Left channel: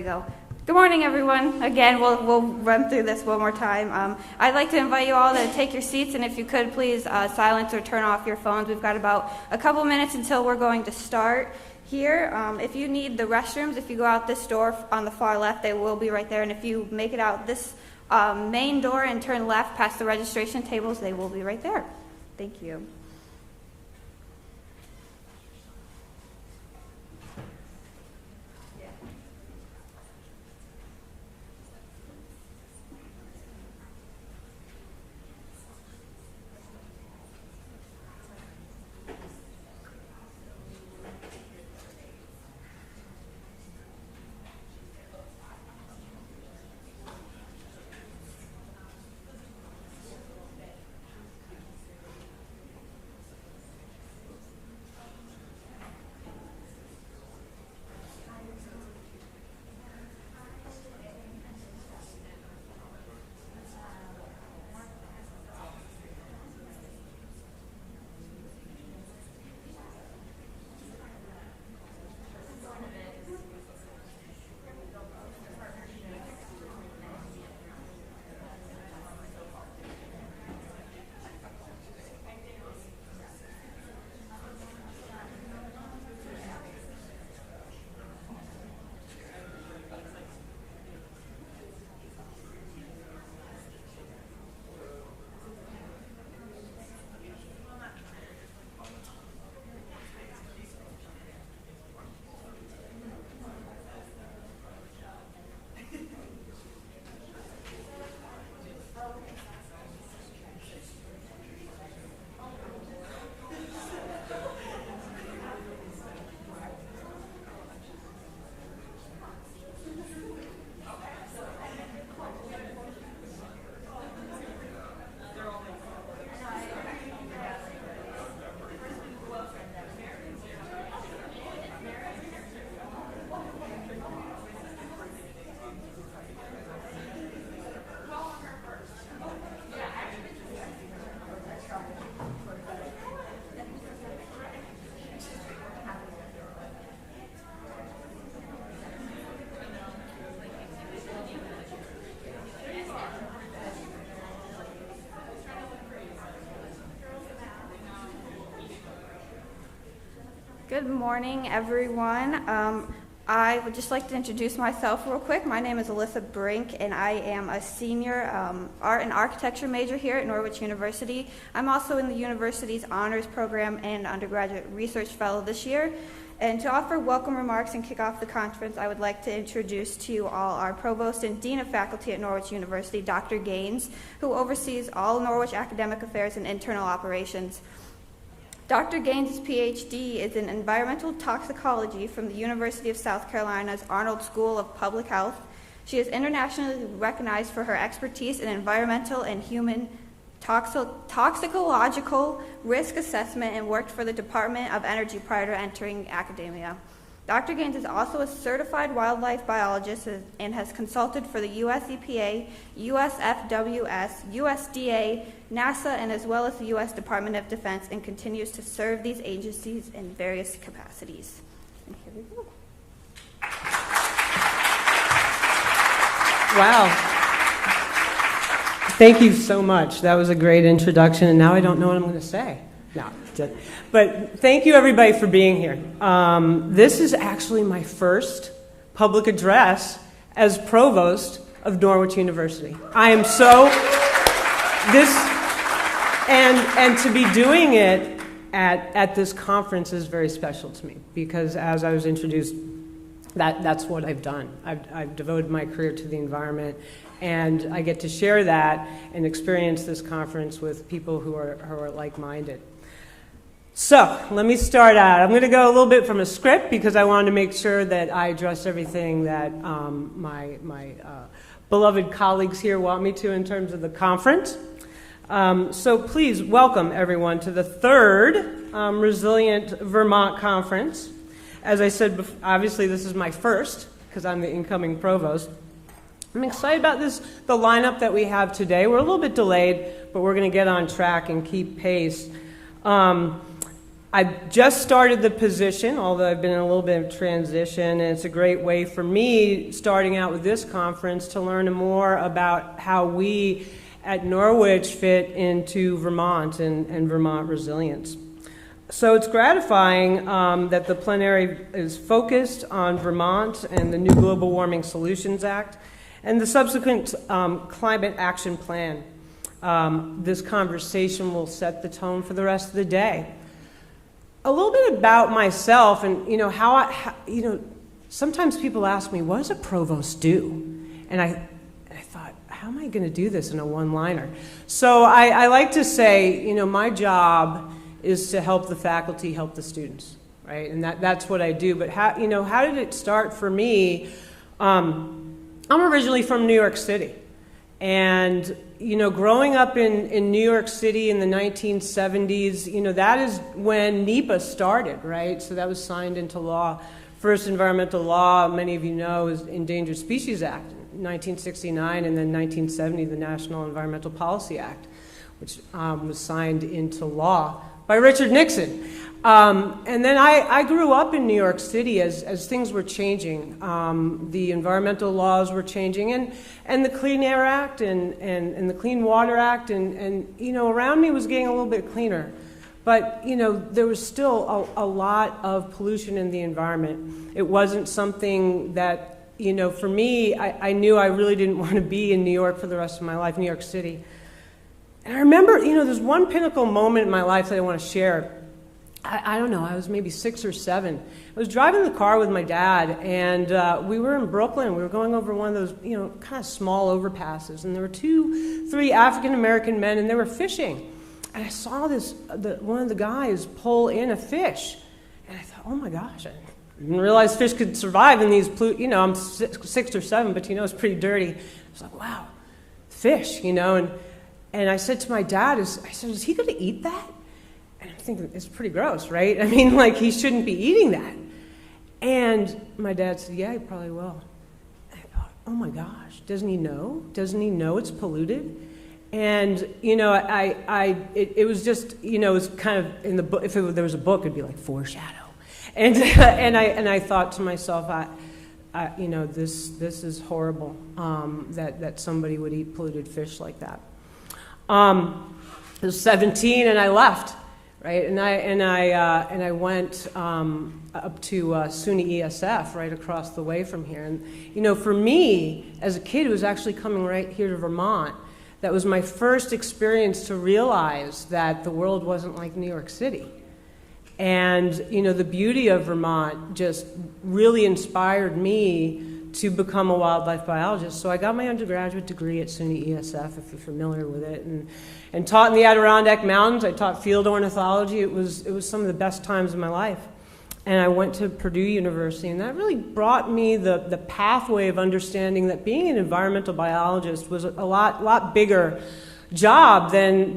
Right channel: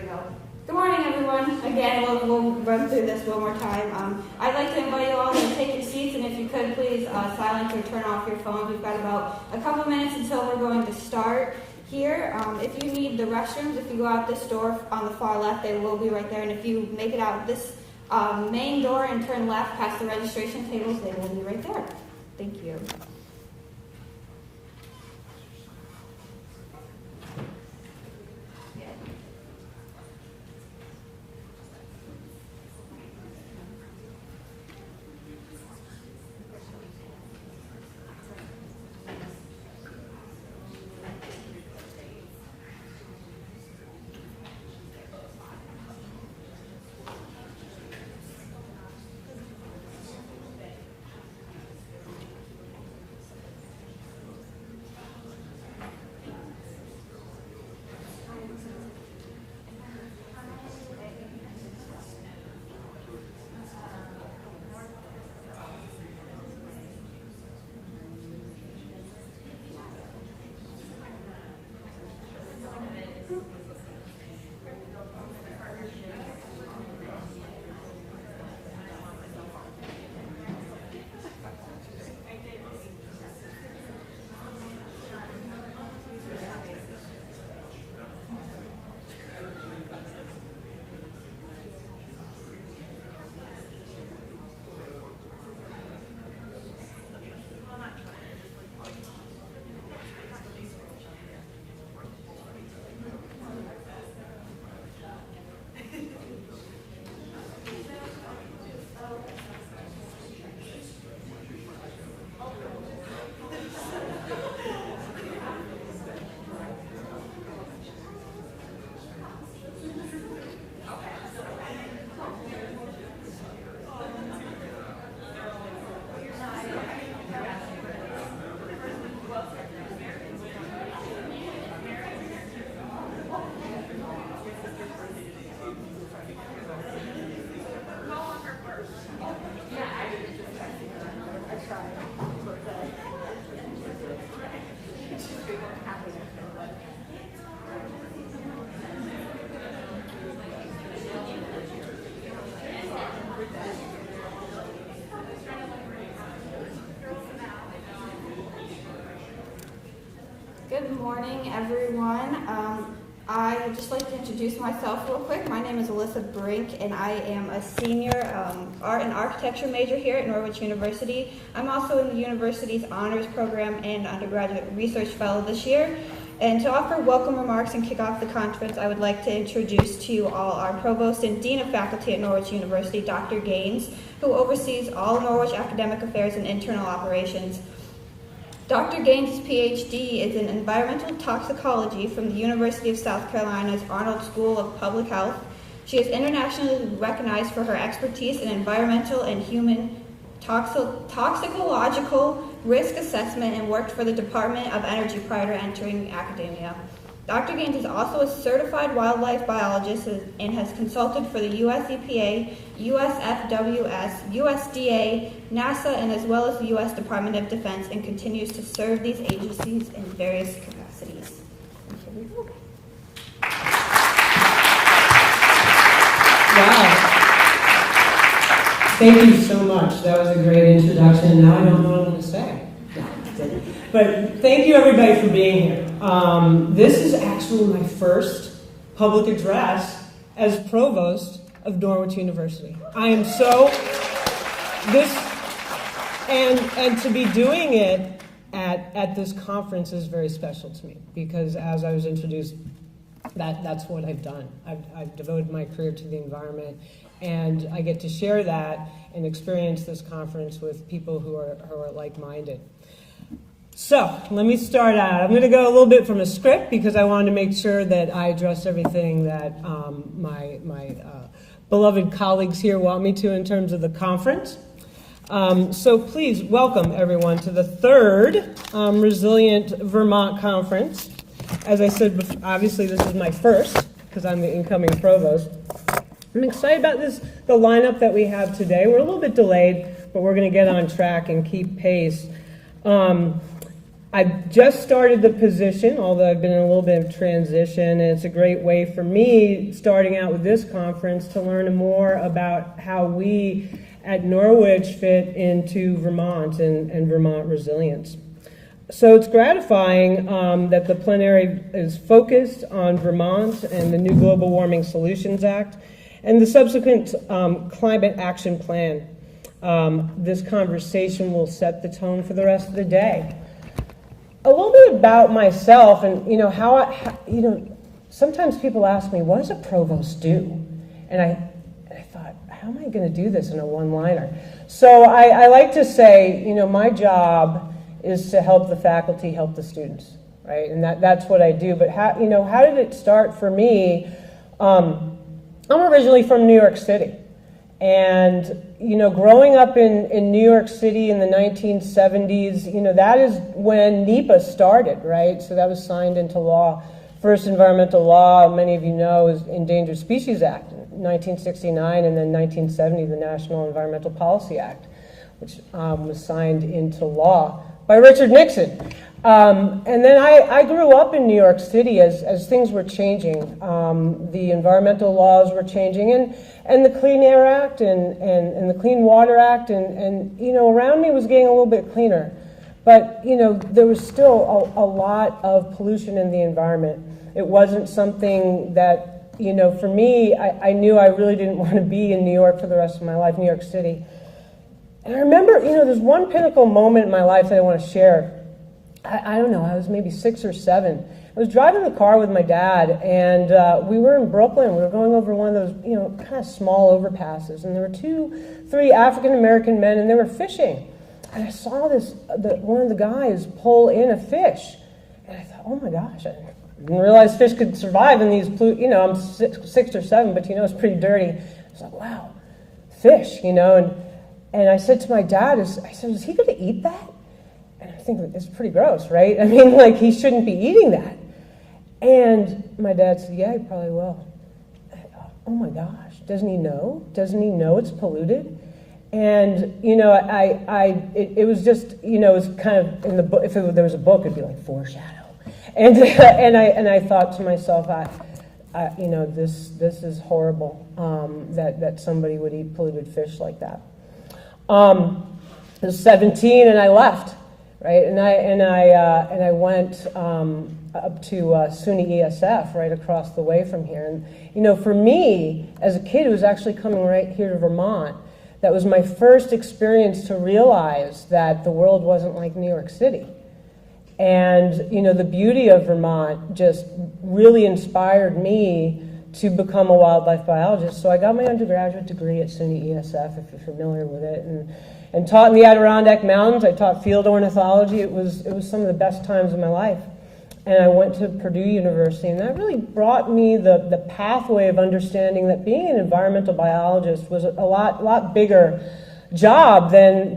we go. Good morning, everyone. Again, we'll run through this one more time. I'd like to invite you all to take your seats, and if you could, please silence or turn off your phones. We've got about a couple minutes until we're going to start here. If you need the restrooms, if you go out this door on the far left, they will be right there. And if you make it out this main door and turn left past the registration tables, they will be right there. Thank you. Good morning, everyone. I would just like to introduce myself real quick. My name is Alyssa Brink, and I am a senior art and architecture major here at Norwich University. I'm also in the university's honors program and undergraduate research fellow this year. And to offer welcome remarks and kick off the conference, I would like to introduce to you all our Provost and Dean of Faculty at Norwich University, Dr. Gaines, who oversees all Norwich academic affairs and internal operations. Dr. Gaines' PhD is in Environmental Toxicology from the University of South Carolina's Arnold School of Public Health. She is internationally recognized for her expertise in environmental and human toxicological risk assessment and worked for the Department of Energy prior to entering academia. Dr. Gaines is also a certified wildlife biologist and has consulted for the US EPA, USFWS, USDA, NASA, and as well as the US Department of Defense, and continues to serve these agencies in various capacities. And here we go. Wow. Thank you so much. That was a great introduction, and now I don't know what I'm going to say. No, that's it. But thank you, everybody, for being here. This is actually my first public address as Provost of Norwich University. I am so and to be doing it at this conference is very special to me, because as I was introduced, that's what I've done. I've devoted my career to the environment, and I get to share that and experience this conference with people who are like-minded. So let me start out. I'm going to go a little bit from a script because I wanted to make sure that I address everything that my beloved colleagues here want me to in terms of the conference. So please welcome everyone to the third Resilient Vermont Conference. As I said, obviously this is my first because I'm the incoming provost. I'm excited about the lineup that we have today. We're a little bit delayed, but we're going to get on track and keep pace. I've just started the position, although I've been in a little bit of transition, and it's a great way for me, starting out with this conference, to learn more about how we at Norwich fit into Vermont and Vermont resilience. So it's gratifying that the plenary is focused on Vermont and the new Global Warming Solutions Act and the subsequent Climate Action Plan. This conversation will set the tone for the rest of the day. A little bit about myself, and sometimes people ask me, what does a provost do? And I thought, how am I going to do this in a one-liner? So I like to say, my job is to help the faculty help the students, right? And that's what I do. But how did it start for me? I'm originally from New York City. And, growing up in New York City in the 1970s, that is when NEPA started, right? So that was signed into law. First environmental law, many of you know, is Endangered Species Act, 1969, and then 1970, the National Environmental Policy Act, which was signed into law by Richard Nixon. And then I grew up in New York City as things were changing. The environmental laws were changing, and the Clean Air Act and the Clean Water Act, and around me was getting a little bit cleaner. But, there was still a lot of pollution in the environment. It wasn't something that, for me, I knew I really didn't want to be in New York for the rest of my life, New York City. And I remember, there's one pinnacle moment in my life that I want to share. I don't know, I was maybe 6 or 7. I was driving the car with my dad, and we were in Brooklyn. We were going over one of those, kind of small overpasses, and there were 2-3 African-American men, and they were fishing. And I saw one of the guys pull in a fish, and I thought, oh my gosh, I didn't realize fish could survive in these, I'm 6 or 7, but it's pretty dirty. I was like, wow, fish, and I said to my dad, I said, is he going to eat that? And I'm thinking, it's pretty gross, right? I mean, he shouldn't be eating that. And my dad said, yeah, he probably will. And I thought, oh my gosh, doesn't he know? Doesn't he know it's polluted? And, it was just, it was kind of in the book. If there was a book, it'd be like foreshadow. And I thought to myself, this is horrible, that somebody would eat polluted fish like that. I was 17 and I left, right? And I went up to SUNY ESF right across the way from here. And for me, as a kid who was actually coming right here to Vermont, that was my first experience to realize that the world wasn't like New York City. And the beauty of Vermont just really inspired me to become a wildlife biologist. So I got my undergraduate degree at SUNY ESF, if you're familiar with it, and taught in the Adirondack Mountains. I taught field ornithology. It was some of the best times of my life. And I went to Purdue University, and that really brought me the pathway of understanding that being an environmental biologist was a lot bigger job than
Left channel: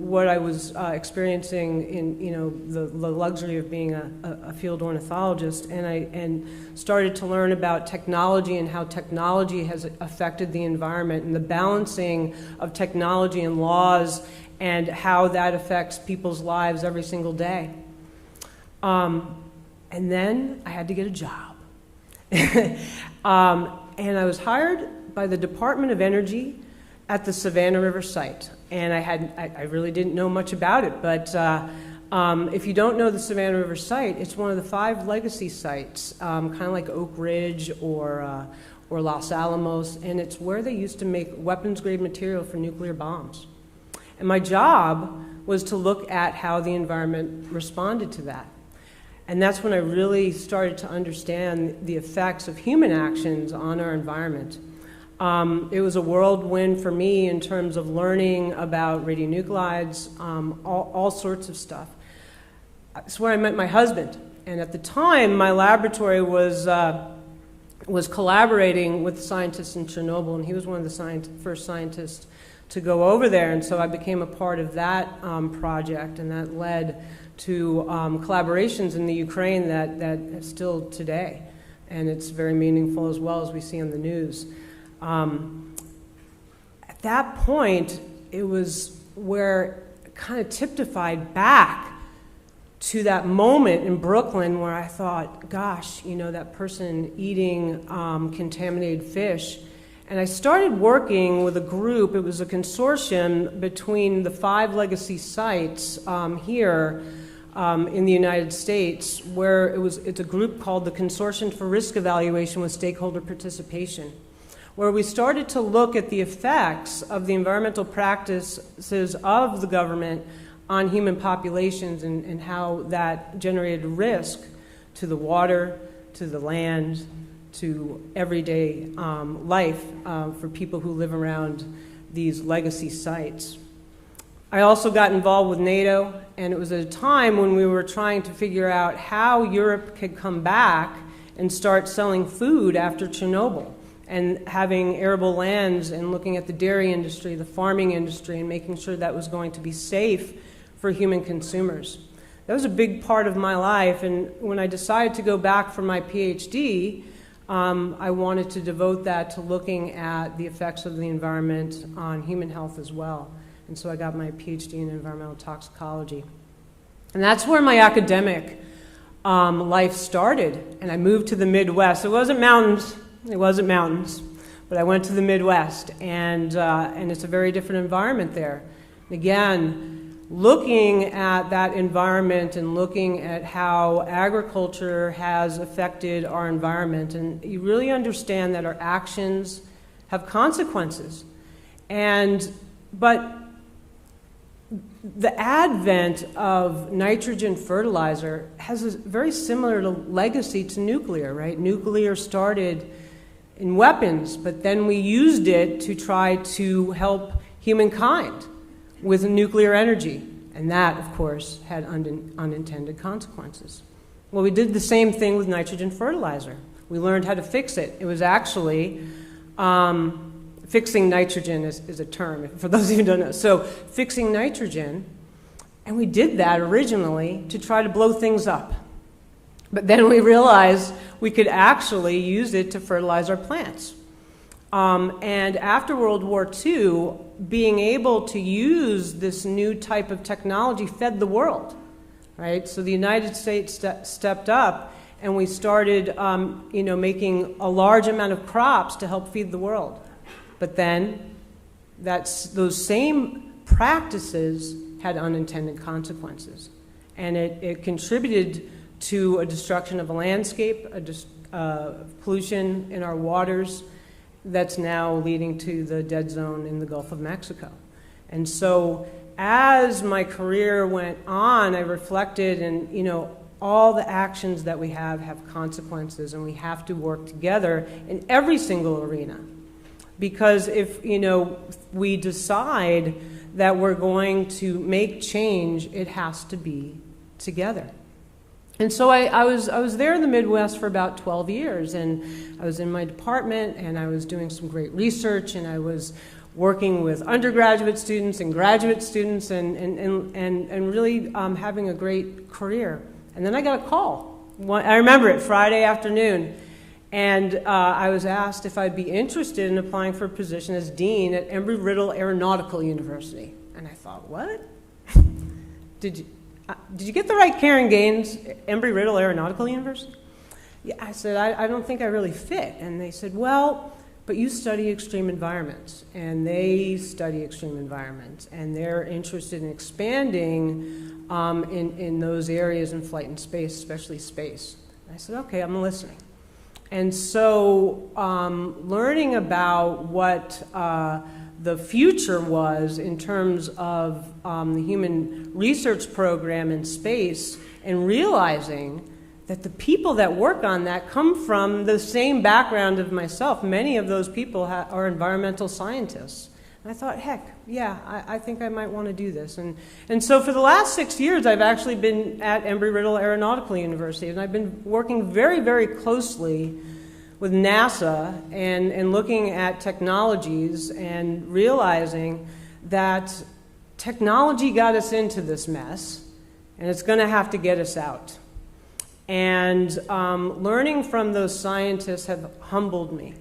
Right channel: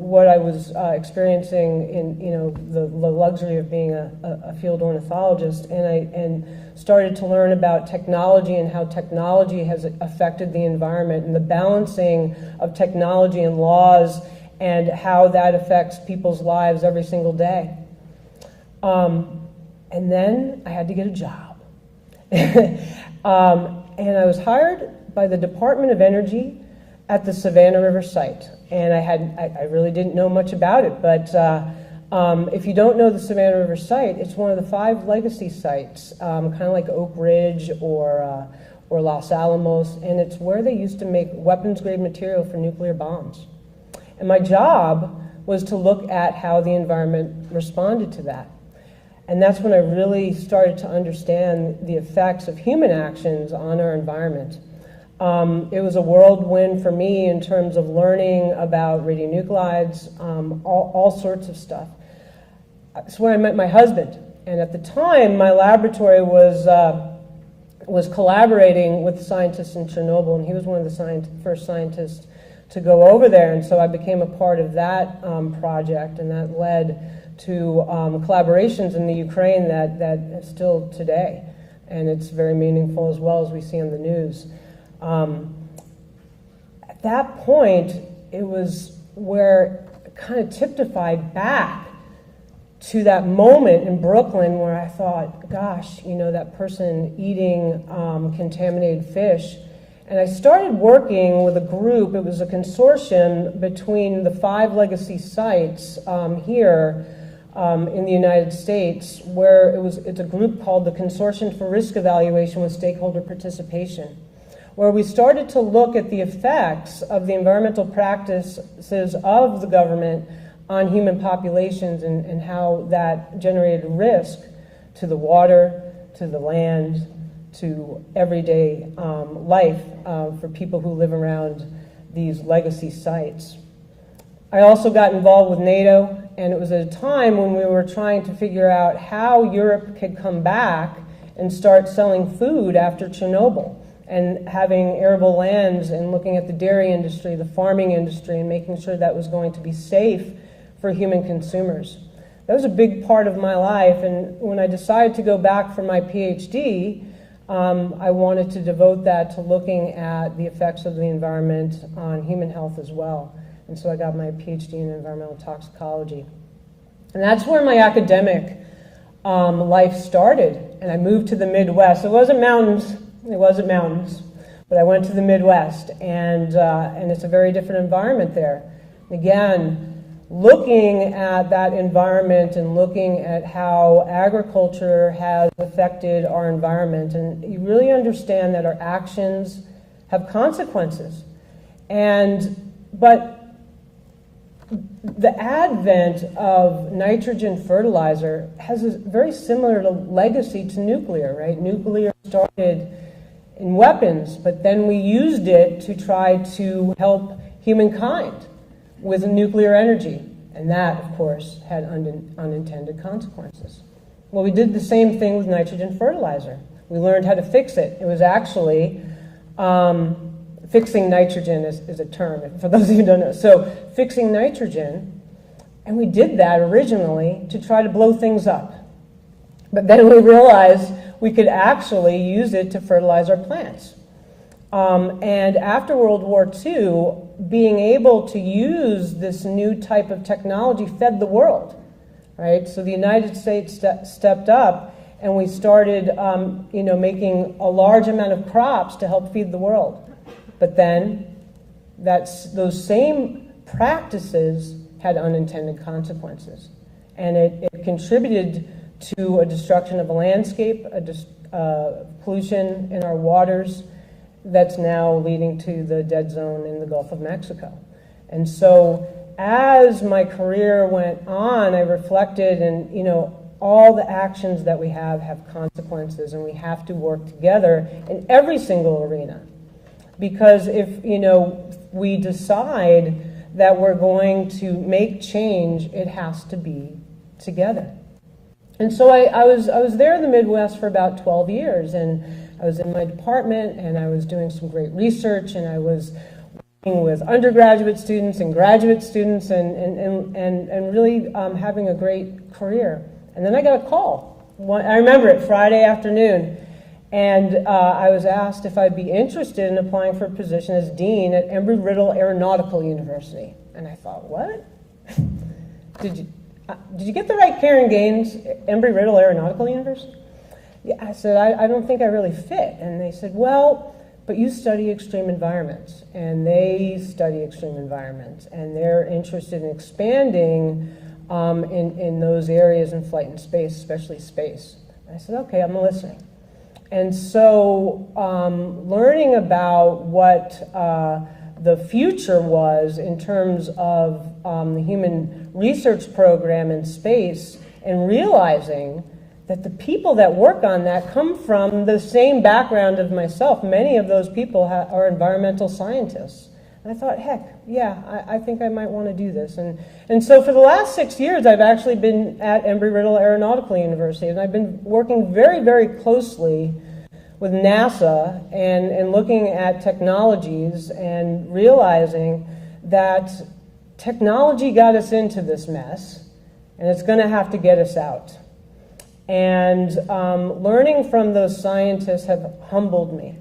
what I was experiencing in the luxury of being a field ornithologist, and started to learn about technology and how technology has affected the environment and the balancing of technology and laws and how that affects people's lives every single day. And then I had to get a job, and I was hired by the Department of Energy at the Savannah River site, and I really didn't know much about it, but if you don't know the Savannah River site, it's one of the 5 legacy sites, kind of like Oak Ridge or Los Alamos, and it's where they used to make weapons-grade material for nuclear bombs. And my job was to look at how the environment responded to that. And that's when I really started to understand the effects of human actions on our environment. It was a whirlwind for me in terms of learning about radionuclides, all sorts of stuff. That's where I met my husband. And at the time, my laboratory was collaborating with scientists in Chernobyl, and he was one of the first scientists to go over there. And so I became a part of that project, and that led to collaborations in the Ukraine that still today. And it's very meaningful as well, as we see on the news. At that point, it was where it kind of typified back to that moment in Brooklyn where I thought, gosh, that person eating contaminated fish. And I started working with a group. It was a consortium between the 5 legacy sites here in the United States, where it's a group called the Consortium for Risk Evaluation with Stakeholder Participation, where we started to look at the effects of the environmental practices of the government on human populations and how that generated risk to the water, to the land, to everyday life for people who live around these legacy sites. I also got involved with NATO, and it was at a time when we were trying to figure out how Europe could come back and start selling food after Chernobyl, and having arable lands and looking at the dairy industry, the farming industry, and making sure that was going to be safe for human consumers. That was a big part of my life, and when I decided to go back for my PhD, I wanted to devote that to looking at the effects of the environment on human health as well. And so I got my PhD in environmental toxicology. And that's where my academic life started. And I moved to the Midwest. It wasn't mountains, but I went to the Midwest. And it's a very different environment there. Again, looking at that environment and looking at how agriculture has affected our environment, and you really understand that our actions have consequences. But the advent of nitrogen fertilizer has a very similar legacy to nuclear, right? Nuclear started in weapons, but then we used it to try to help humankind with nuclear energy. And that, of course, had unintended consequences. Well, we did the same thing with nitrogen fertilizer. We learned how to fix it. It was actually, fixing nitrogen is a term, for those of you who don't know. So fixing nitrogen, and we did that originally to try to blow things up. But then we realized we could actually use it to fertilize our plants. And after World War II, being able to use this new type of technology fed the world, right? So the United States stepped up, and we started, making a large amount of crops to help feed the world. But then those same practices had unintended consequences, and it contributed to a destruction of a landscape, pollution in our waters, that's now leading to the dead zone in the Gulf of Mexico. And so as my career went on, I reflected, and all the actions that we have consequences, and we have to work together in every single arena. Because if we decide that we're going to make change, it has to be together. And so I was there in the Midwest for about 12 years, and I was in my department, and I was doing some great research, and I was working with undergraduate students and graduate students, and really having a great career. And then I got a call. I remember it, Friday afternoon, and I was asked if I'd be interested in applying for a position as dean at Embry-Riddle Aeronautical University. And I thought, what? Did you get the right Karen Gaines, Embry-Riddle Aeronautical University? Yeah, I said, I don't think I really fit. And they said, well, but you study extreme environments. And they study extreme environments. And they're interested in expanding in those areas in flight and space, especially space. And I said, okay, I'm listening. And so learning about what the future was in terms of the human research program in space, and realizing that the people that work on that come from the same background as myself. Many of those people are environmental scientists. And I thought, heck, yeah, I think I might want to do this. And so for the last 6 years, I've actually been at Embry-Riddle Aeronautical University, and I've been working very, very closely with NASA and looking at technologies and realizing that technology got us into this mess, and it's going to have to get us out. And learning from those scientists have humbled me.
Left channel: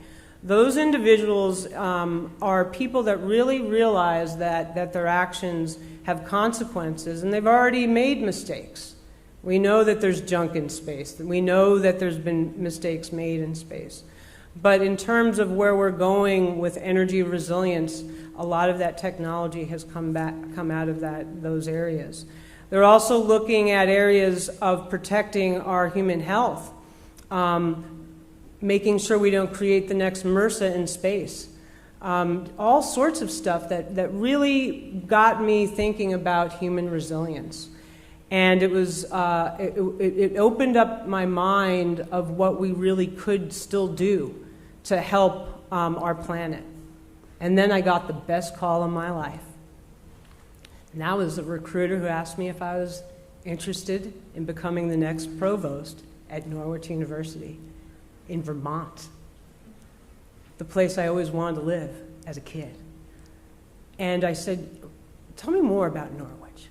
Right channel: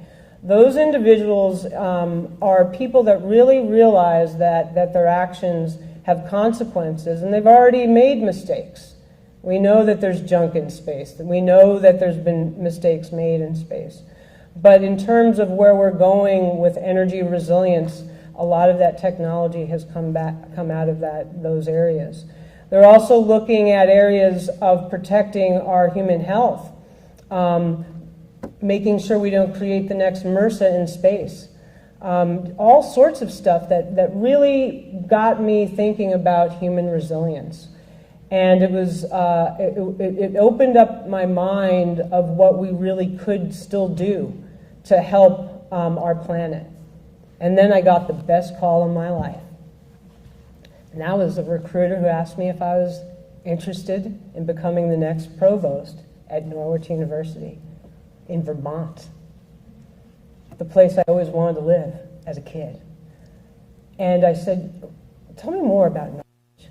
Those individuals are people that really realize that their actions have consequences, and they've already made mistakes. We know that there's junk in space. We know that there's been mistakes made in space. But in terms of where we're going with energy resilience, a lot of that technology has come out of those areas. They're also looking at areas of protecting our human health, making sure we don't create the next MRSA in space. All sorts of stuff that really got me thinking about human resilience. And it was it opened up my mind of what we really could still do to help our planet. And then I got the best call in my life. And that was a recruiter who asked me if I was interested in becoming the next provost at Norwich University in Vermont, the place I always wanted to live as a kid. And I said, tell me more about Norwich.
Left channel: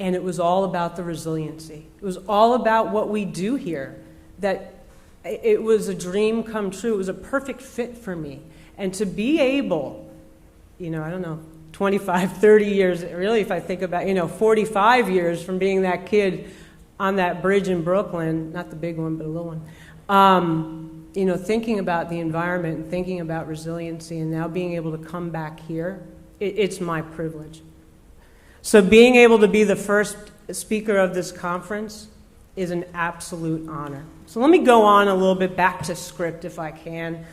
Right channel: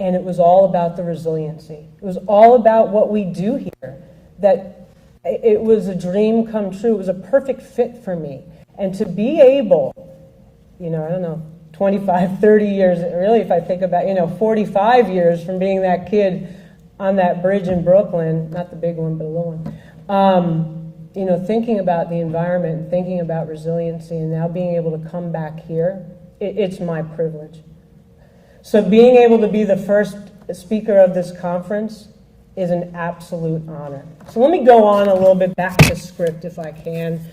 And it was all about the resiliency. It was all about what we do here, that it was a dream come true. It was a perfect fit for me. And to be able, I don't know, 25, 30 years, really if I think about, 45 years from being that kid on that bridge in Brooklyn, not the big one, but a little one, thinking about the environment, thinking about resiliency, and now being able to come back here, it's my privilege. So being able to be the first speaker of this conference is an absolute honor. So let me go on a little bit back to script if I can,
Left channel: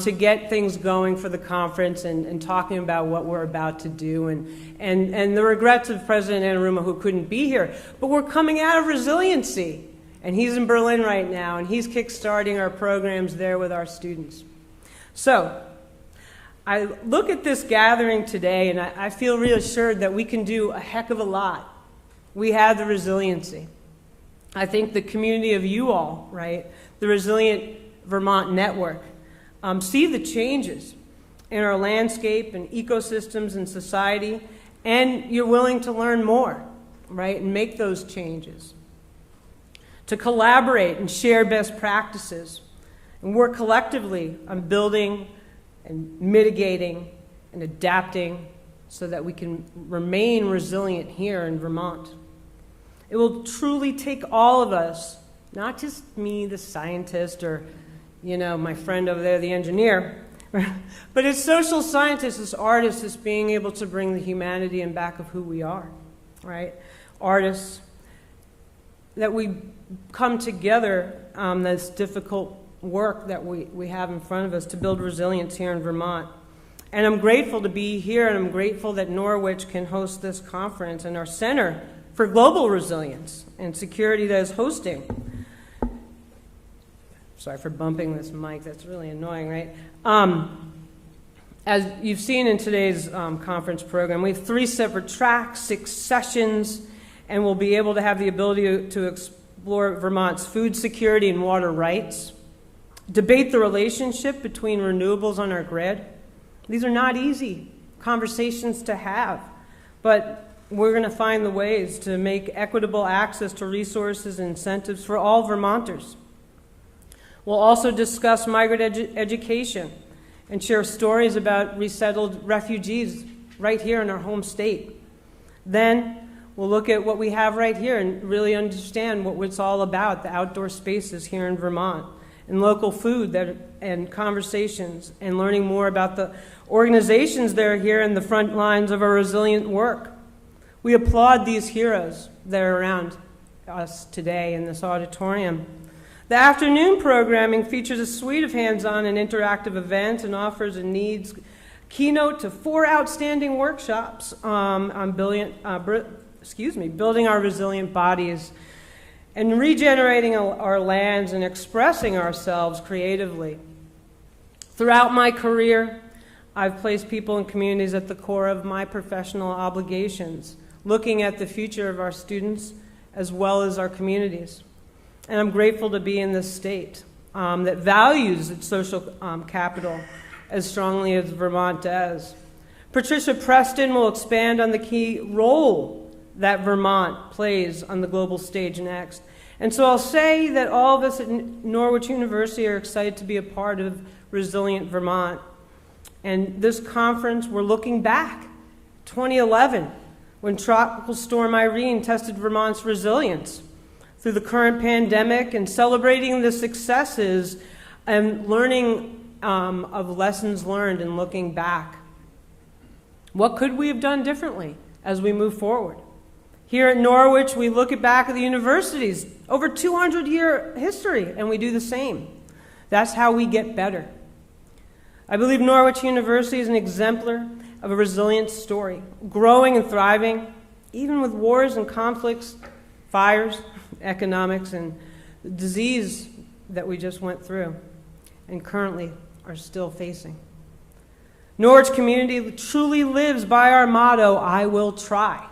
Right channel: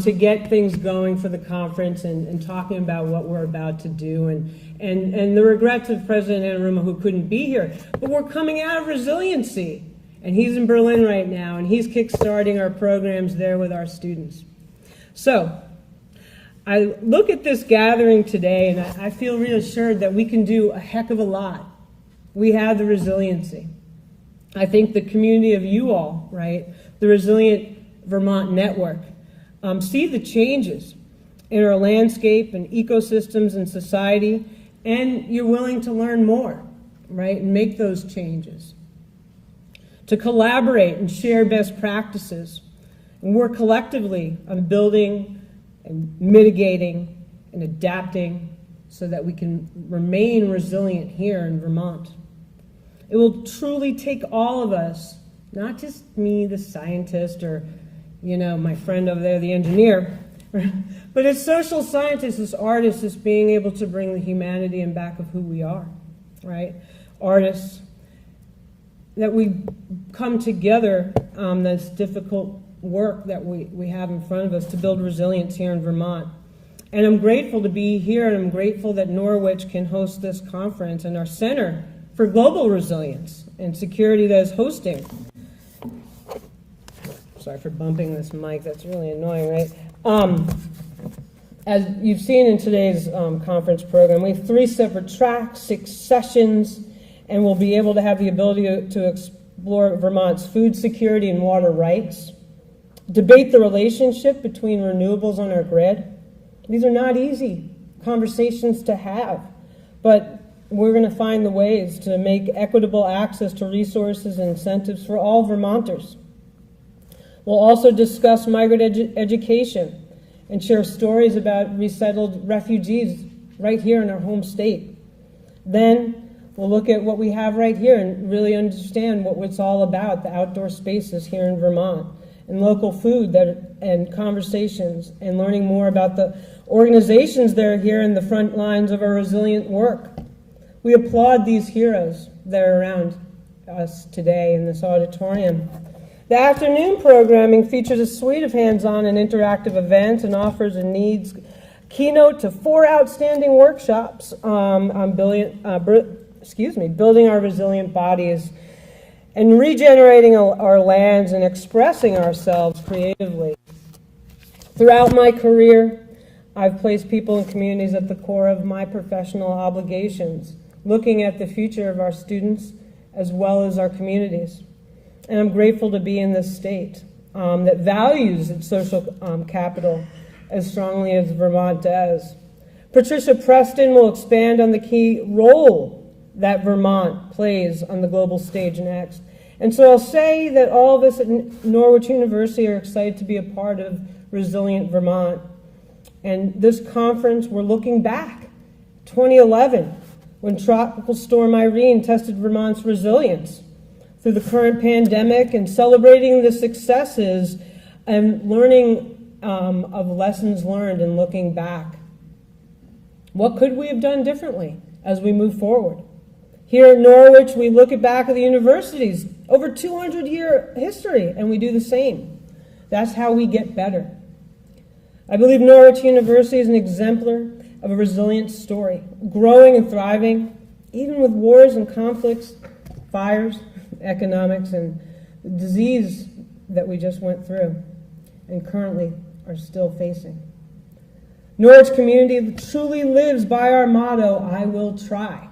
to get things going for the conference and talking about what we're about to do and the regrets of President Anaruma who couldn't be here. But we're coming out of resiliency, and he's in Berlin right now, and he's kickstarting our programs there with our students. So I look at this gathering today, and I feel reassured that we can do a heck of a lot. We have the resiliency. I think the community of you all, right, the Resilient Vermont Network, see the changes in our landscape and ecosystems and society, and you're willing to learn more, right, and make those changes. To collaborate and share best practices and work collectively on building and mitigating and adapting so that we can remain resilient here in Vermont. It will truly take all of us, not just me, the scientist, or, my friend over there, the engineer, but as social scientists, as artists, as being able to bring the humanity in back of who we are, right? Artists, that we come together, this difficult work that we have in front of us to build resilience here in Vermont. And I'm grateful to be here, and I'm grateful that Norwich can host this conference and our Center for Global Resilience and Security that is hosting. Sorry for bumping this mic, that's really annoying, right? As you've seen in today's conference program, we have 3 separate tracks, 6 sessions, and we'll be able to have the ability to explore Vermont's food security and water rights, debate the relationship between renewables on our grid. These are not easy conversations to have, but we're going to find the ways to make equitable access to resources and incentives for all Vermonters. We'll also discuss migrant education and share stories about resettled refugees right here in our home state. Then we'll look at what we have right here and really understand what it's all about, the outdoor spaces here in Vermont, and local food and conversations, and learning more about the organizations that are here in the front lines of our resilient work. We applaud these heroes that are around us today in this auditorium. The afternoon programming features a suite of hands-on and interactive events and offers a needs keynote to 4 outstanding workshops on building our resilient bodies and regenerating our lands and expressing ourselves creatively. Throughout my career, I've placed people and communities at the core of my professional obligations, looking at the future of our students as well as our communities. And I'm grateful to be in this state that values its social capital as strongly as Vermont does. Patricia Preston will expand on the key role that Vermont plays on the global stage next. And so I'll say that all of us at Norwich University are excited to be a part of Resilient Vermont. And this conference, we're looking back, 2011, when Tropical Storm Irene tested Vermont's resilience. through the current pandemic and celebrating the successes and learning of lessons learned and looking back. What could we have done differently as we move forward? Here at Norwich, we look back at the university's over 200-year history, and we do the same. That's how we get better. I believe Norwich University is an exemplar of a resilient story, growing and thriving, even with wars and conflicts, fires, economics, and the disease that we just went through and currently are still facing. Norwich community truly lives by our motto, I will try,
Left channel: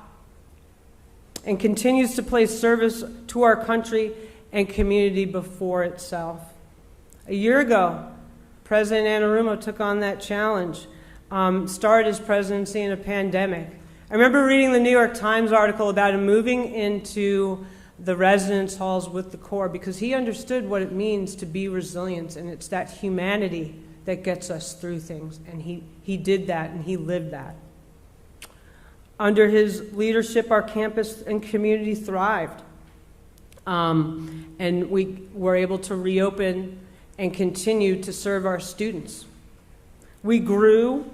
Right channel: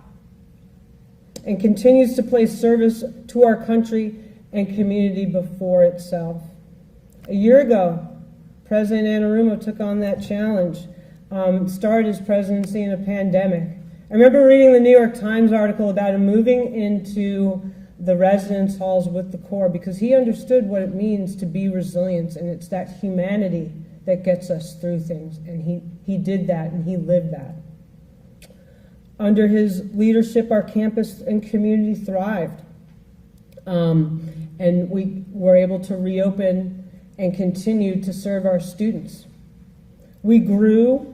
and continues to place service to our country and community before itself. A year ago, President Anarumo took on that challenge, started his presidency in a pandemic. I remember reading the New York Times article about him moving into the residence halls with the Corps because he understood what it means to be resilient, and it's that humanity that gets us through things, and he did that, and he lived that. Under his leadership, our campus and community thrived, and we were able to reopen and continue to serve our students. We grew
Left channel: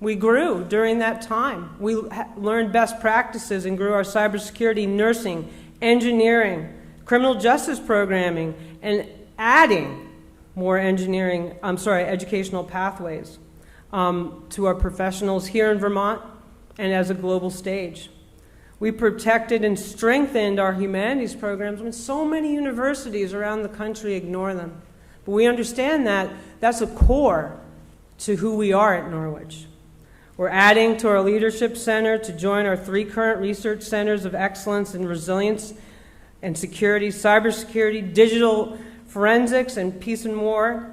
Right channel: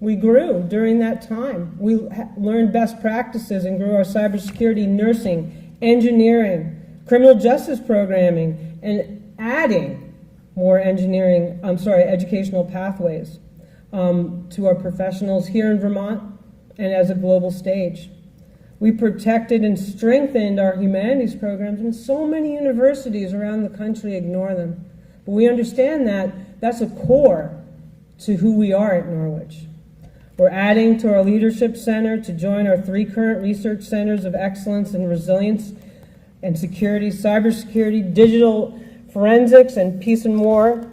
during that time. We learned best practices and grew our cybersecurity, nursing, engineering, criminal justice programming, and adding more educational pathways to our professionals here in Vermont and as a global stage. We protected and strengthened our humanities programs when so many universities around the country ignore them. But we understand that that's a core to who we are at Norwich. We're adding to our leadership center to join our 3 current research centers of excellence in resilience and security, cybersecurity, digital forensics, and peace and war,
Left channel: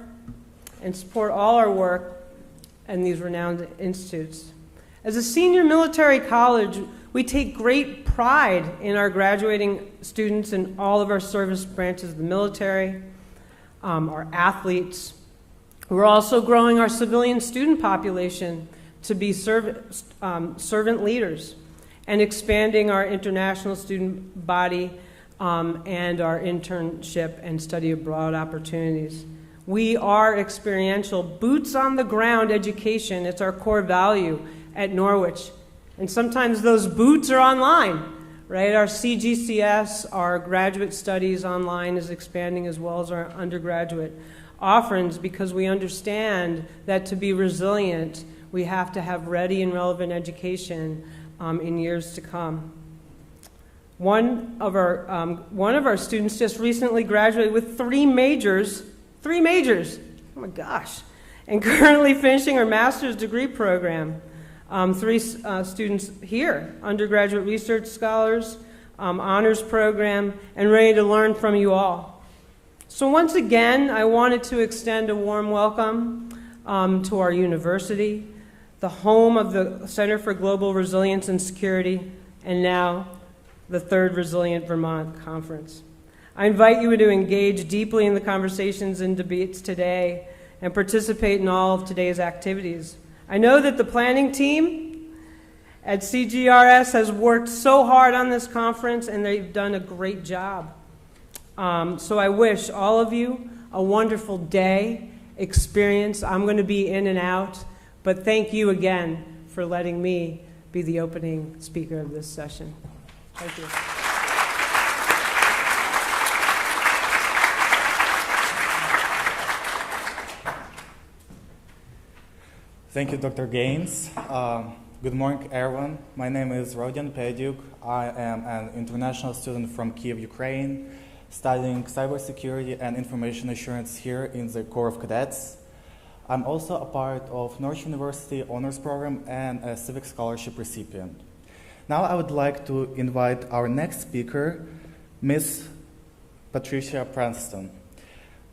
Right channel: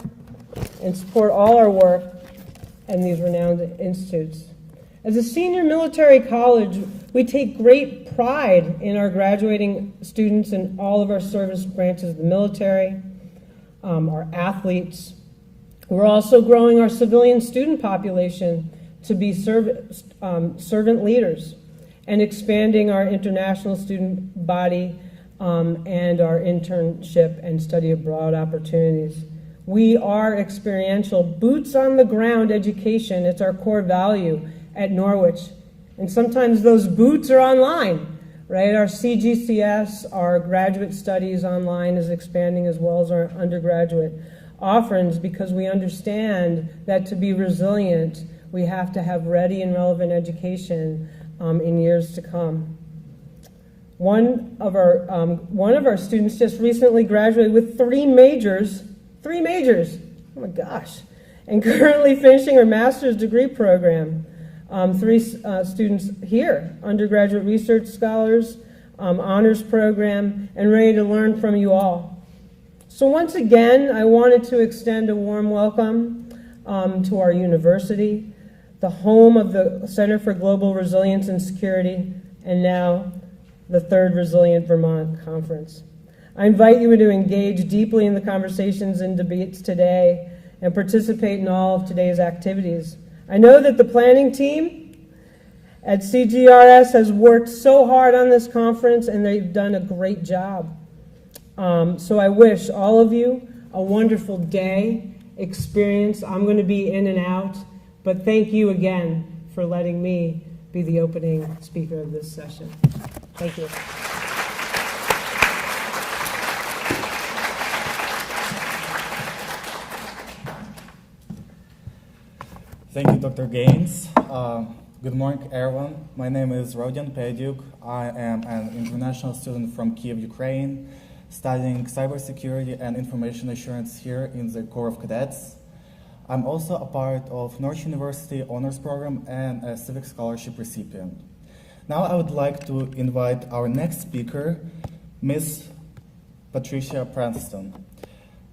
and support all our work in these renowned institutes. As a senior military college, we take great pride in our graduating students in all of our service branches of the military, our athletes. We're also growing our civilian student population to be servant leaders and expanding our international student body and our internship and study abroad opportunities. We are experiential, boots on the ground education. It's our core value at Norwich. And sometimes those boots are online, right? Our CGCS, our graduate studies online is expanding as well as our undergraduate offerings because we understand that to be resilient, we have to have ready and relevant education in years to come. One of our students just recently graduated with 3 majors, oh my gosh, and currently finishing her master's degree program. 3 students here, undergraduate research scholars, honors program, and ready to learn from you all. So once again, I wanted to extend a warm welcome to our university, the home of the Center for Global Resilience and Security, and now the 3rd Resilient Vermont Conference. I invite you to engage deeply in the conversations and debates today and participate in all of today's activities. I know that the planning team at CGRS has worked so hard on this conference, and they've done a great job. So I wish all of you a wonderful day, experience. I'm going to be in and out, but thank you again for letting me be the opening speaker of this session. Thank you. Thank you, Dr. Gaines. Good morning, everyone. My name is Rhodium. I am an international student from Kiev, Ukraine, studying cybersecurity and information assurance here in the Corps of Cadets. I'm also a part of Norwich University Honors Program and a Civic Scholarship recipient. Now I would like to invite our next speaker, Ms. Patricia Preston.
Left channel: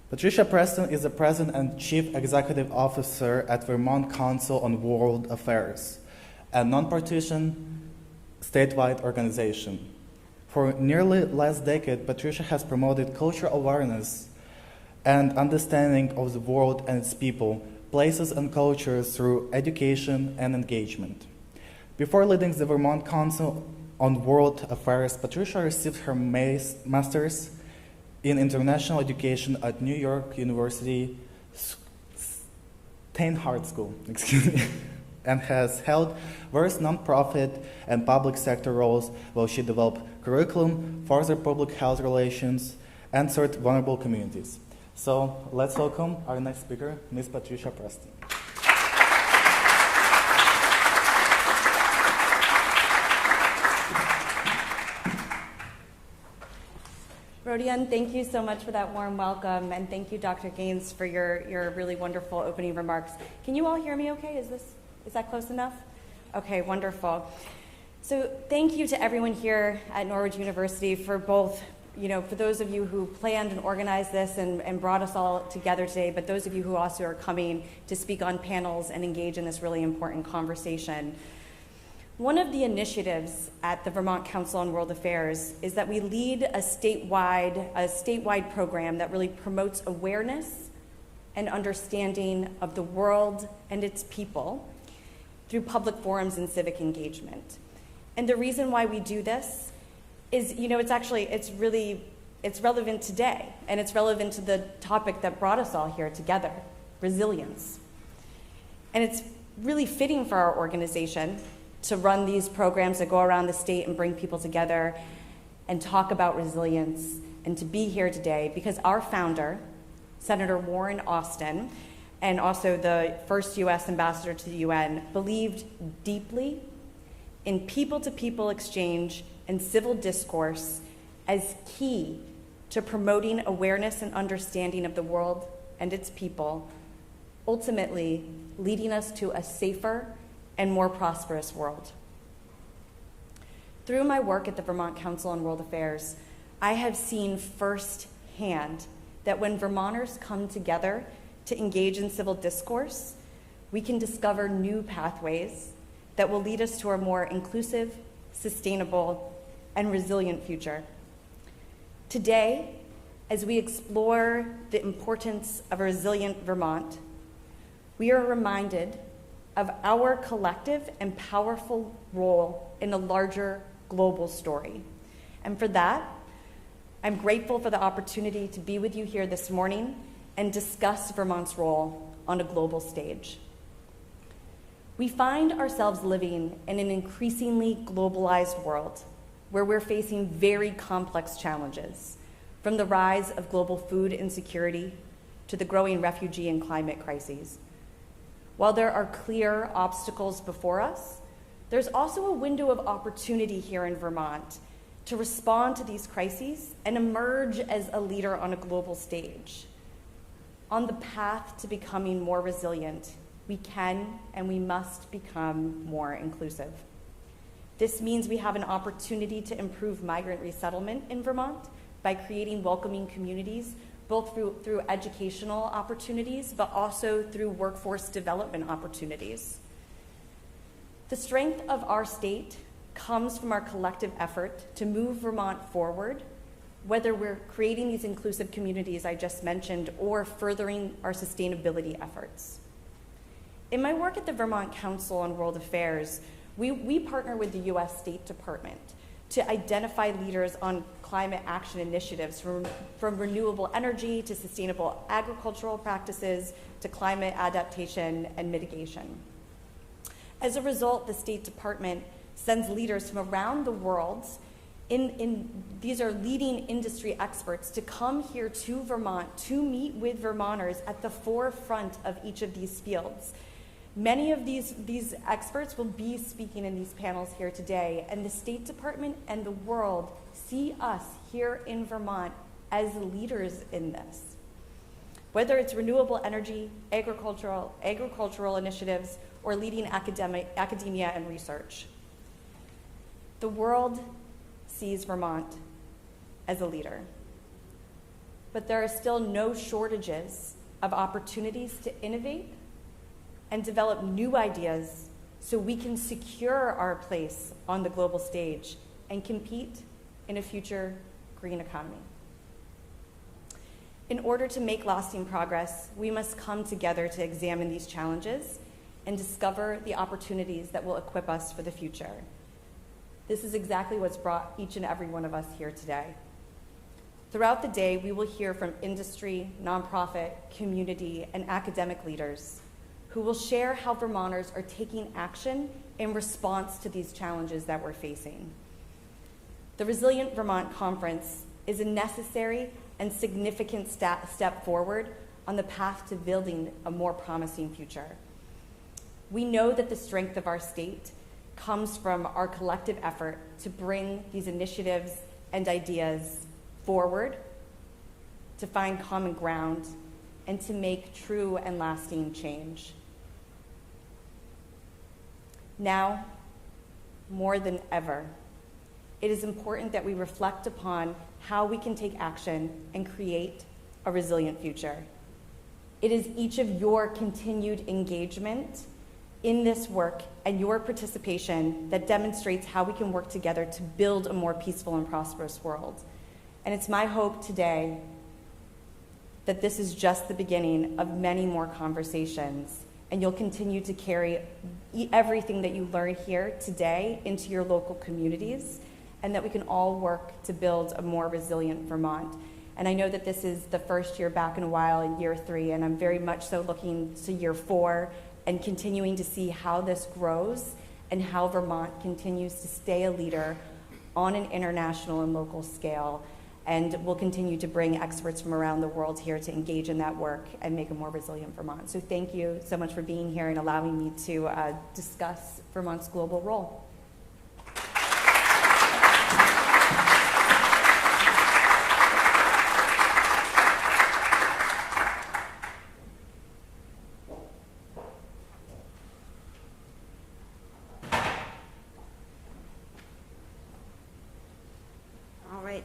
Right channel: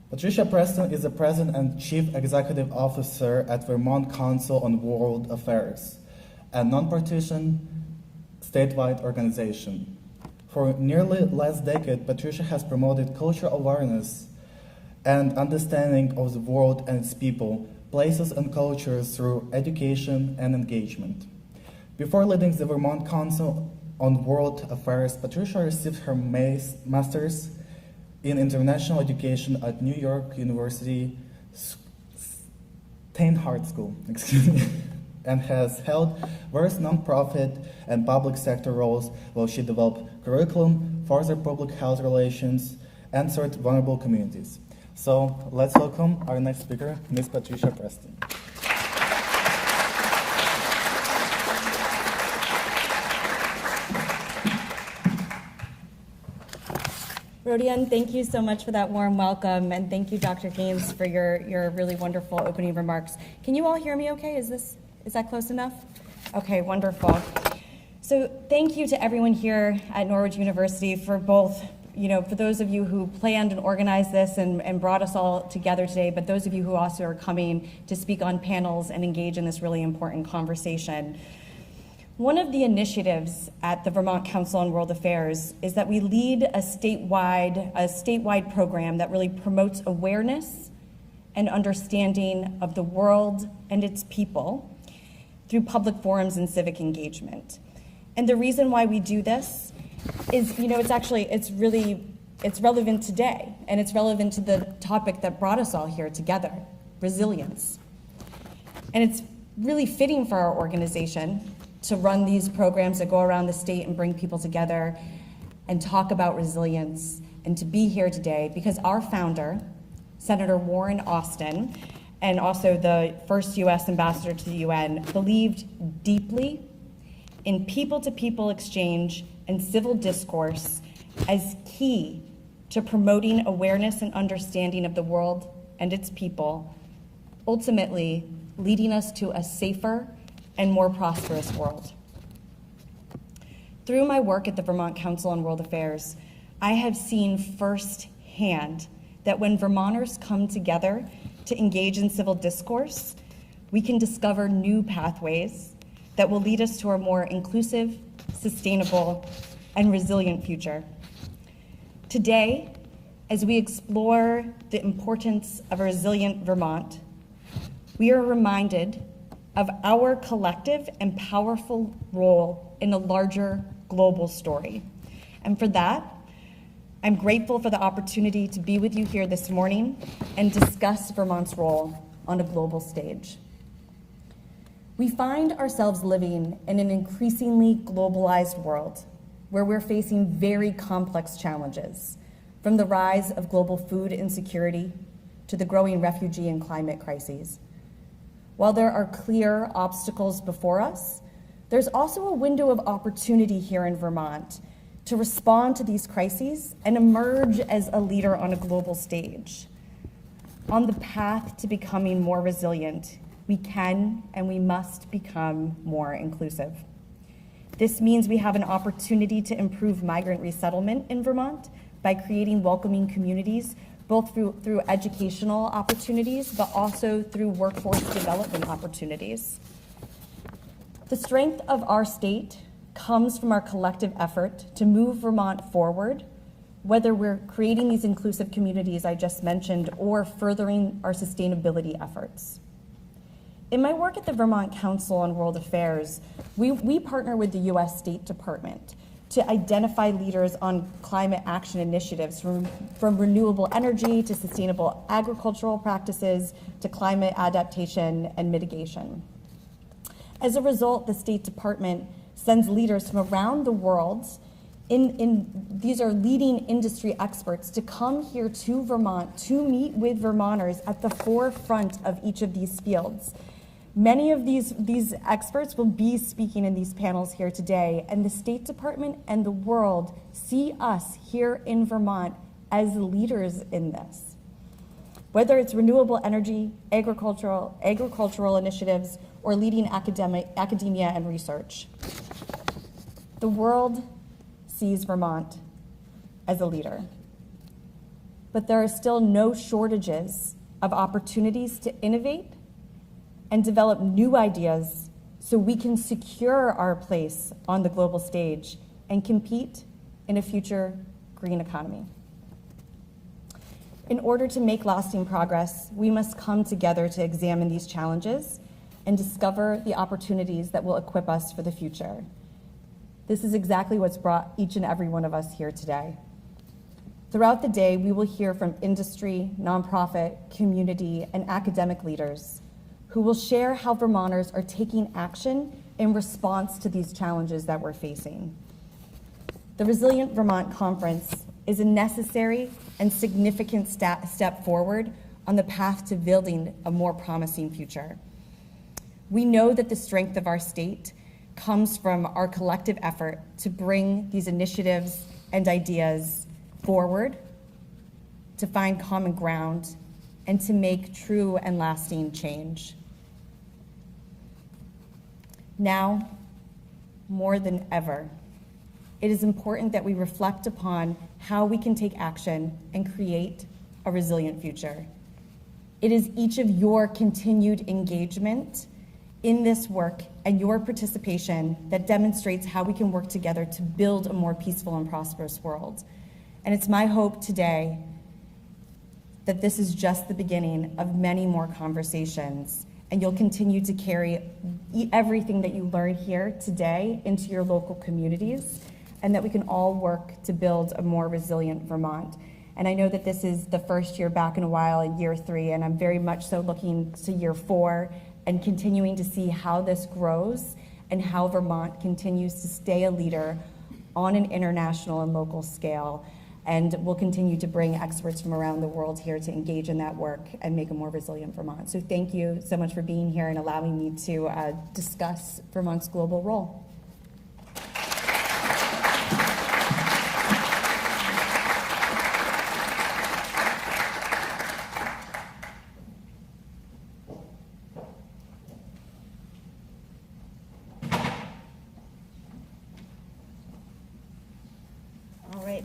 Patricia Preston is the President and Chief Executive Officer at Vermont Council on World Affairs, a non-partisan statewide organization. For nearly last decade, Patricia has promoted cultural awareness and understanding of the world and its people, places and cultures through education and engagement. Before leading the Vermont Council on World Affairs, Patricia received her master's in international education at New York University Steinhardt School, and has held various nonprofit and public sector roles while she developed curriculum, furthered public health relations, and served vulnerable communities. So let's welcome our next speaker, Ms. Patricia Preston. Rhodium, thank you so much for that warm welcome, and thank you, Dr. Gaines, for your really wonderful opening remarks. Can you all hear me okay? Is that close enough? Okay, wonderful. So thank you to everyone here at Norwich University for both, for those of you who planned and organized this and brought us all together today, but those of you who also are coming to speak on panels and engage in this really important conversation. One of the initiatives at the Vermont Council on World Affairs is that we lead a statewide program that really promotes awareness and understanding of the world and its people through public forums and civic engagement. And the reason why we do this is, it's relevant today, and it's relevant to the topic that brought us all here together, resilience. And it's really fitting for our organization to run these programs that go around the state and bring people together and talk about resilience, and to be here today because our founder, Senator Warren Austin, and also the first U.S. ambassador to the UN, believed deeply in people-to-people exchange and civil discourse as key to promoting awareness and understanding of the world and its people, ultimately leading us to a safer and more prosperous world. Through my work at the Vermont Council on World Affairs, I have seen firsthand that when Vermonters come together to engage in civil discourse, we can discover new pathways that will lead us to a more inclusive, sustainable, and resilient future. Today, as we explore the importance of a resilient Vermont, we are reminded of our collective and powerful role in a larger global story. And for that, I'm grateful for the opportunity to be with you here this morning and discuss Vermont's role on a global stage. We find ourselves living in an increasingly globalized world where we're facing very complex challenges, from the rise of global food insecurity to the growing refugee and climate crises. While there are clear obstacles before us, there's also a window of opportunity here in Vermont to respond to these crises and emerge as a leader on a global stage. On the path to becoming more resilient, we can and we must become more inclusive. This means we have an opportunity to improve migrant resettlement in Vermont by creating welcoming communities, both through educational opportunities, but also through workforce development opportunities. The strength of our state comes from our collective effort to move Vermont forward, whether we're creating these inclusive communities I just mentioned or furthering our sustainability efforts. In my work at the Vermont Council on World Affairs, we partner with the U.S. State Department to identify leaders on climate action initiatives from renewable energy to sustainable agricultural practices to climate adaptation and mitigation. As a result, the State Department sends leaders from around the world, these are leading industry experts, to come here to Vermont to meet with Vermonters at the forefront of each of these fields. Many of these experts will be speaking in these panels here today, and the State Department and the world see us here in Vermont as leaders in this. Whether it's renewable energy, agricultural initiatives, or leading academia and research, the world sees Vermont as a leader. But there are still no shortages of opportunities to innovate and develop new ideas so we can secure our place on the global stage and compete in a future green economy. In order to make lasting progress, we must come together to examine these challenges and discover the opportunities that will equip us for the future. This is exactly what's brought each and every one of us here today. Throughout the day, we will hear from industry, nonprofit, community, and academic leaders who will share how Vermonters are taking action in response to these challenges that we're facing. The Resilient Vermont Conference is a necessary and significant step forward on the path to building a more promising future. We know that the strength of our state comes from our collective effort to bring these initiatives and ideas forward, to find common ground, and to make true and lasting change. Now, more than ever, it is important that we reflect upon how we can take action and create a resilient future. It is each of your continued engagement in this work and your participation that demonstrates how we can work together to build a more peaceful and prosperous world. And it's my hope today that this is just the beginning of many more conversations, and you'll continue to carry everything that you learn here today into your local communities, and that we can all work to build a more resilient Vermont. And I know that this is the first year back in a while, in year 3, and I'm very much so looking to year 4 and continuing to see how this grows and how Vermont continues to stay a leader on an international and local scale. And we'll continue to bring experts from around the world here to engage in that work and make a more resilient Vermont. So thank you so much for being here and allowing me to discuss Vermont's global role.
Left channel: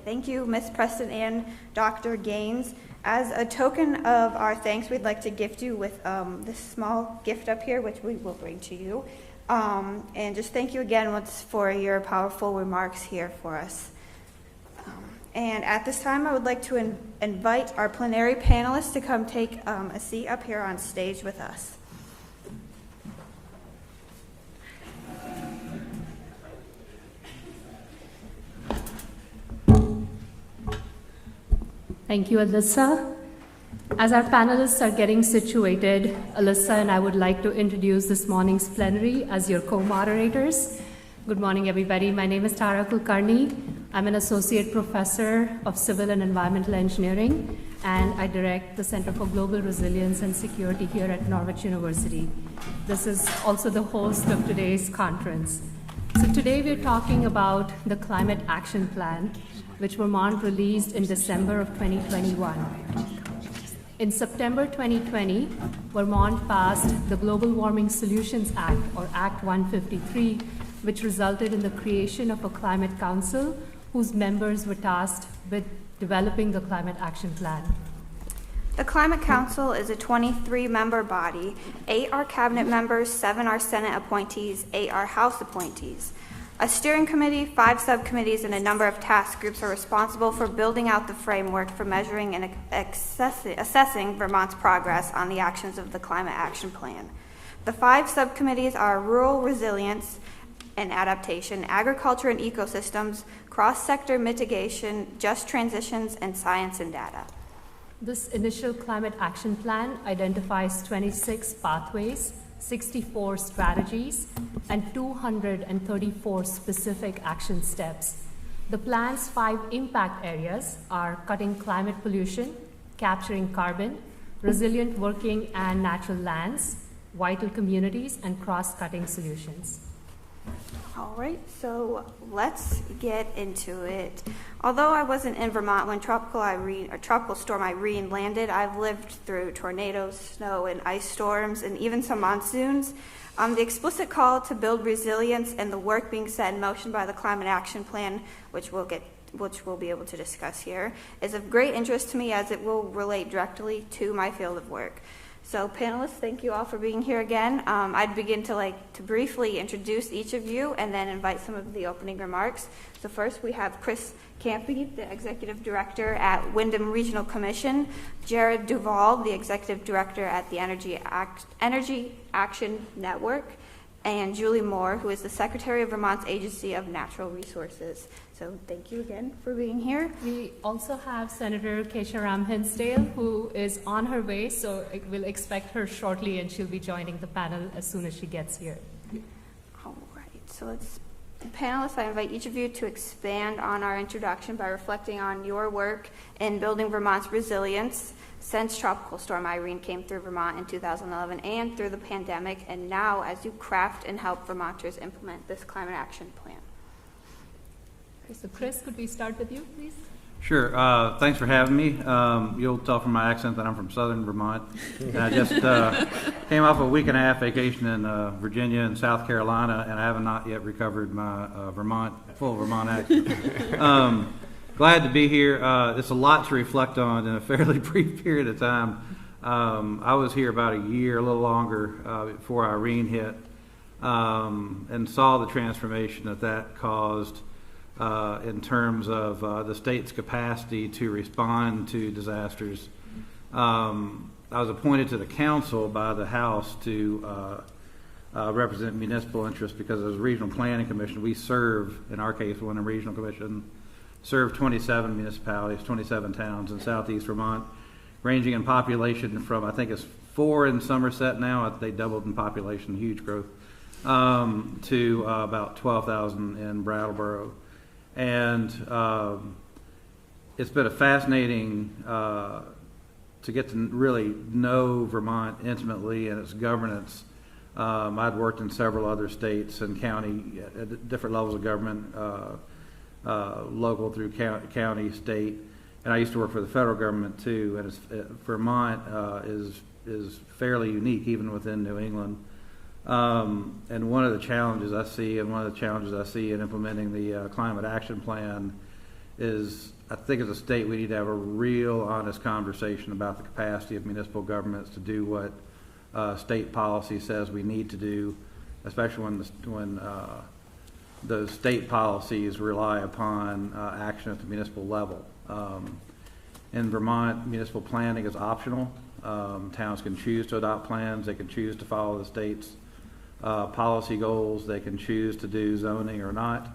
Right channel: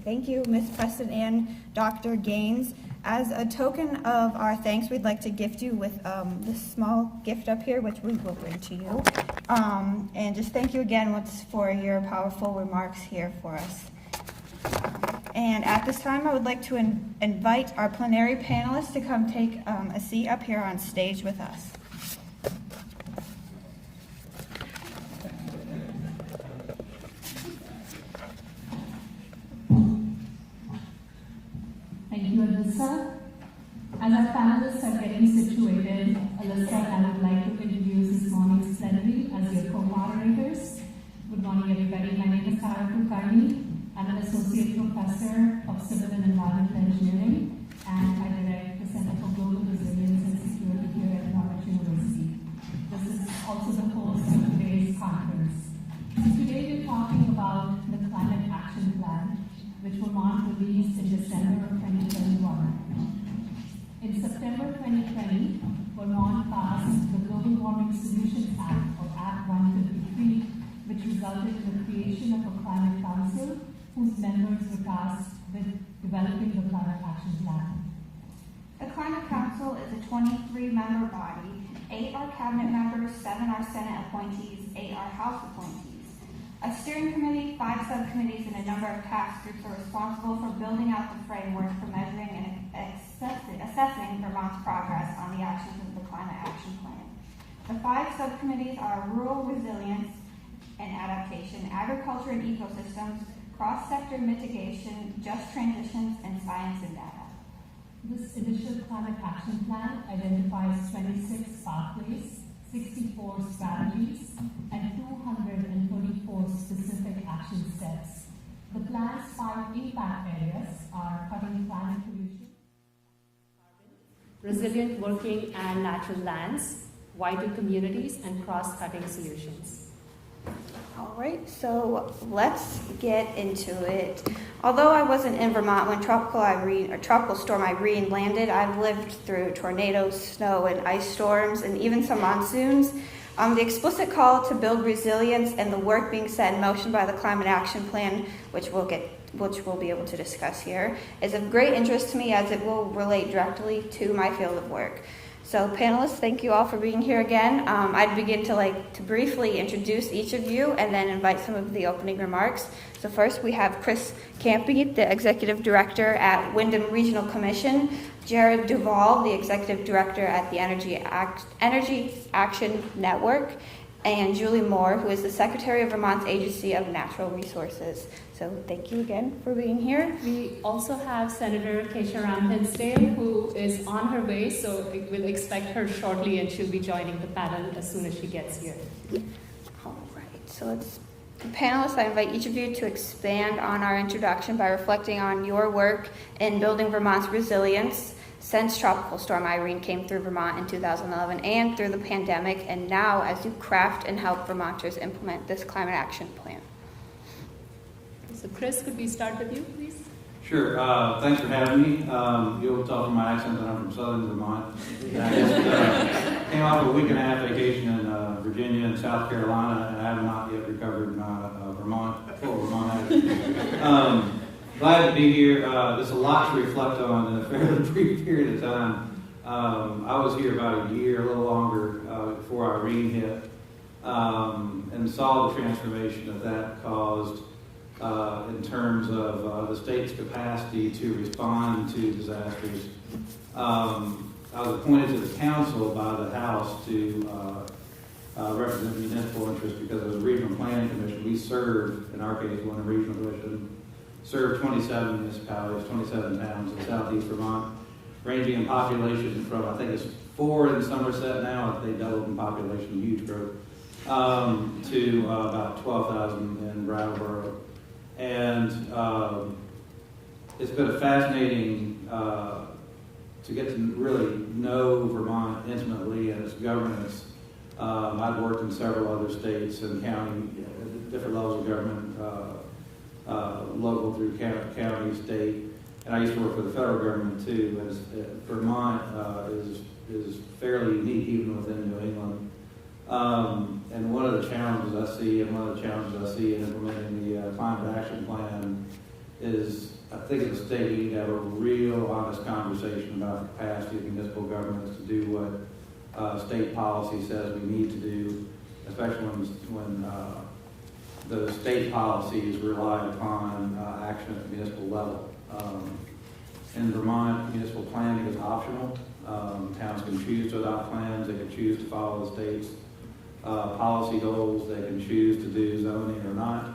Thank you, Ms. Preston and Dr. Gaines. As a token of our thanks, we'd like to gift you with this small gift up here, which we will bring to you. And just thank you again once for your powerful remarks here for us. And at this time, I would like to invite our plenary panelists to come take a seat up here on stage with us. Thank you, Alyssa. As our panelists are getting situated, Alyssa and I would like to introduce this morning's plenary as your co-moderators. Good morning, everybody. My name is Tara Kulkarni. I'm an associate professor of civil and environmental engineering, and I direct the Center for Global Resilience and Security here at Norwich University. This is also the host of today's conference. So today we're talking about the Climate Action Plan, which Vermont released in December of 2021. In September 2020, Vermont passed the Global Warming Solutions Act, or Act 153, which resulted in the creation of a climate council whose members were tasked with developing the Climate Action Plan. The Climate Council is a 23-member body. 8 are cabinet members, 7 are Senate appointees, 8 are House appointees. A steering committee, 5 subcommittees, and a number of task groups are responsible for building out the framework for measuring and assessing Vermont's progress on the actions of the Climate Action Plan. The 5 subcommittees are Rural Resilience and Adaptation, Agriculture and Ecosystems, Cross-Sector Mitigation, Just Transitions, and Science and Data. This initial Climate Action Plan identifies 26 pathways, 64 strategies, and 234 specific action steps. The plan's 5 impact areas are cutting climate pollution, capturing carbon, resilient working and natural lands, vital communities, and cross-cutting solutions. All right, so let's get into it. Although I wasn't in Vermont when Tropical Storm Irene landed, I've lived through tornadoes, snow, and ice storms, and even some monsoons. The explicit call to build resilience and the work being set in motion by the Climate Action Plan, which we'll be able to discuss here, is of great interest to me as it will relate directly to my field of work. So panelists, thank you all for being here again. I'd begin to briefly introduce each of you and then invite some of the opening remarks. So first we have Chris Campy, the Executive Director at Wyndham Regional Commission, Jared Duvall, the Executive Director at the Energy Action Network, and Julie Moore, who is the Secretary of Vermont's Agency of Natural Resources. So thank you again for being here. We also have Senator Rob Pensdale, who is on her way, so we'll expect her shortly, and she'll be joining the panel as soon as she gets here. All right, so panelists, I invite each of you to expand on our introduction by reflecting on your work in building Vermont's resilience since Tropical Storm Irene came through Vermont in 2011 and through the pandemic, and now as you craft and help Vermonters implement this climate action plan. So Chris, could we start with you, please? Sure. Thanks for having me. You'll tell from my accent that I'm from southern Vermont. And I just came off a week and a half vacation in Virginia and South Carolina, and I have not yet recovered my full Vermont accent. Glad to be here. There's a lot to reflect on in a fairly brief period of time. I was here about a year, a little longer, before Irene hit, and saw the transformation that caused in terms of the state's capacity to respond to disasters. I was appointed to the council by the House to represent municipal interests because as a regional planning commission, we serve, in our case, when a regional commission, serve 27 municipalities, 27 towns in southeast Vermont, ranging in population from, I think it's 4 in Somerset now, they doubled in population, huge growth, to about 12,000 in Brattleboro. And it's been a fascinating to get to really know Vermont intimately and its governance. I'd worked in several other states and county, at different levels of government, local through county, state, and I used to work for the federal government too. And Vermont is fairly unique even within New England. And one of the challenges I see, in implementing the climate action plan is, I think as a state we need to have a real honest conversation about the capacity of municipal governments to do what state policy says we need to do, especially when those state policies rely upon action at the municipal level. In Vermont, municipal planning is optional. Towns can choose to adopt plans, they can choose to follow the state's policy goals, they can choose to do zoning or not.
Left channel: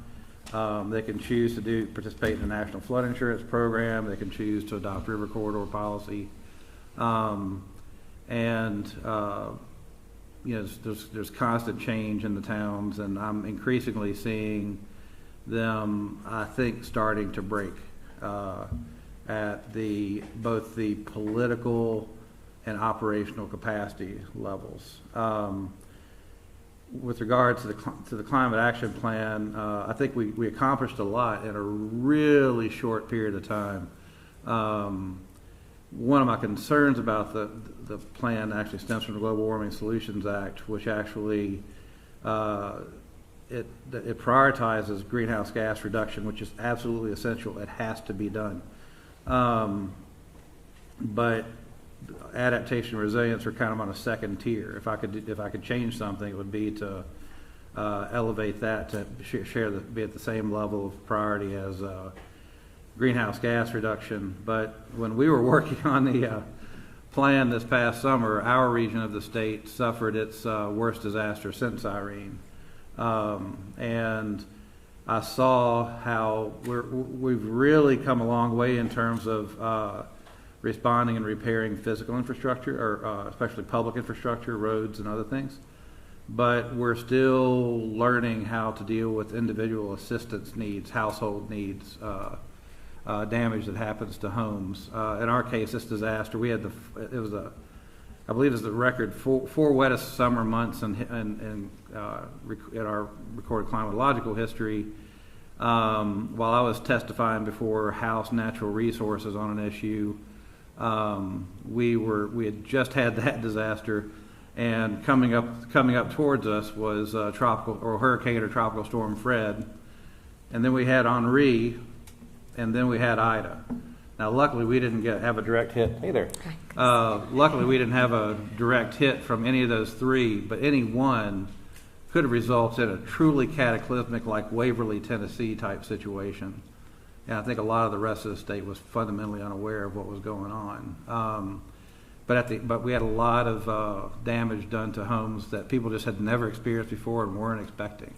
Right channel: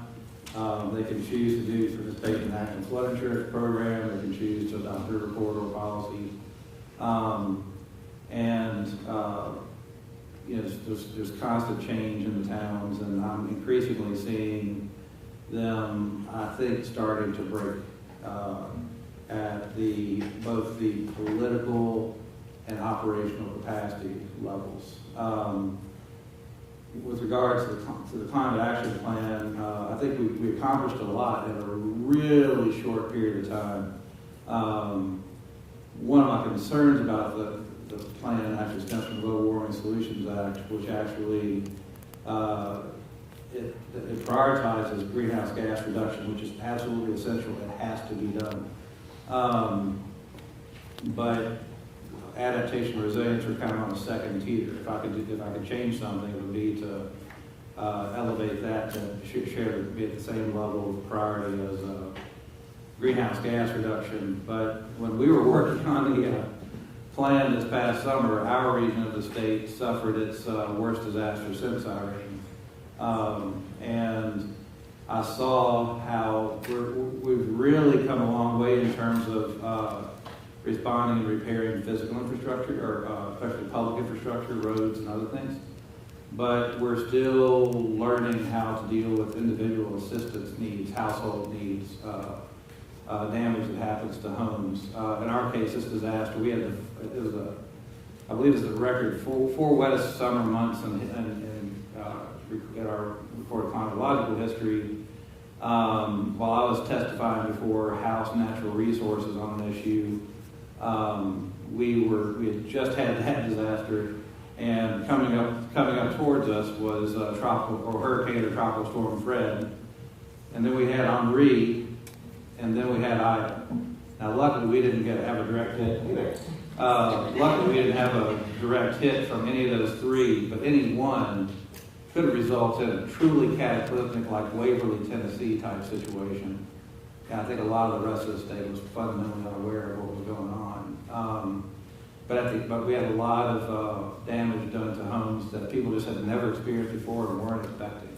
They can choose to participate in the National Flood Insurance Program, they can choose to adopt river corridor policy. There's constant change in the towns, and I'm increasingly seeing them, I think, starting to break at both the political and operational capacity levels. With regards to the climate action plan, I think we accomplished a lot in a really short period of time. One of my concerns about the plan actually stems from the Global Warming Solutions Act, which actually it prioritizes greenhouse gas reduction, which is absolutely essential. It has to be done. But adaptation and resilience are kind of on a second tier. If I could change something, it would be to elevate that to be at the same level of priority as greenhouse gas reduction. But when we were working on the plan this past summer, our region of the state suffered its worst disaster since Irene, and I saw how we've really come a long way in terms of responding and repairing physical infrastructure, or especially public infrastructure, roads and other things. But we're still learning how to deal with individual assistance needs, household needs, damage that happens to homes. In our case, this disaster, I believe it was the record four wettest summer months in our recorded climatological history. While I was testifying before House Natural Resources on an issue, we had just had that disaster, and coming up towards us was Hurricane or Tropical Storm Fred, and then we had Henri, and then we had Ida. Now, luckily, we didn't have a direct hit either. Luckily, we didn't have a direct hit from any of those three, but any one could have resulted in a truly cataclysmic, like Waverly, Tennessee type situation. And I think a lot of the rest of the state was fundamentally unaware of what was going on. but we had a lot of damage done to homes that people just had never experienced before and weren't expecting.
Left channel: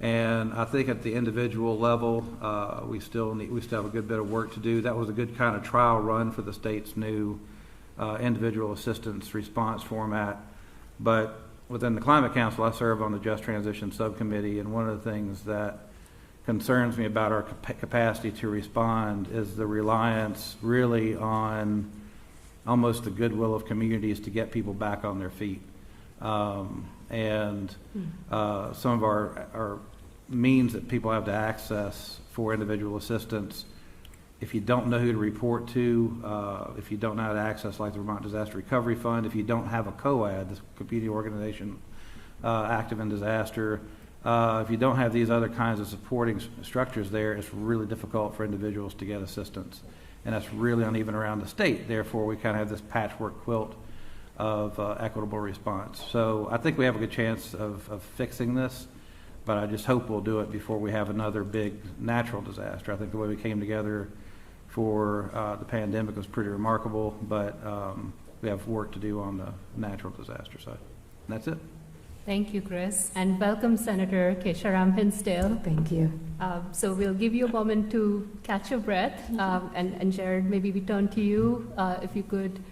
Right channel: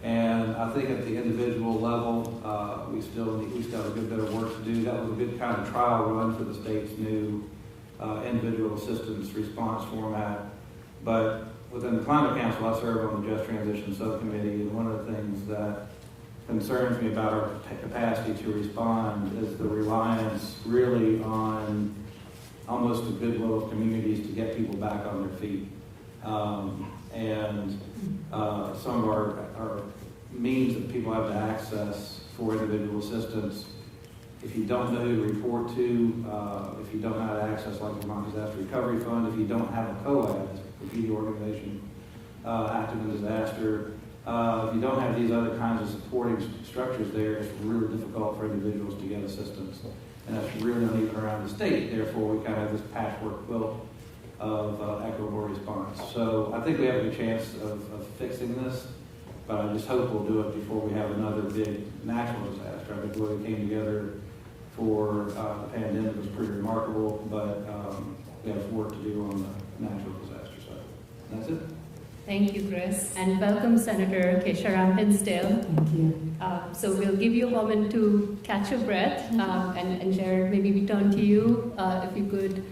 And I think at the individual level, we still have a good bit of work to do. That was a good kind of trial run for the state's new individual assistance response format. But within the Climate Council, I serve on the Just Transition Subcommittee, and one of the things that concerns me about our capacity to respond is the reliance really on almost the goodwill of communities to get people back on their feet. And some of our means that people have to access for individual assistance, if you don't know who to report to, if you don't know how to access like the Vermont Disaster Recovery Fund, if you don't have a COAD, a competing organization active in disaster, if you don't have these other kinds of supporting structures there, it's really difficult for individuals to get assistance. And that's really uneven around the state. Therefore, we kind of have this patchwork quilt of equitable response. So I think we have a good chance of fixing this, but I just hope we'll do it before we have another big natural disaster. I think the way we came together for the pandemic was pretty remarkable, but we have work to do on the natural disaster side. And that's it. Thank you, Chris. And welcome, Senator Rob Pensdale. Thank you. So we'll give you a moment to catch your breath. And Jared, maybe we turn to you. If you could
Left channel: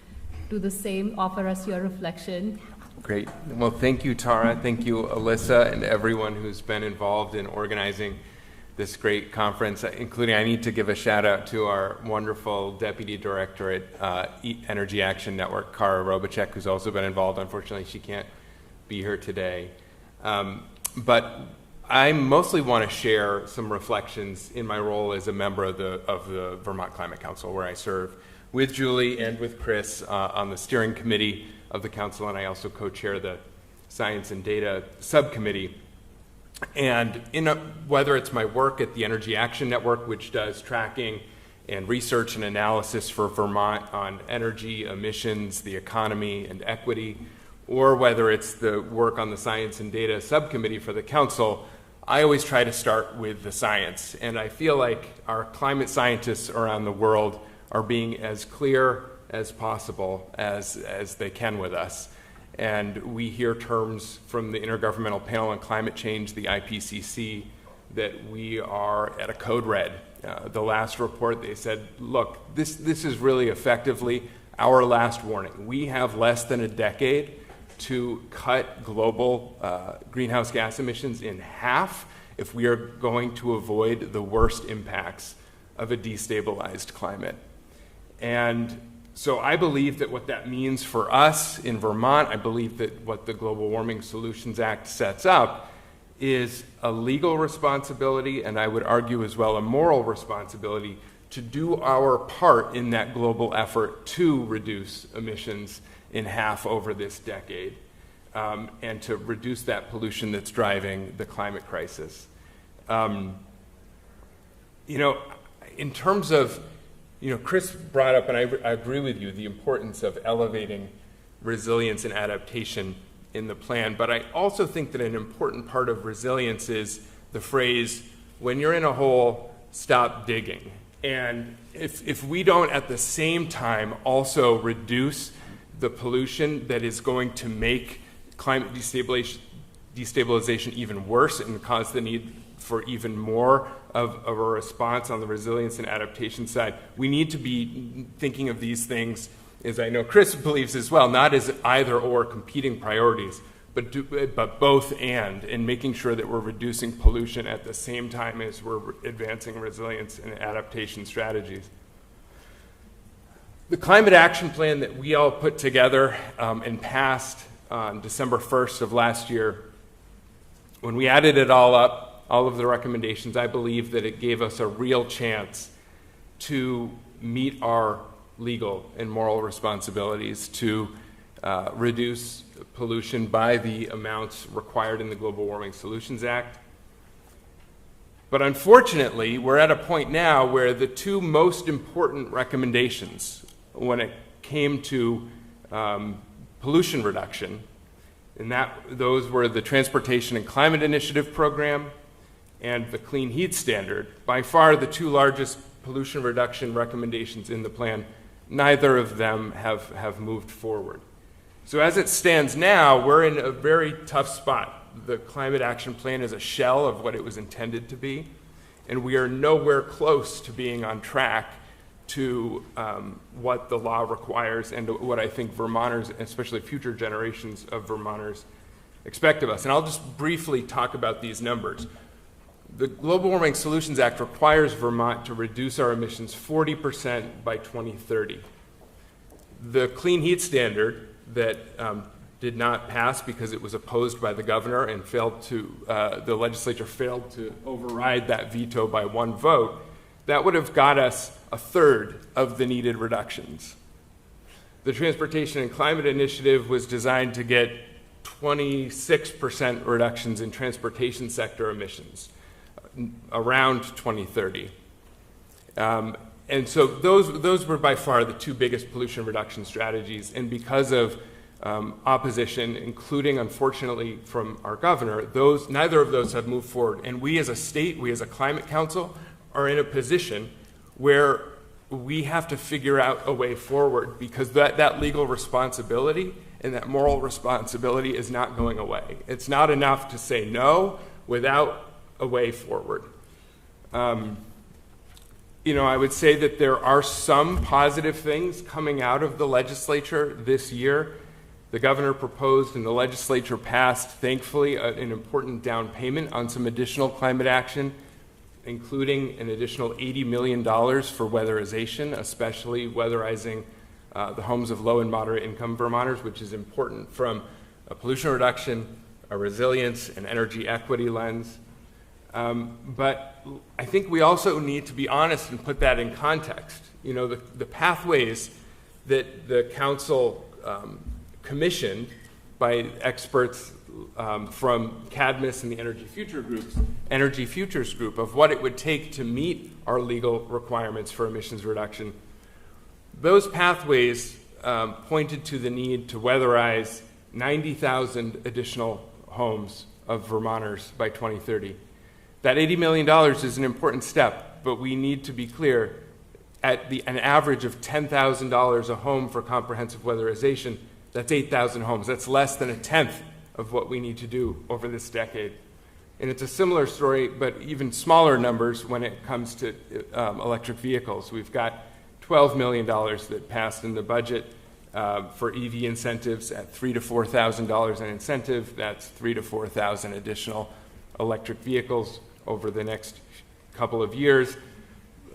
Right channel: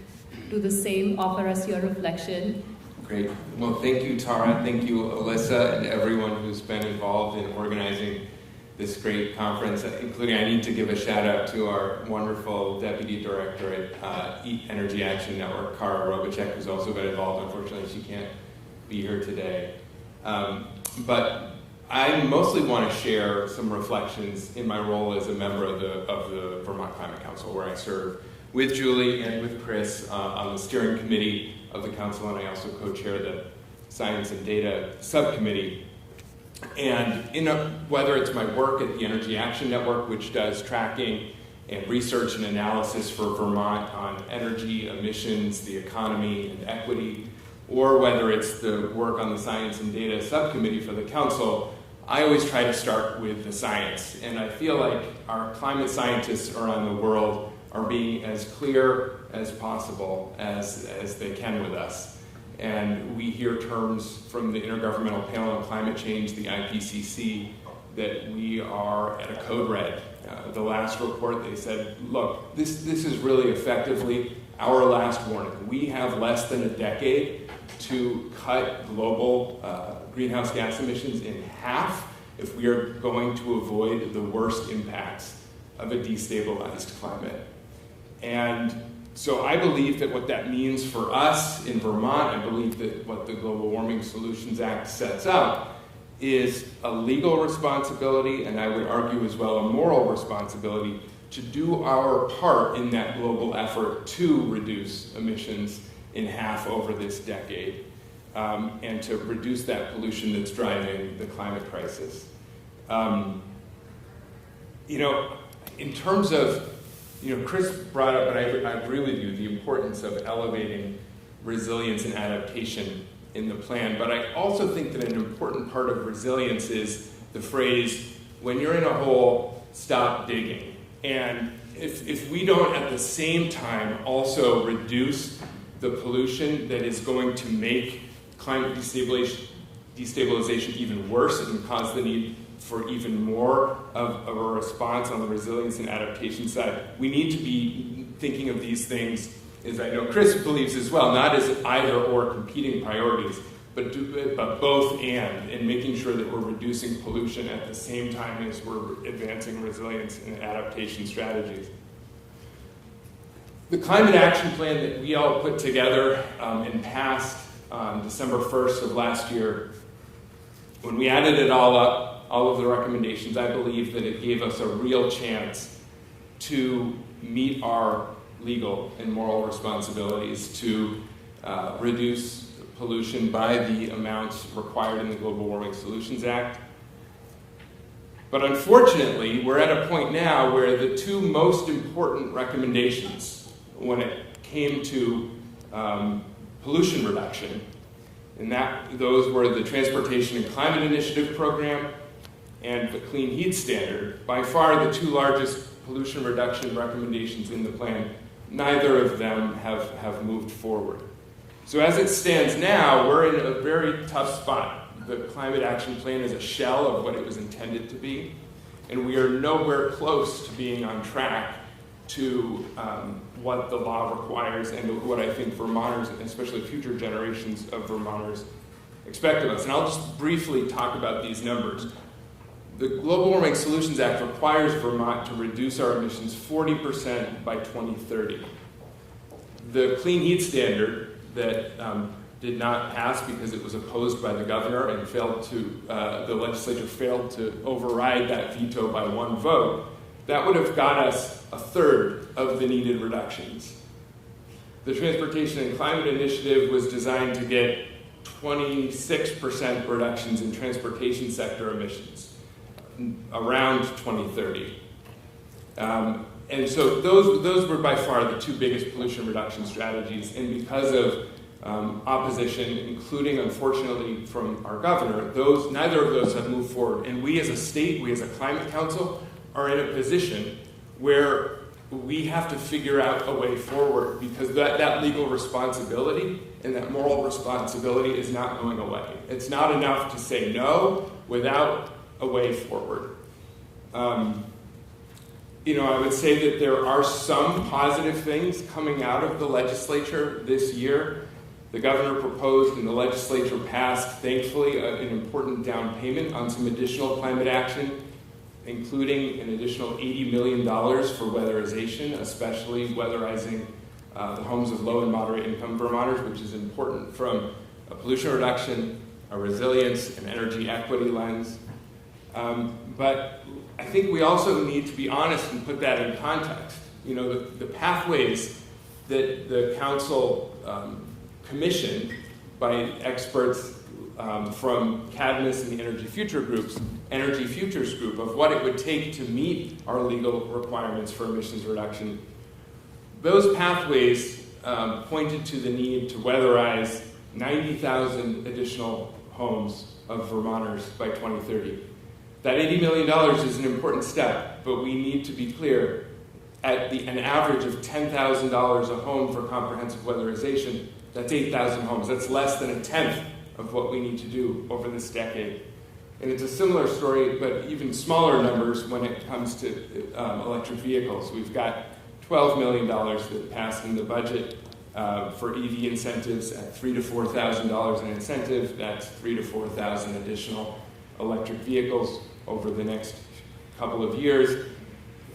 do the same, offer us your reflection. Great. Well, thank you, Tara. Thank you, Alyssa, and everyone who's been involved in organizing this great conference, including I need to give a shout out to our wonderful Deputy Director at Energy Action Network, Kara Robacek, who's also been involved. Unfortunately, she can't be here today. But I mostly want to share some reflections in my role as a member of the Vermont Climate Council, where I serve with Julie and with Chris on the steering committee of the council, and I also co-chair the Science and Data Subcommittee. And whether it's my work at the Energy Action Network, which does tracking and research and analysis for Vermont on energy, emissions, the economy, and equity, or whether it's the work on the Science and Data Subcommittee for the council, I always try to start with the science. And I feel like our climate scientists around the world are being as clear as possible as they can with us. And we hear terms from the Intergovernmental Panel on Climate Change, the IPCC, that we are at a code red. The last report, they said, look, this is really effectively our last warning. We have less than a decade to cut global greenhouse gas emissions in half if we are going to avoid the worst impacts of a destabilized climate. And so I believe that what that means for us in Vermont, I believe that what the Global Warming Solutions Act sets up is a legal responsibility, and I would argue as well a moral responsibility, to do our part in that global effort to reduce emissions in half over this decade, and to reduce that pollution that's driving the climate crisis. In terms of, Chris brought up, and I agree with you, the importance of elevating resilience and adaptation in the plan, but I also think that an important part of resilience is the phrase, when you're in a hole, stop digging. And if we don't at the same time also reduce the pollution that is going to make climate destabilization even worse and cause the need for even more of a response on the resilience and adaptation side, we need to be thinking of these things, as I know Chris believes as well, not as either or competing priorities, but both and making sure that we're reducing pollution at the same time as we're advancing resilience and adaptation strategies. The climate action plan that we all put together and passed on December 1st of last year, when we added it all up, all of the recommendations, I believe that it gave us a real chance to meet our legal and moral responsibilities to reduce pollution by the amounts required in the Global Warming Solutions Act. But unfortunately, we're at a point now where the two most important recommendations when it came to pollution reduction, and those were the Transportation and Climate Initiative Program and the Clean Heat Standard, by far the two largest pollution reduction recommendations in the plan, neither of them have moved forward. So as it stands now, we're in a very tough spot. The Climate Action Plan is a shell of what it was intended to be, and we are nowhere close to being on track to what the law requires and what I think Vermonters, especially future generations of Vermonters, expect of us. And I'll just briefly talk about these numbers. The Global Warming Solutions Act requires Vermont to reduce our emissions 40% by 2030. The Clean Heat Standard that did not pass because it was opposed by the governor and the legislature failed to override that veto by one vote, that would have got us a third of the needed reductions. The Transportation and Climate Initiative was designed to get 26% reductions in transportation sector emissions around 2030. And so those were by far the two biggest pollution reduction strategies. And because of opposition, including, unfortunately, from our governor, neither of those have moved forward. And we as a state, we as a climate council, are in a position where we have to figure out a way forward, because that legal responsibility and that moral responsibility is not going away. It's not enough to say no without a way forward. I would say that there are some positive things coming out of the legislature this year. The governor proposed and the legislature passed, thankfully, an important down payment on some additional climate action, including an additional $80 million for weatherization, especially weatherizing the homes of low and moderate income Vermonters, which is important from a pollution reduction, a resilience, and energy equity lens. But I think we also need to be honest and put that in context. The pathways that the council commissioned by experts from Cadmus and the Energy Futures Group of what it would take to meet our legal requirements for emissions reduction. Those pathways pointed to the need to weatherize 90,000 additional homes of Vermonters by 2030. That $80 million is an important step, but we need to be clear, at an average of $10,000 a home for comprehensive weatherization, that's 8,000 homes. That's less than a tenth of what we need to do over this decade. And it's a similar story, but even smaller numbers when it comes to electric vehicles. We've got $12 million that passed in the budget for EV incentives at $3,000 to $4,000 an incentive. That's 3,000 to 4,000 additional electric vehicles over the next couple of years,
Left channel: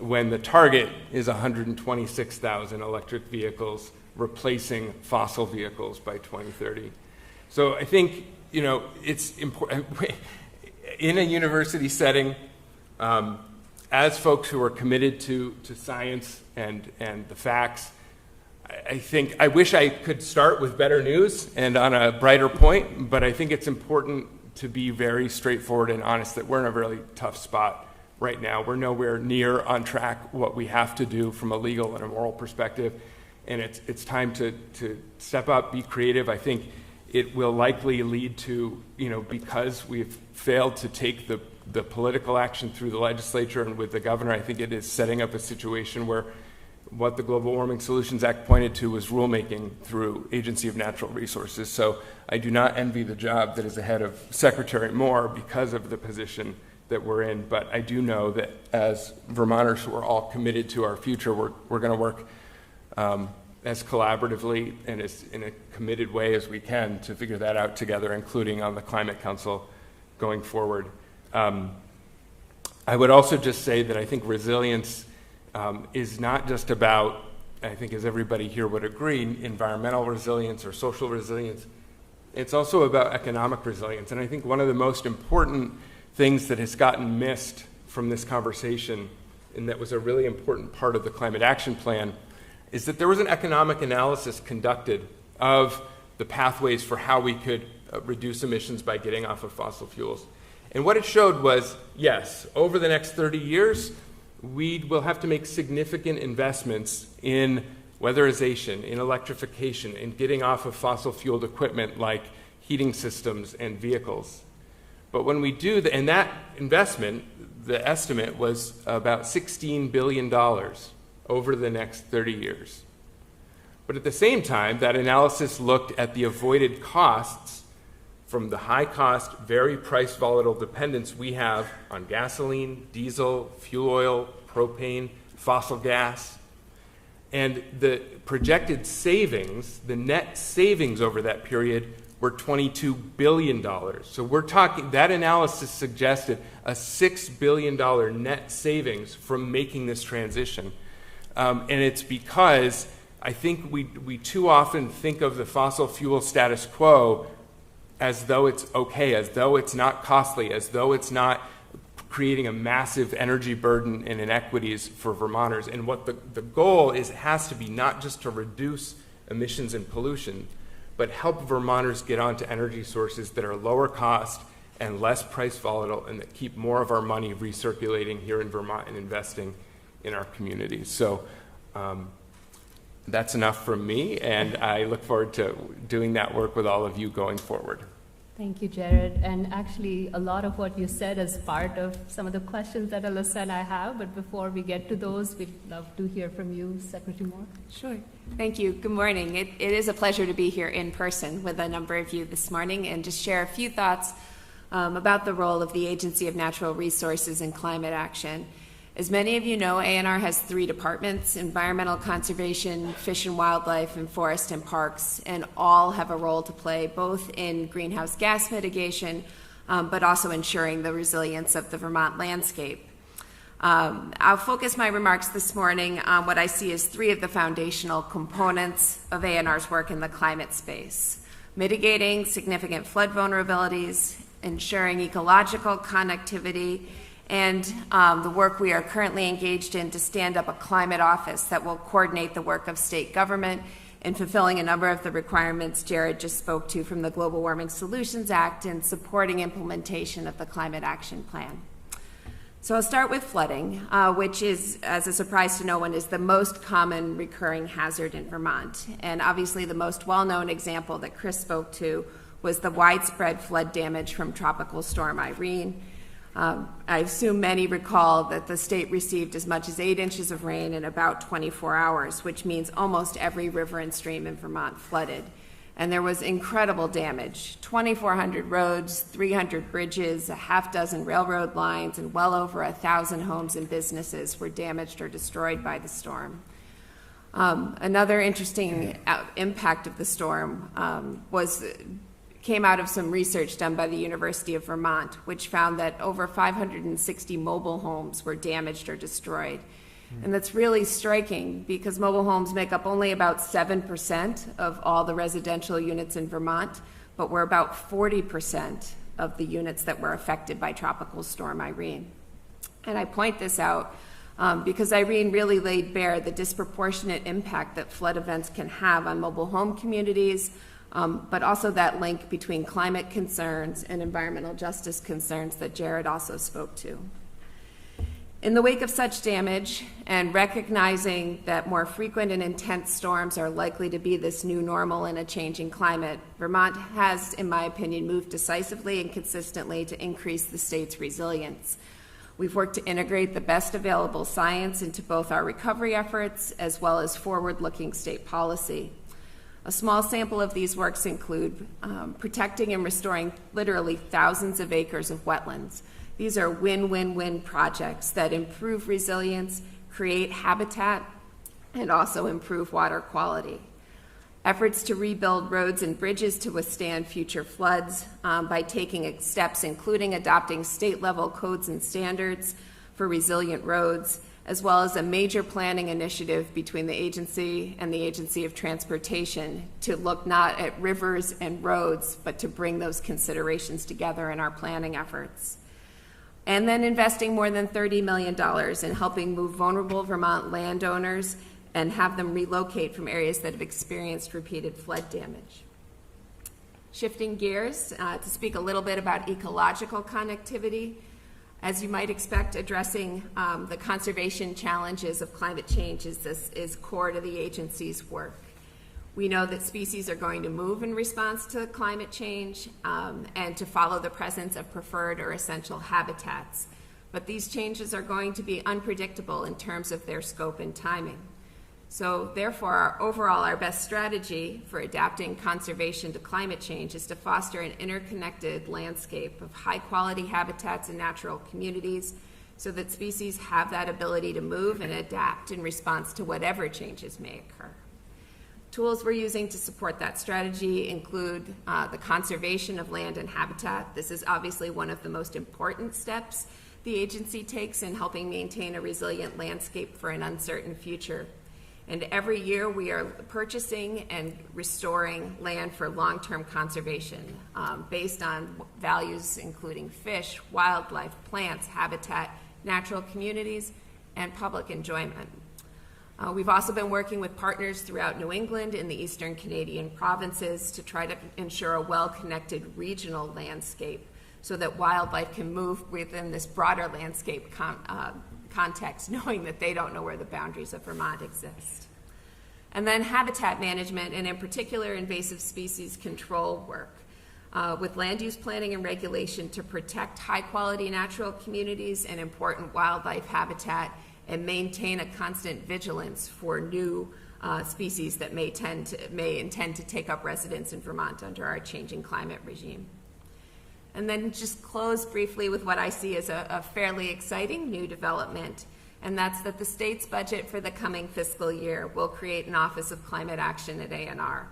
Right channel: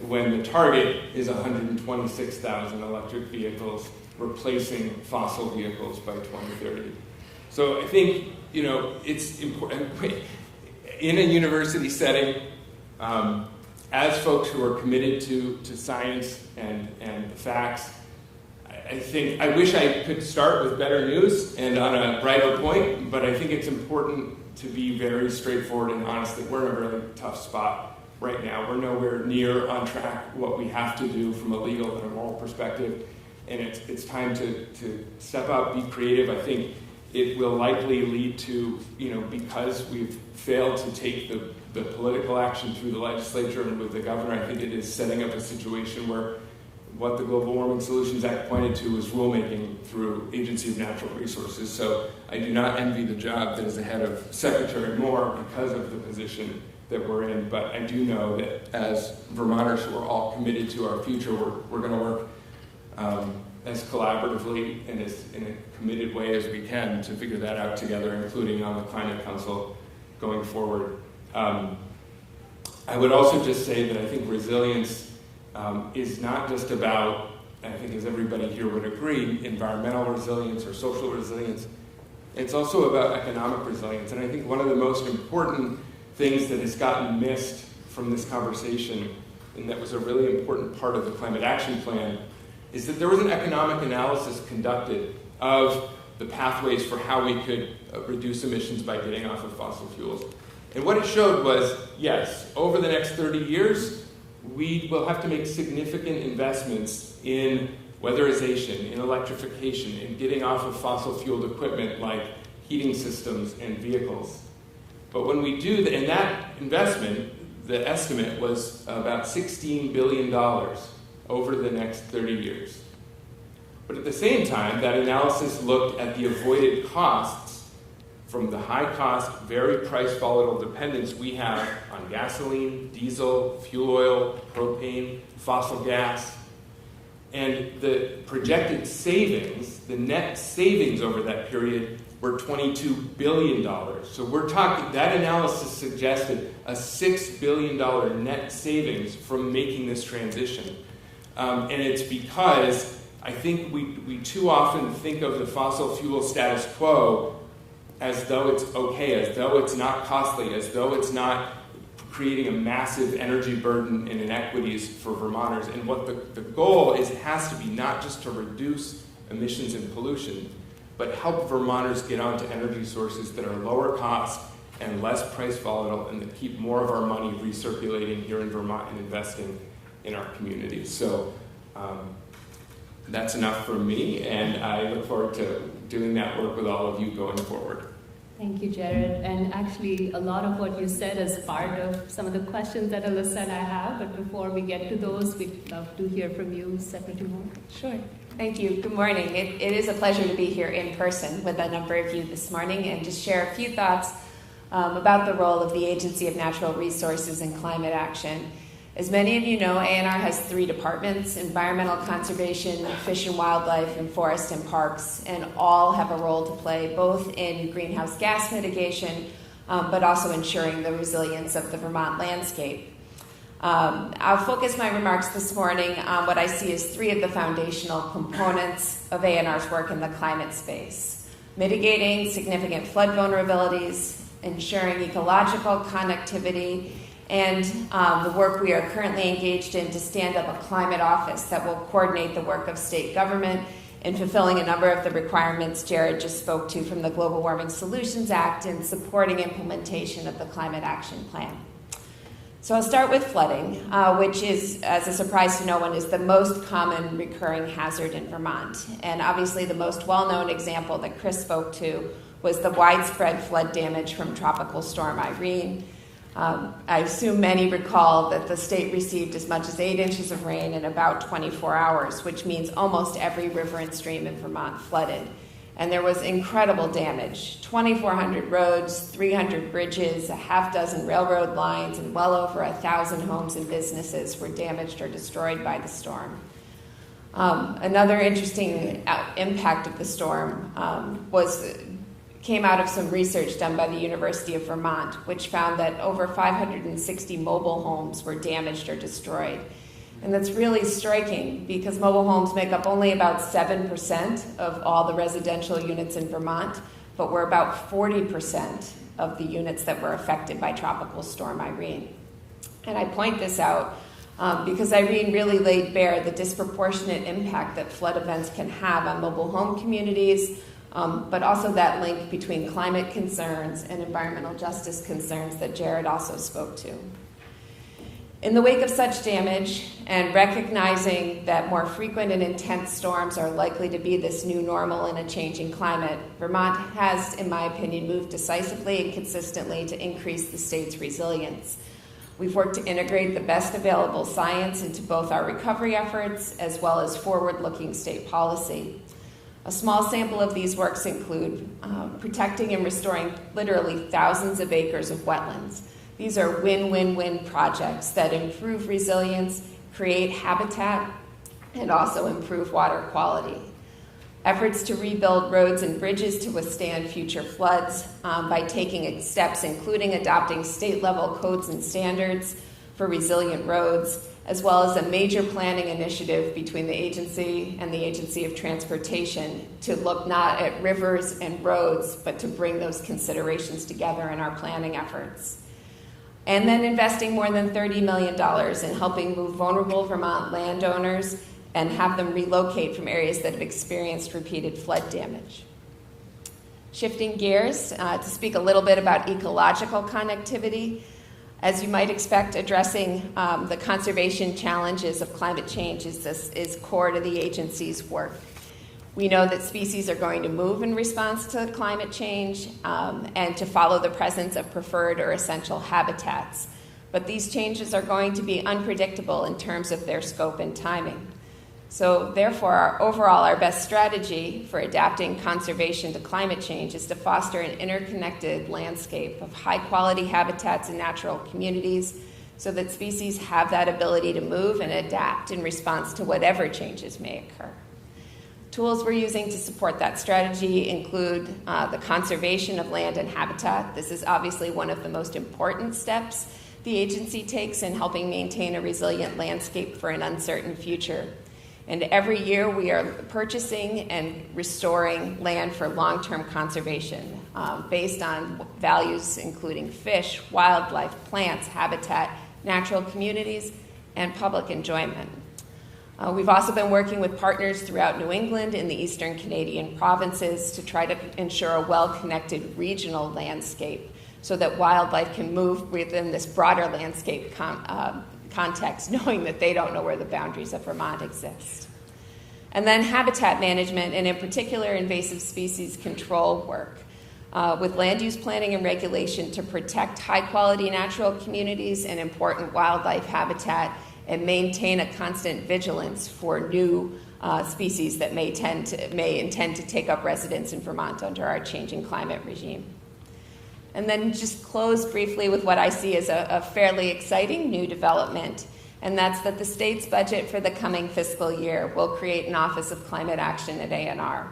when the target is 126,000 electric vehicles replacing fossil vehicles by 2030. So I think, it's important in a university setting, as folks who are committed to science and the facts, I wish I could start with better news and on a brighter point, but I think it's important to be very straightforward and honest that we're in a really tough spot right now. We're nowhere near on track what we have to do from a legal and a moral perspective, and it's time to step up, be creative. I think it will likely lead to, because we've failed to take the political action through the legislature and with the governor, I think it is setting up a situation where what the Global Warming Solutions Act pointed to was rulemaking through Agency of Natural Resources. So I do not envy the job that is ahead of Secretary Moore because of the position that we're in. But I do know that as Vermonters who are all committed to our future, we're going to work as collaboratively and as in a committed way as we can to figure that out together, including on the Climate Council going forward. I would also just say that I think resilience is not just about, I think as everybody here would agree, environmental resilience or social resilience. It's also about economic resilience. And I think one of the most important things that has gotten missed from this conversation, and that was a really important part of the Climate Action Plan, is that there was an economic analysis conducted of the pathways for how we could reduce emissions by getting off of fossil fuels. And what it showed was, yes, over the next 30 years, we will have to make significant investments in weatherization, in electrification, in getting off of fossil-fueled equipment like heating systems and vehicles. But when we do in that investment, the estimate was about $16 billion over the next 30 years. But at the same time, that analysis looked at the avoided costs from the high cost, very price volatile dependence we have on gasoline, diesel, fuel oil, propane, fossil gas. And the projected savings, the net savings over that period, were $22 billion. So we're talking, that analysis suggested a $6 billion net savings from making this transition. And it's because I think we too often think of the fossil fuel status quo as though it's okay, as though it's not costly, as though it's not creating a massive energy burden and inequities for Vermonters. And what the goal has to be not just to reduce emissions and pollution, but help Vermonters get onto energy sources that are lower cost and less price volatile and that keep more of our money recirculating here in Vermont and investing in our community. So that's enough from me, and I look forward to doing that work with all of you going forward. Thank you, Jared. And actually, a lot of what you said is part of some of the questions that Alyssa and I have. But before we get to those, we'd love to hear from you, Secretary Moore. Sure. Thank you. Good morning. It is a pleasure to be here in person with a number of you this morning and just share a few thoughts about the role of the Agency of Natural Resources in climate action. As many of you know, ANR has 3 departments: environmental conservation, fish and wildlife, and forest and parks, and all have a role to play both in greenhouse gas mitigation, but also ensuring the resilience of the Vermont landscape. I'll focus my remarks this morning on what I see as 3 of the foundational components of ANR's work in the climate space: mitigating significant flood vulnerabilities, ensuring ecological connectivity, and the work we are currently engaged in to stand up a climate office that will coordinate the work of state government in fulfilling a number of the requirements Jared just spoke to from the Global Warming Solutions Act and supporting implementation of the Climate Action Plan. So I'll start with flooding, which is, as a surprise to no one, is the most common recurring hazard in Vermont. And obviously the most well-known example that Chris spoke to was the widespread flood damage from Tropical Storm Irene. I assume many recall that the state received as much as 8 inches of rain in about 24 hours, which means almost every river and stream in Vermont flooded. And there was incredible damage: 2,400 roads, 300 bridges, a half dozen railroad lines, and well over 1,000 homes and businesses were damaged or destroyed by the storm. Another interesting impact of the storm came out of some research done by the University of Vermont, which found that over 560 mobile homes were damaged or destroyed. And that's really striking because mobile homes make up only about 7% of all the residential units in Vermont, but were about 40% of the units that were affected by Tropical Storm Irene. And I point this out because Irene really laid bare the disproportionate impact that flood events can have on mobile home communities, but also that link between climate concerns and environmental justice concerns that Jared also spoke to. In the wake of such damage, and recognizing that more frequent and intense storms are likely to be this new normal in a changing climate, Vermont has, in my opinion, moved decisively and consistently to increase the state's resilience. We've worked to integrate the best available science into both our recovery efforts as well as forward-looking state policy. A small sample of these works include protecting and restoring literally thousands of acres of wetlands. These are win-win-win projects that improve resilience, create habitat, and also improve water quality. Efforts to rebuild roads and bridges to withstand future floods by taking steps including adopting state-level codes and standards for resilient roads, as well as a major planning initiative between the agency and the Agency of Transportation to look not at rivers and roads, but to bring those considerations together in our planning efforts. And then investing more than $30 million in helping move vulnerable Vermont landowners and have them relocate from areas that have experienced repeated flood damage. Shifting gears to speak a little bit about ecological connectivity. As you might expect, addressing the conservation challenges of climate change is core to the agency's work. We know that species are going to move in response to climate change and to follow the presence of preferred or essential habitats. But these changes are going to be unpredictable in terms of their scope and timing. So therefore, our best strategy for adapting conservation to climate change is to foster an interconnected landscape of high-quality habitats and natural communities so that species have that ability to move and adapt in response to whatever changes may occur. Tools we're using to support that strategy include the conservation of land and habitat. This is obviously one of the most important steps the agency takes in helping maintain a resilient landscape for an uncertain future. And every year we are purchasing and restoring land for long-term conservation based on values including fish, wildlife, plants, habitat, natural communities, and public enjoyment. We've also been working with partners throughout New England and the eastern Canadian provinces to try to ensure a well-connected regional landscape so that wildlife can move within this broader landscape context, knowing that they don't know where the boundaries of Vermont exist. And then habitat management, and in particular invasive species control work, with land use planning and regulation to protect high-quality natural communities and important wildlife habitat and maintain a constant vigilance for new species that may intend to take up residence in Vermont under our changing climate regime. And then just close briefly with what I see as a fairly exciting new development, and that's that the state's budget for the coming fiscal year will create an Office of Climate Action at ANR.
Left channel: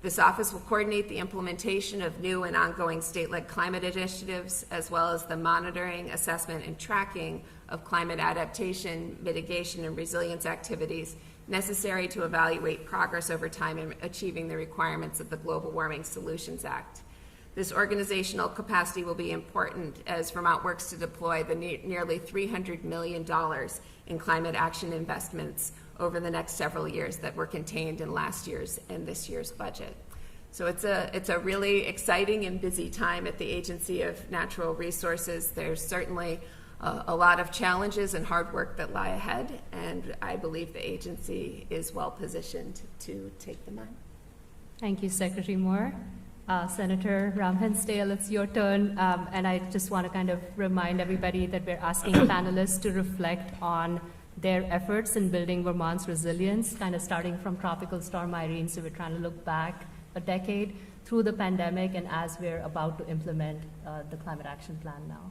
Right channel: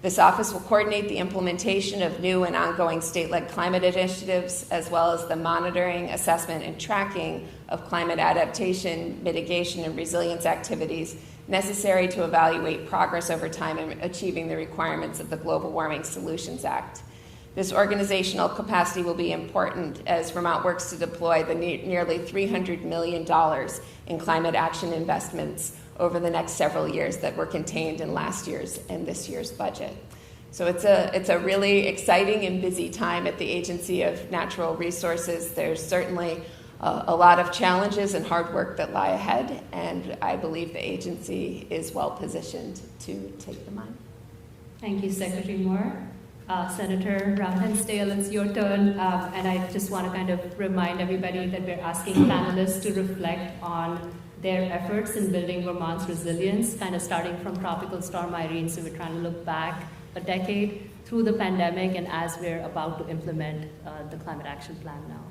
This office will coordinate the implementation of new and ongoing state-led climate initiatives, as well as the monitoring, assessment, and tracking of climate adaptation, mitigation, and resilience activities necessary to evaluate progress over time in achieving the requirements of the Global Warming Solutions Act. This organizational capacity will be important as Vermont works to deploy the nearly $300 million in climate action investments over the next several years that were contained in last year's and this year's budget. So it's a really exciting and busy time at the Agency of Natural Resources. There's certainly a lot of challenges and hard work that lie ahead, and I believe the agency is well positioned to take them on. Thank you, Secretary Moore. Senator Rob Pensdale, it's your turn, and I just want to kind of remind everybody that we're asking panelists to reflect on their efforts in building Vermont's resilience, kind of starting from Tropical Storm Irene, so we're trying to look back a decade through the pandemic and as we're about to implement the Climate Action Plan now.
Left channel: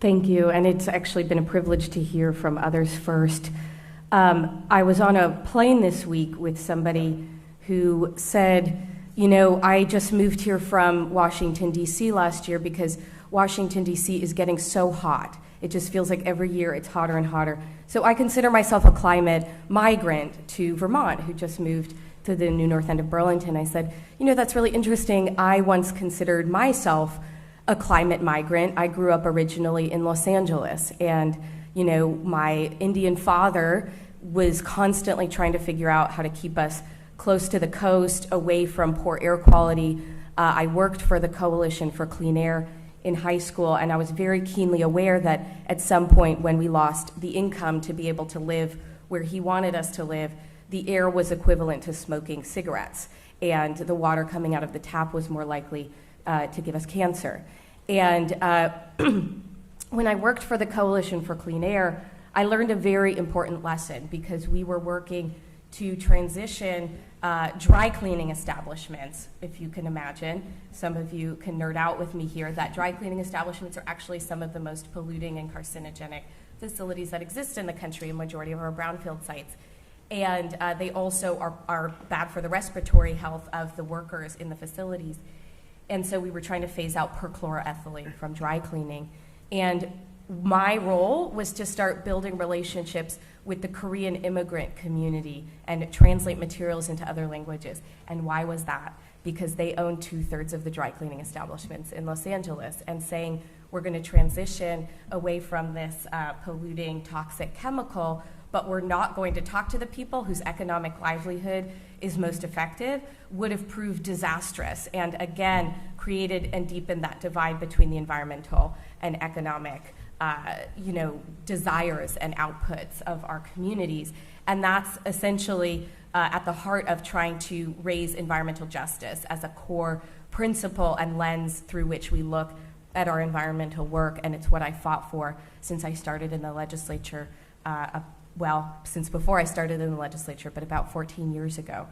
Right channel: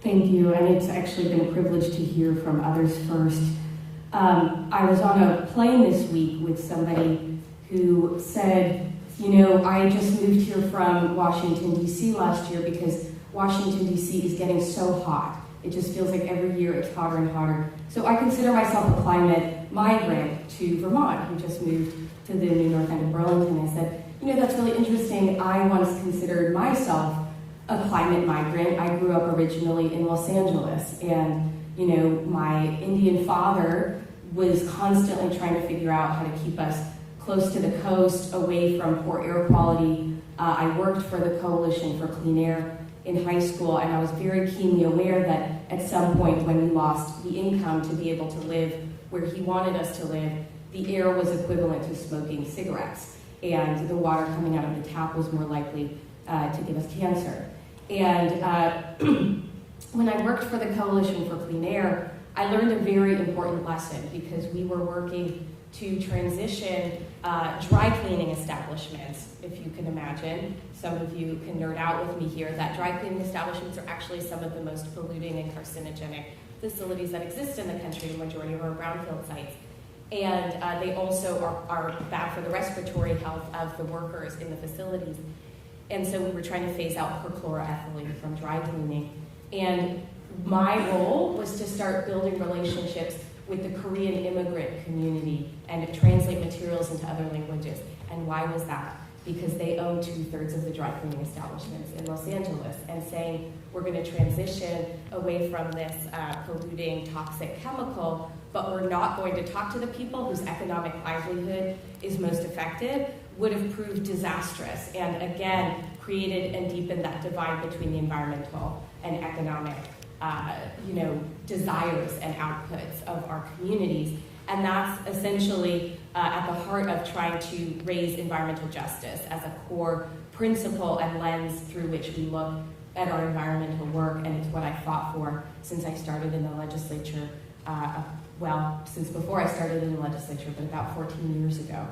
Thank you, and it's actually been a privilege to hear from others first. I was on a plane this week with somebody who said, you know, I just moved here from Washington, D.C. last year because Washington, D.C. is getting so hot. It just feels like every year it's hotter and hotter. So I consider myself a climate migrant to Vermont, who just moved to the new north end of Burlington. I said, you know, that's really interesting. I once considered myself a climate migrant. I grew up originally in Los Angeles, and, you know, my Indian father was constantly trying to figure out how to keep us close to the coast, away from poor air quality. I worked for the Coalition for Clean Air in high school, and I was very keenly aware that at some point when we lost the income to be able to live where he wanted us to live, the air was equivalent to smoking cigarettes, and the water coming out of the tap was more likely to give us cancer. And when I worked for the Coalition for Clean Air, I learned a very important lesson because we were working to transition dry cleaning establishments, if you can imagine. Some of you can nerd out with me here, that dry cleaning establishments are actually some of the most polluting and carcinogenic facilities that exist in the country, the majority of our brownfield sites. And they also are bad for the respiratory health of the workers in the facilities. And so we were trying to phase out perchloroethylene from dry cleaning. And my role was to start building relationships with the Korean immigrant community and translate materials into other languages. And why was that? Because they own 2/3 of the dry cleaning establishments in Los Angeles, and saying we're going to transition away from this polluting toxic chemical, but we're not going to talk to the people whose economic livelihood is most affected would have proved disastrous, and again created and deepened that divide between the environmental and economic desires and outputs of our communities. And that's essentially at the heart of trying to raise environmental justice as a core principle and lens through which we look at our environmental work. And it's what I fought for since I started in the legislature well, since before I started in the legislature, but about 14 years ago.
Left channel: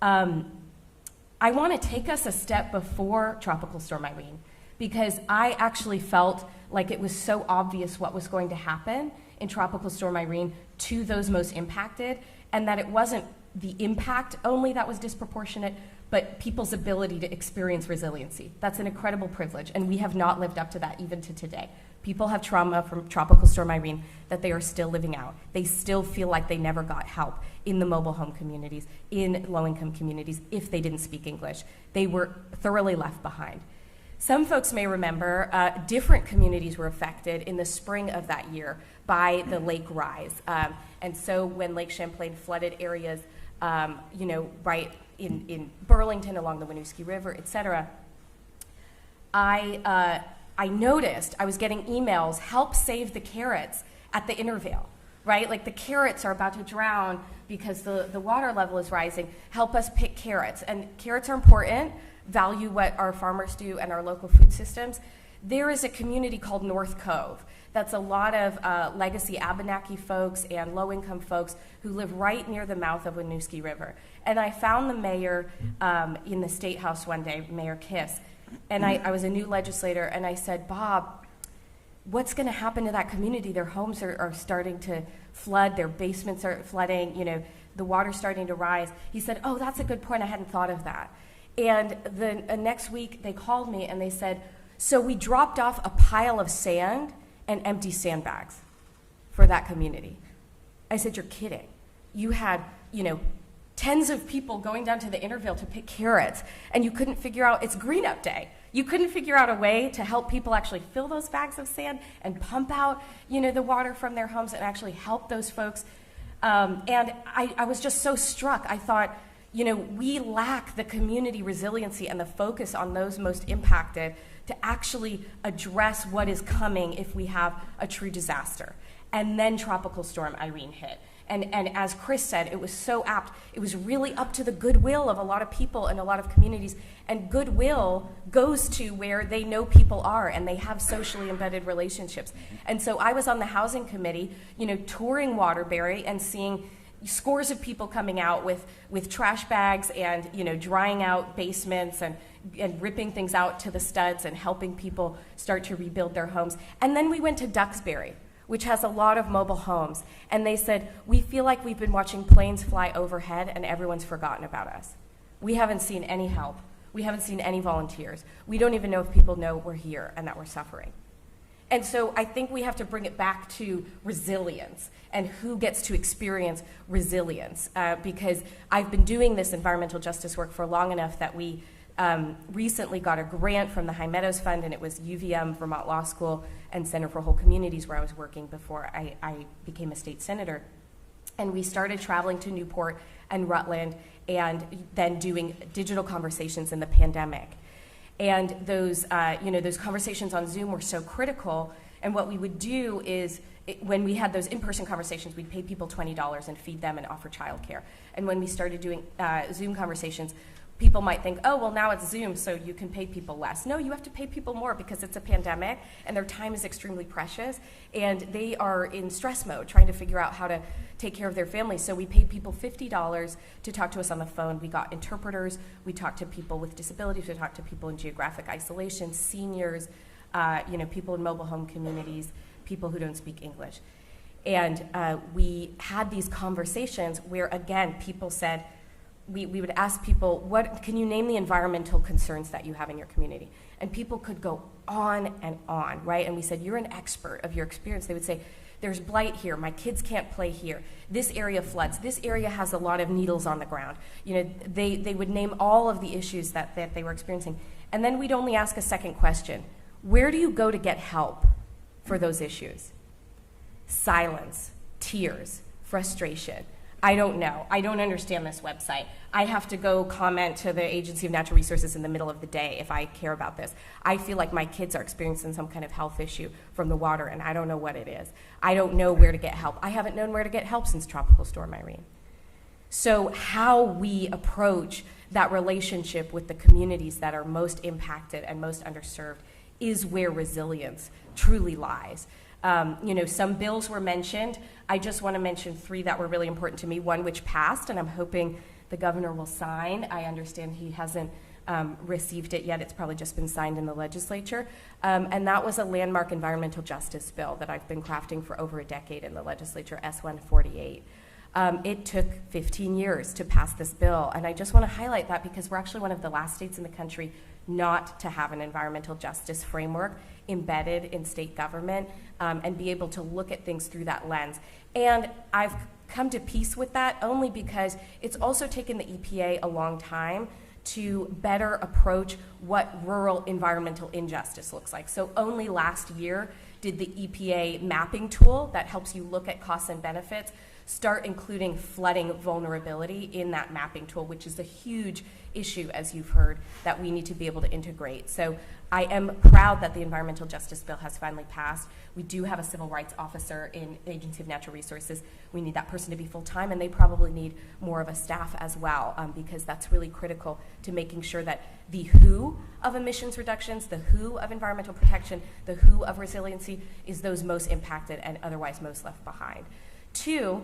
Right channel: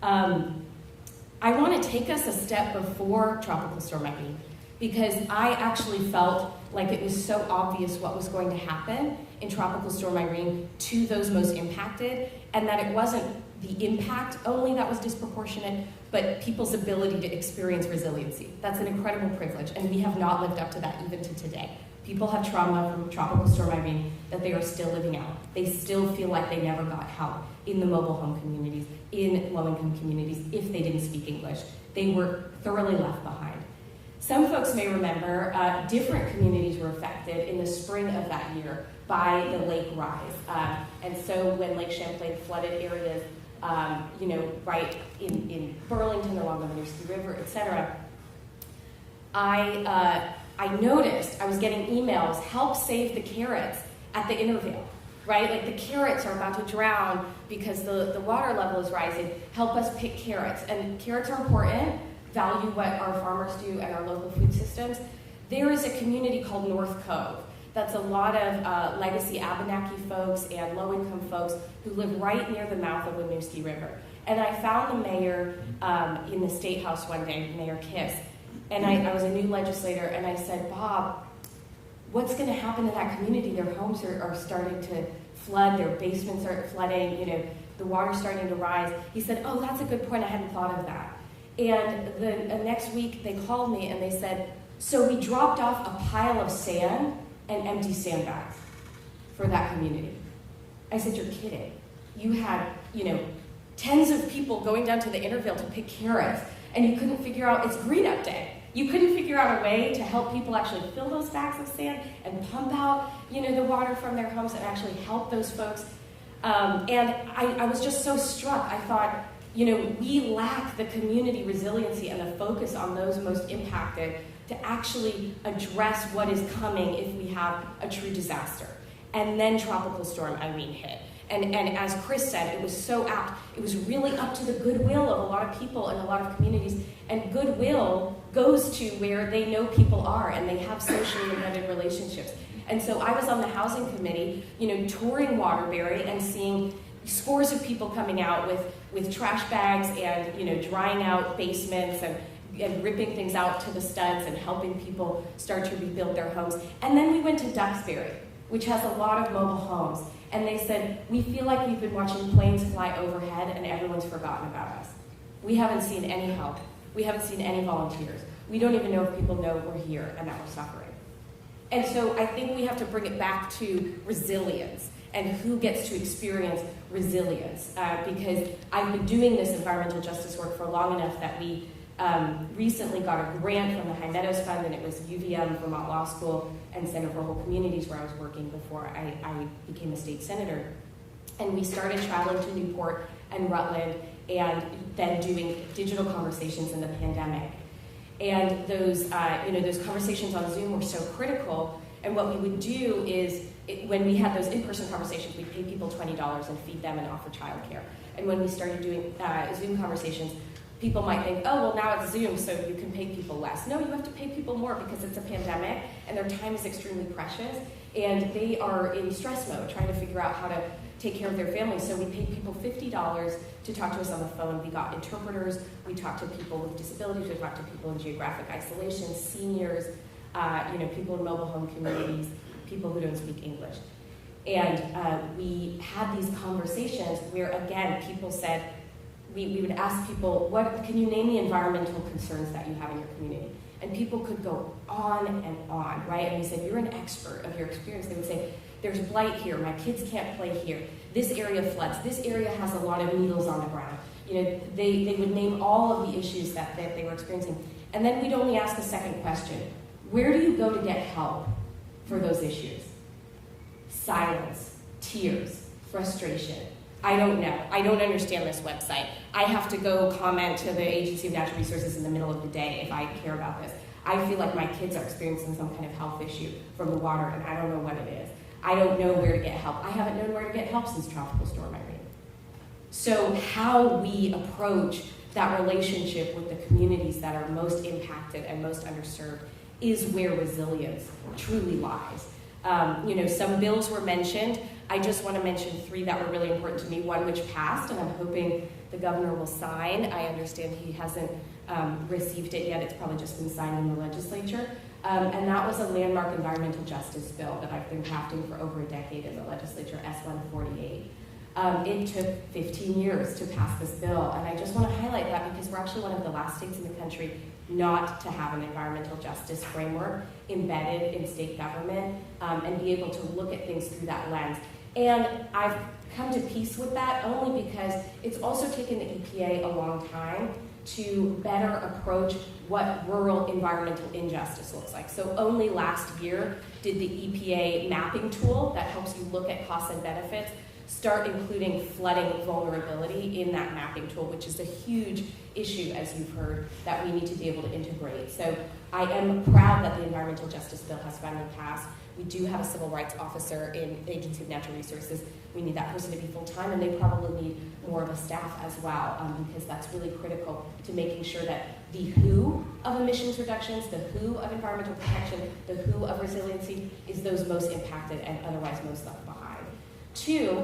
I want to take us a step before Tropical Storm Irene, because I actually felt like it was so obvious what was going to happen in Tropical Storm Irene to those most impacted, and that it wasn't the impact only that was disproportionate, but people's ability to experience resiliency. That's an incredible privilege, and we have not lived up to that even to today. People have trauma from Tropical Storm Irene that they are still living out. They still feel like they never got help in the mobile home communities, in low-income communities, if they didn't speak English. They were thoroughly left behind. Some folks may remember different communities were affected in the spring of that year by the lake rise. And so when Lake Champlain flooded areas, right in Burlington along the Winooski River, et cetera, I noticed I was getting emails, help save the carrots at the Intervale, right? Like the carrots are about to drown because the water level is rising. Help us pick carrots. And carrots are important, value what our farmers do and our local food systems. There is a community called North Cove. That's a lot of legacy Abenaki folks and low-income folks who live right near the mouth of Winooski River. And I found the mayor in the State House one day, Mayor Kiss, and I was a new legislator, and I said, Bob, what's going to happen to that community? Their homes are starting to flood, their basements are flooding, the water's starting to rise. He said, oh, that's a good point, I hadn't thought of that. And the next week they called me and they said, so we dropped off a pile of sand and empty sandbags for that community. I said, you're kidding. You had, tens of people going down to the Intervale to pick carrots, and you couldn't figure out, it's Green Up Day. You couldn't figure out a way to help people actually fill those bags of sand and pump out, the water from their homes and actually help those folks. And I was just so struck. I thought, we lack the community resiliency and the focus on those most impacted to actually address what is coming if we have a true disaster. And then Tropical Storm Irene hit. And as Chris said, it was so apt. It was really up to the goodwill of a lot of people and a lot of communities. And goodwill goes to where they know people are and they have socially embedded relationships. And so I was on the housing committee, touring Waterbury and seeing scores of people coming out with trash bags and, drying out basements and ripping things out to the studs and helping people start to rebuild their homes. And then we went to Duxbury, which has a lot of mobile homes. And they said, we feel like we've been watching planes fly overhead and everyone's forgotten about us. We haven't seen any help. We haven't seen any volunteers. We don't even know if people know we're here and that we're suffering. And so I think we have to bring it back to resilience and who gets to experience resilience. Because I've been doing this environmental justice work for long enough that we recently got a grant from the High Meadows Fund, and it was UVM, Vermont Law School, and Center for Whole Communities where I was working before I became a state senator. And we started traveling to Newport and Rutland and then doing digital conversations in the pandemic. And those conversations on Zoom were so critical. And what we would do is, when we had those in-person conversations, we'd pay people $20 and feed them and offer childcare. And when we started doing Zoom conversations, people might think, oh, well, now it's Zoom, so you can pay people less. No, you have to pay people more because it's a pandemic, and their time is extremely precious, and they are in stress mode, trying to figure out how to take care of their families. So we paid people $50 to talk to us on the phone. We got interpreters. We talked to people with disabilities. We talked to people in geographic isolation, seniors, people in mobile home communities, people who don't speak English. And we had these conversations where, again, people said, we would ask people, can you name the environmental concerns that you have in your community? And people could go on and on, right? And we said, you're an expert of your experience. They would say, there's blight here, my kids can't play here, this area floods, this area has a lot of needles on the ground. They would name all of the issues that they were experiencing. And then we'd only ask a second question. Where do you go to get help for those issues? Silence, tears, frustration. I don't know. I don't understand this website. I have to go comment to the Agency of Natural Resources in the middle of the day if I care about this. I feel like my kids are experiencing some kind of health issue from the water, and I don't know what it is. I don't know where to get help. I haven't known where to get help since Tropical Storm Irene. So how we approach that relationship with the communities that are most impacted and most underserved is where resilience truly lies. Some bills were mentioned. I just want to mention 3 that were really important to me. One which passed, and I'm hoping the governor will sign. I understand he hasn't received it yet. It's probably just been signed in the legislature. And that was a landmark environmental justice bill that I've been crafting for over a decade in the legislature, S148. It took 15 years to pass this bill, and I just want to highlight that because we're actually one of the last states in the country not to have an environmental justice framework embedded in state government and be able to look at things through that lens. And I've come to peace with that only because it's also taken the EPA a long time to better approach what rural environmental injustice looks like. So only last year did the EPA mapping tool that helps you look at costs and benefits start including flooding vulnerability in that mapping tool, which is a huge issue, as you've heard, that we need to be able to integrate. So I am proud that the Environmental Justice Bill has finally passed. We do have a civil rights officer in Agency of Natural Resources. We need that person to be full-time, and they probably need more of a staff as well, because that's really critical to making sure that the who of emissions reductions, the who of environmental protection, the who of resiliency is those most impacted and otherwise most left behind. 2,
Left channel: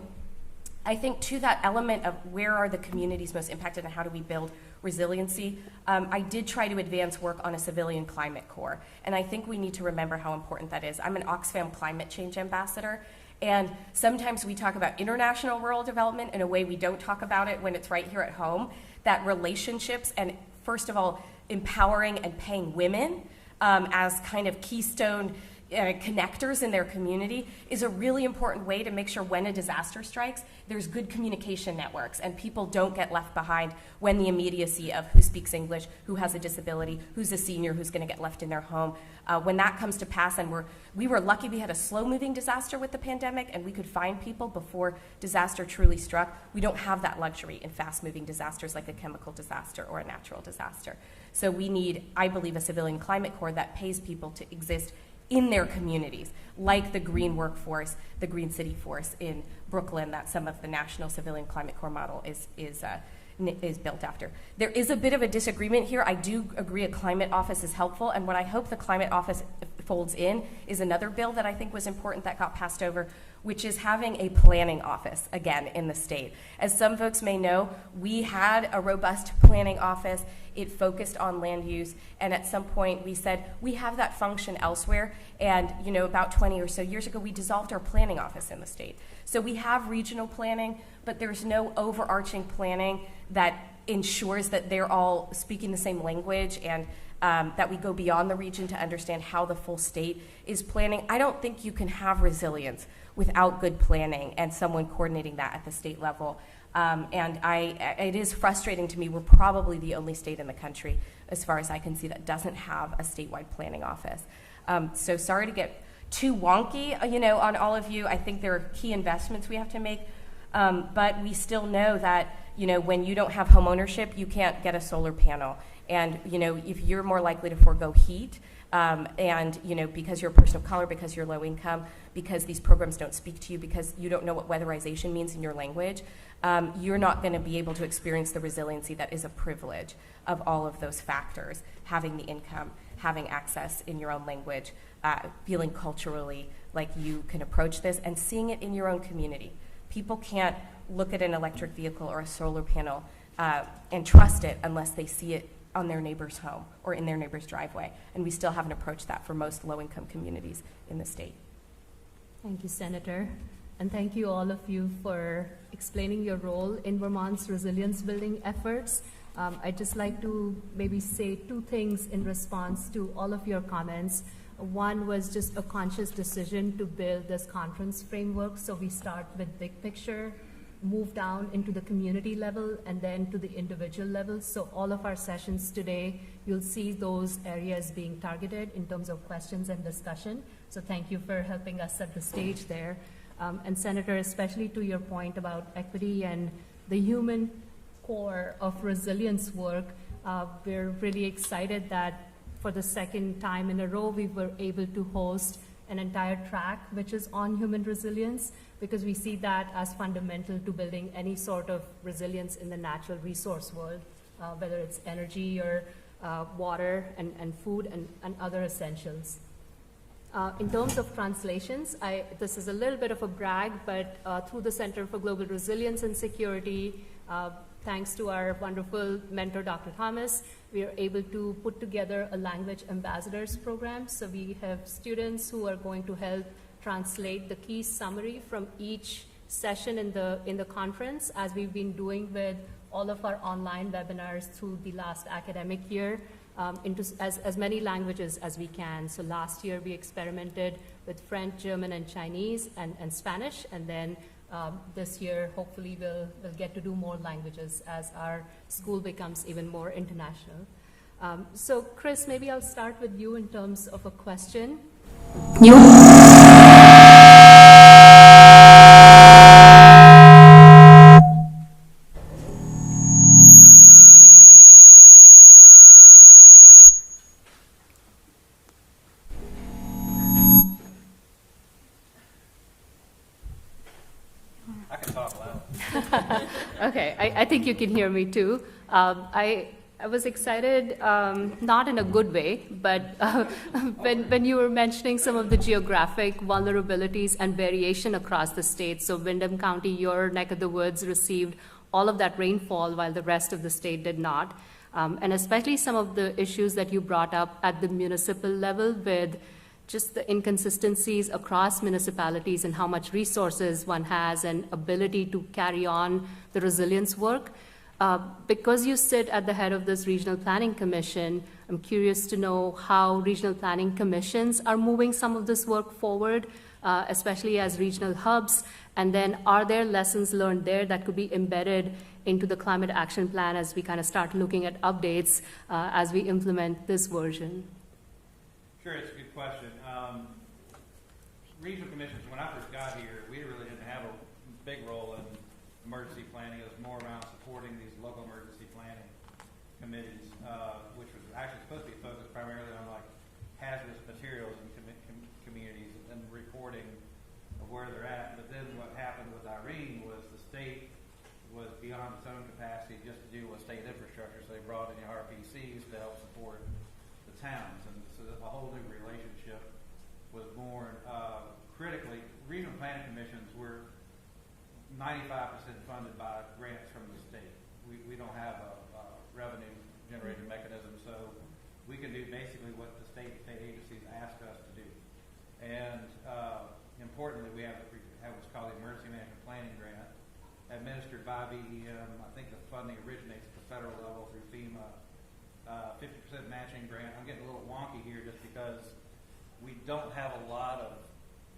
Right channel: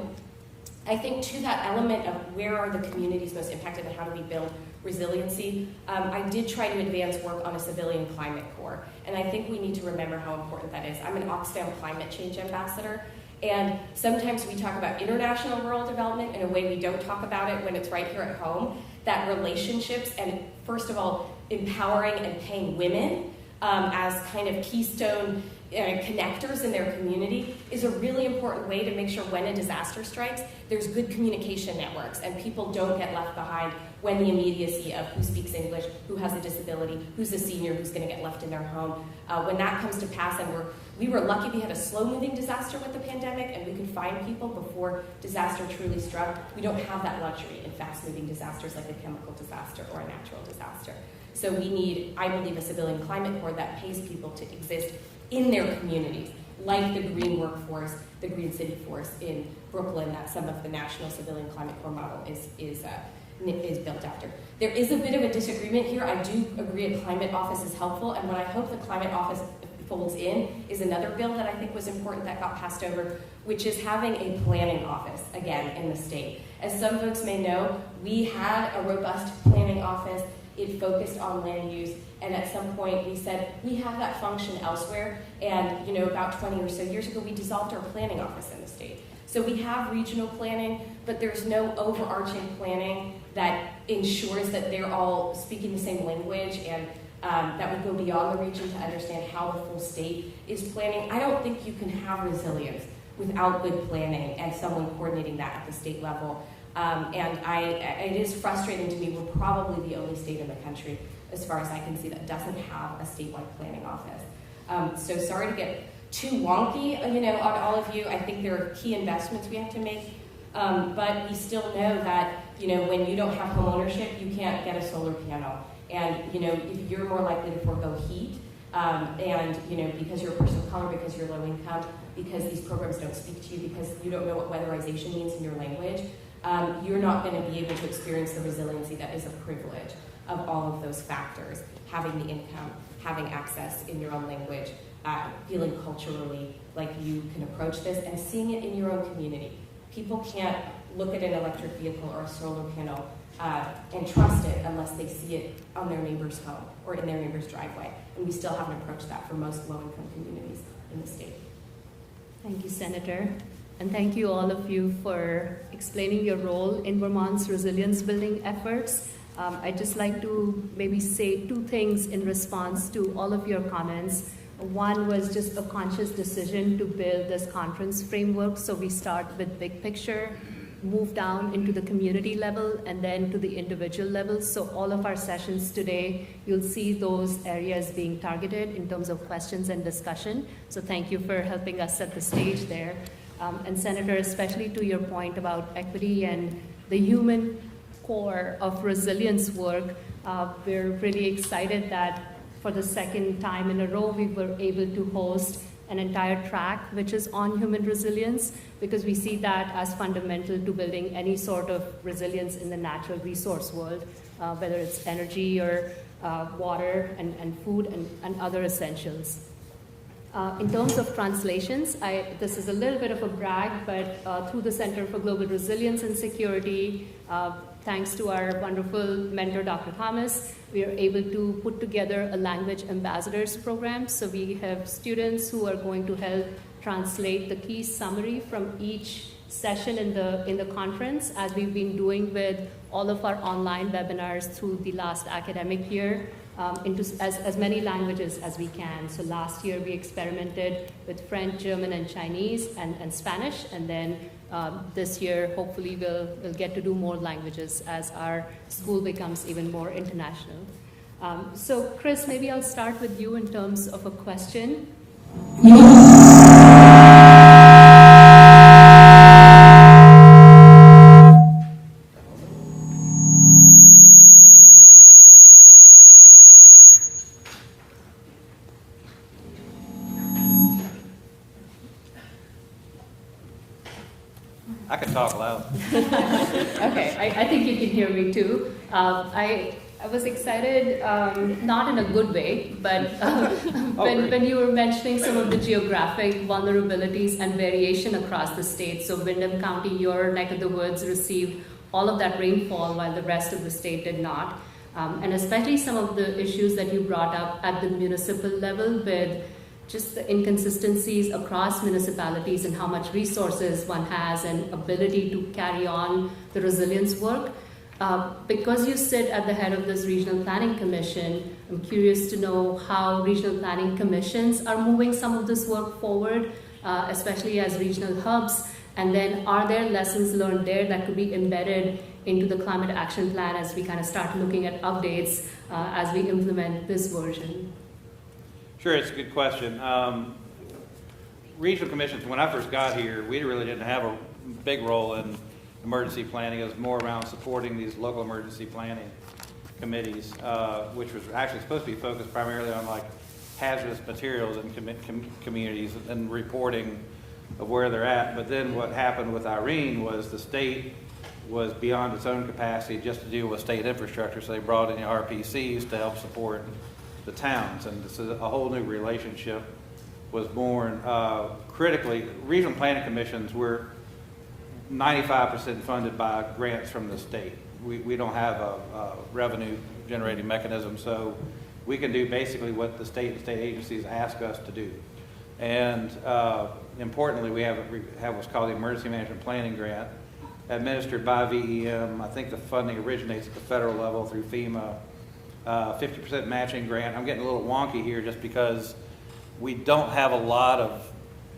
I think to that element of where are the communities most impacted and how do we build resiliency, I did try to advance work on a civilian climate corps, and I think we need to remember how important that is. I'm an Oxfam climate change ambassador, and sometimes we talk about international rural development in a way we don't talk about it when it's right here at home, that relationships and, first of all, empowering and paying women as kind of keystone connectors in their community is a really important way to make sure when a disaster strikes, there's good communication networks and people don't get left behind when the immediacy of who speaks English, who has a disability, who's a senior, who's going to get left in their home. When that comes to pass, and we were lucky we had a slow-moving disaster with the pandemic and we could find people before disaster truly struck. We don't have that luxury in fast-moving disasters like a chemical disaster or a natural disaster. So we need, I believe, a civilian climate corps that pays people to exist in their communities, like the green workforce, the green city force in Brooklyn that some of the National Civilian Climate Corps model is built after. There is a bit of a disagreement here. I do agree a climate office is helpful, and what I hope the climate office folds in is another bill that I think was important that got passed over, which is having a planning office, again, in the state. As some folks may know, we had a robust planning office. It focused on land use, and at some point we said, we have that function elsewhere, and about 20 or so years ago, we dissolved our planning office in the state. So we have regional planning, but there's no overarching planning that ensures that they're all speaking the same language and that we go beyond the region to understand how the full state is planning. I don't think you can have resilience without good planning and someone coordinating that at the state level. It is frustrating to me. We're probably the only state in the country, as far as I can see, that doesn't have a statewide planning office. So sorry to get too wonky, on all of you. I think there are key investments we have to make, but we still know that, when you don't have home ownership, you can't get a solar panel. And, if you're more likely to forego heat, because you're a person of color, because you're low income, because these programs don't speak to you, because you don't know what weatherization means in your language, you're not going to be able to experience the resiliency that is a privilege of all of those factors, having the income, having access in your own language, feeling culturally like you can approach this, and seeing it in your own community. People can't look at an electric vehicle or a solar panel and trust it unless they see it on their neighbor's home or in their neighbor's driveway. And we still haven't approached that for most low-income communities in the state. Thank you, Senator. And thank you, all of you, for explaining your role in Vermont's resilience building efforts. I'd just like to maybe say 2 things in response to all of your comments. One was just a conscious decision to build this conference framework. So we start with big picture, move down into the community level, and then to the individual level. So all of our sessions today, you'll see those areas being targeted in terms of questions and discussion. So thank you for helping us set the stage there. And Senator, especially to your point about equity and the human core of resilience work, we're really excited that for the second time in a row, we were able to host an entire track which is on human resilience, because we see that as fundamental to building any sort of resilience in the natural resource world, whether it's energy or water and food and other essentials. In terms of translations, this is a little bit of a brag, but through the Center for Global Resilience and Security, thanks to our wonderful mentor, Dr. Thomas, we are able to put together a language ambassadors program. So we have students who are going to help translate the key summary from each session in the conference, as we've been doing with all of our online webinars through the last academic year, into as many languages as we can. So last year we experimented with French, German, and Chinese, and Spanish, and then this year hopefully we'll get to do more languages as our school becomes even more international. So Chris, maybe I'll start with you in terms of a question. I can talk loud. Okay, I think you can hear me too. I was excited, not in a good way, but when you were mentioning some of the geographic vulnerabilities and variation across the state. So Windham County, your neck of the woods, received all of that rainfall while the rest of the state did not. And especially some of the issues that you brought up at the municipal level with just the inconsistencies across municipalities and how much resources one has and ability to carry on the resilience work. Because you sit at the head of this regional planning commission, I'm curious to know how regional planning commissions are moving some of this work forward, especially as regional hubs. And then are there lessons learned there that could be embedded into the climate action plan as we kind of start looking at updates as we implement this version? Sure, it's a good question. Regional commissions, when I first got here, we really didn't have a big role in emergency planning. It was more around supporting these local emergency planning committees, which was actually supposed to be focused primarily on like hazardous materials in communities and reporting of where they're at. But then what happened with Irene was the state was beyond its own capacity just to deal with state infrastructure, so they brought in the RPCs to help support the towns, and this is a whole new relationship was born. Critically, regional planning commissions were 95% funded by grants from the state. We don't have a revenue generating mechanism, so we can do basically what the state and state agencies ask us to do. And importantly, we have what's called the Emergency Management Planning Grant, administered by VEM. I think the funding originates at the federal level through Fema. 50% matching grant. I'm getting a little wonky here just because we don't have a lot of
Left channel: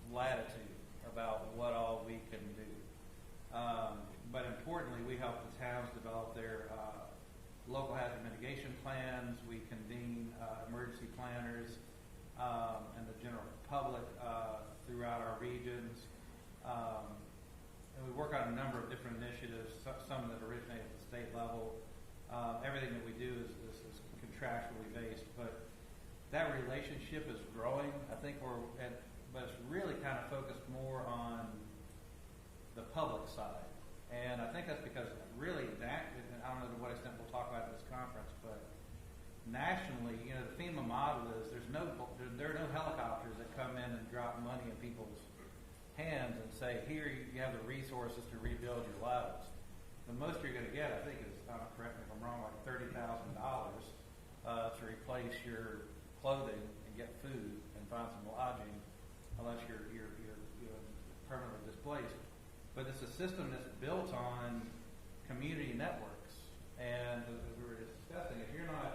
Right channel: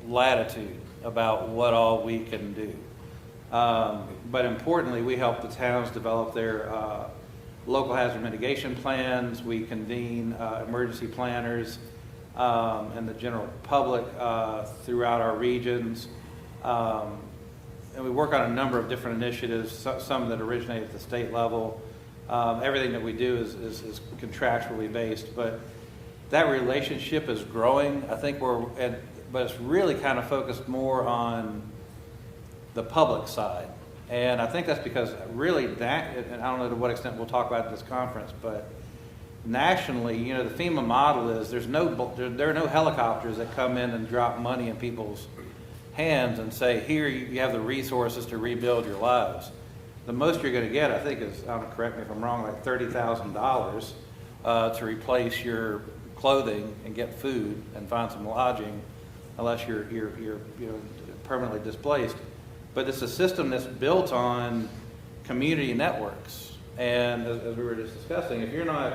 latitude about what all we can do. But importantly, we help the towns develop their local hazard mitigation plans. We convene emergency planners and the general public throughout our regions. And we work on a number of different initiatives, some that originate at the state level. Everything that we do is contractually based, but that relationship is growing. I think but it's really kind of focused more on the public side. And I think that's because really and I don't know to what extent we'll talk about at this conference, but nationally, the FEMA model is there are no helicopters that come in and drop money in people's hands and say, here, you have the resources to rebuild your lives. The most you're going to get, I think, is, correct me if I'm wrong, like $30,000 to replace your clothing and get food and find some lodging, unless you're permanently displaced. But it's a system that's built on community networks. And as we were just discussing, if you're not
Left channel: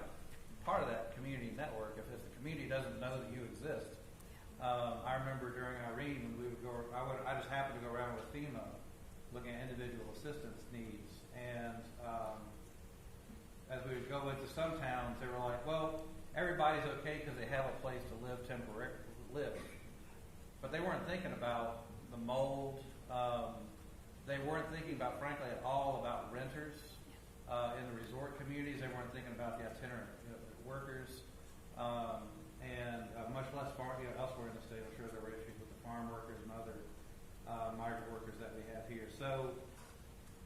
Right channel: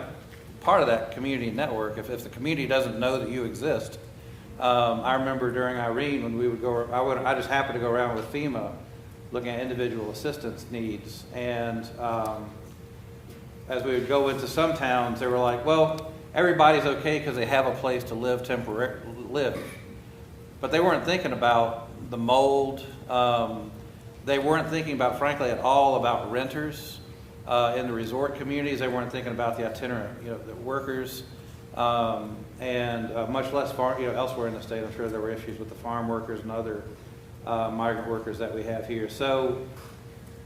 part of that community network, if the community doesn't know that you exist, I remember during Irene when we would go, I just happened to go around with FEMA looking at individual assistance needs. And as we would go into some towns, they were like, well, everybody's okay because they have a place to live live. But they weren't thinking about the mold. They weren't thinking about, frankly, at all about renters in the resort communities. They weren't thinking about the itinerant, the workers, and much less elsewhere in the state. I'm sure there were issues with the farm workers and other migrant workers that we have here. So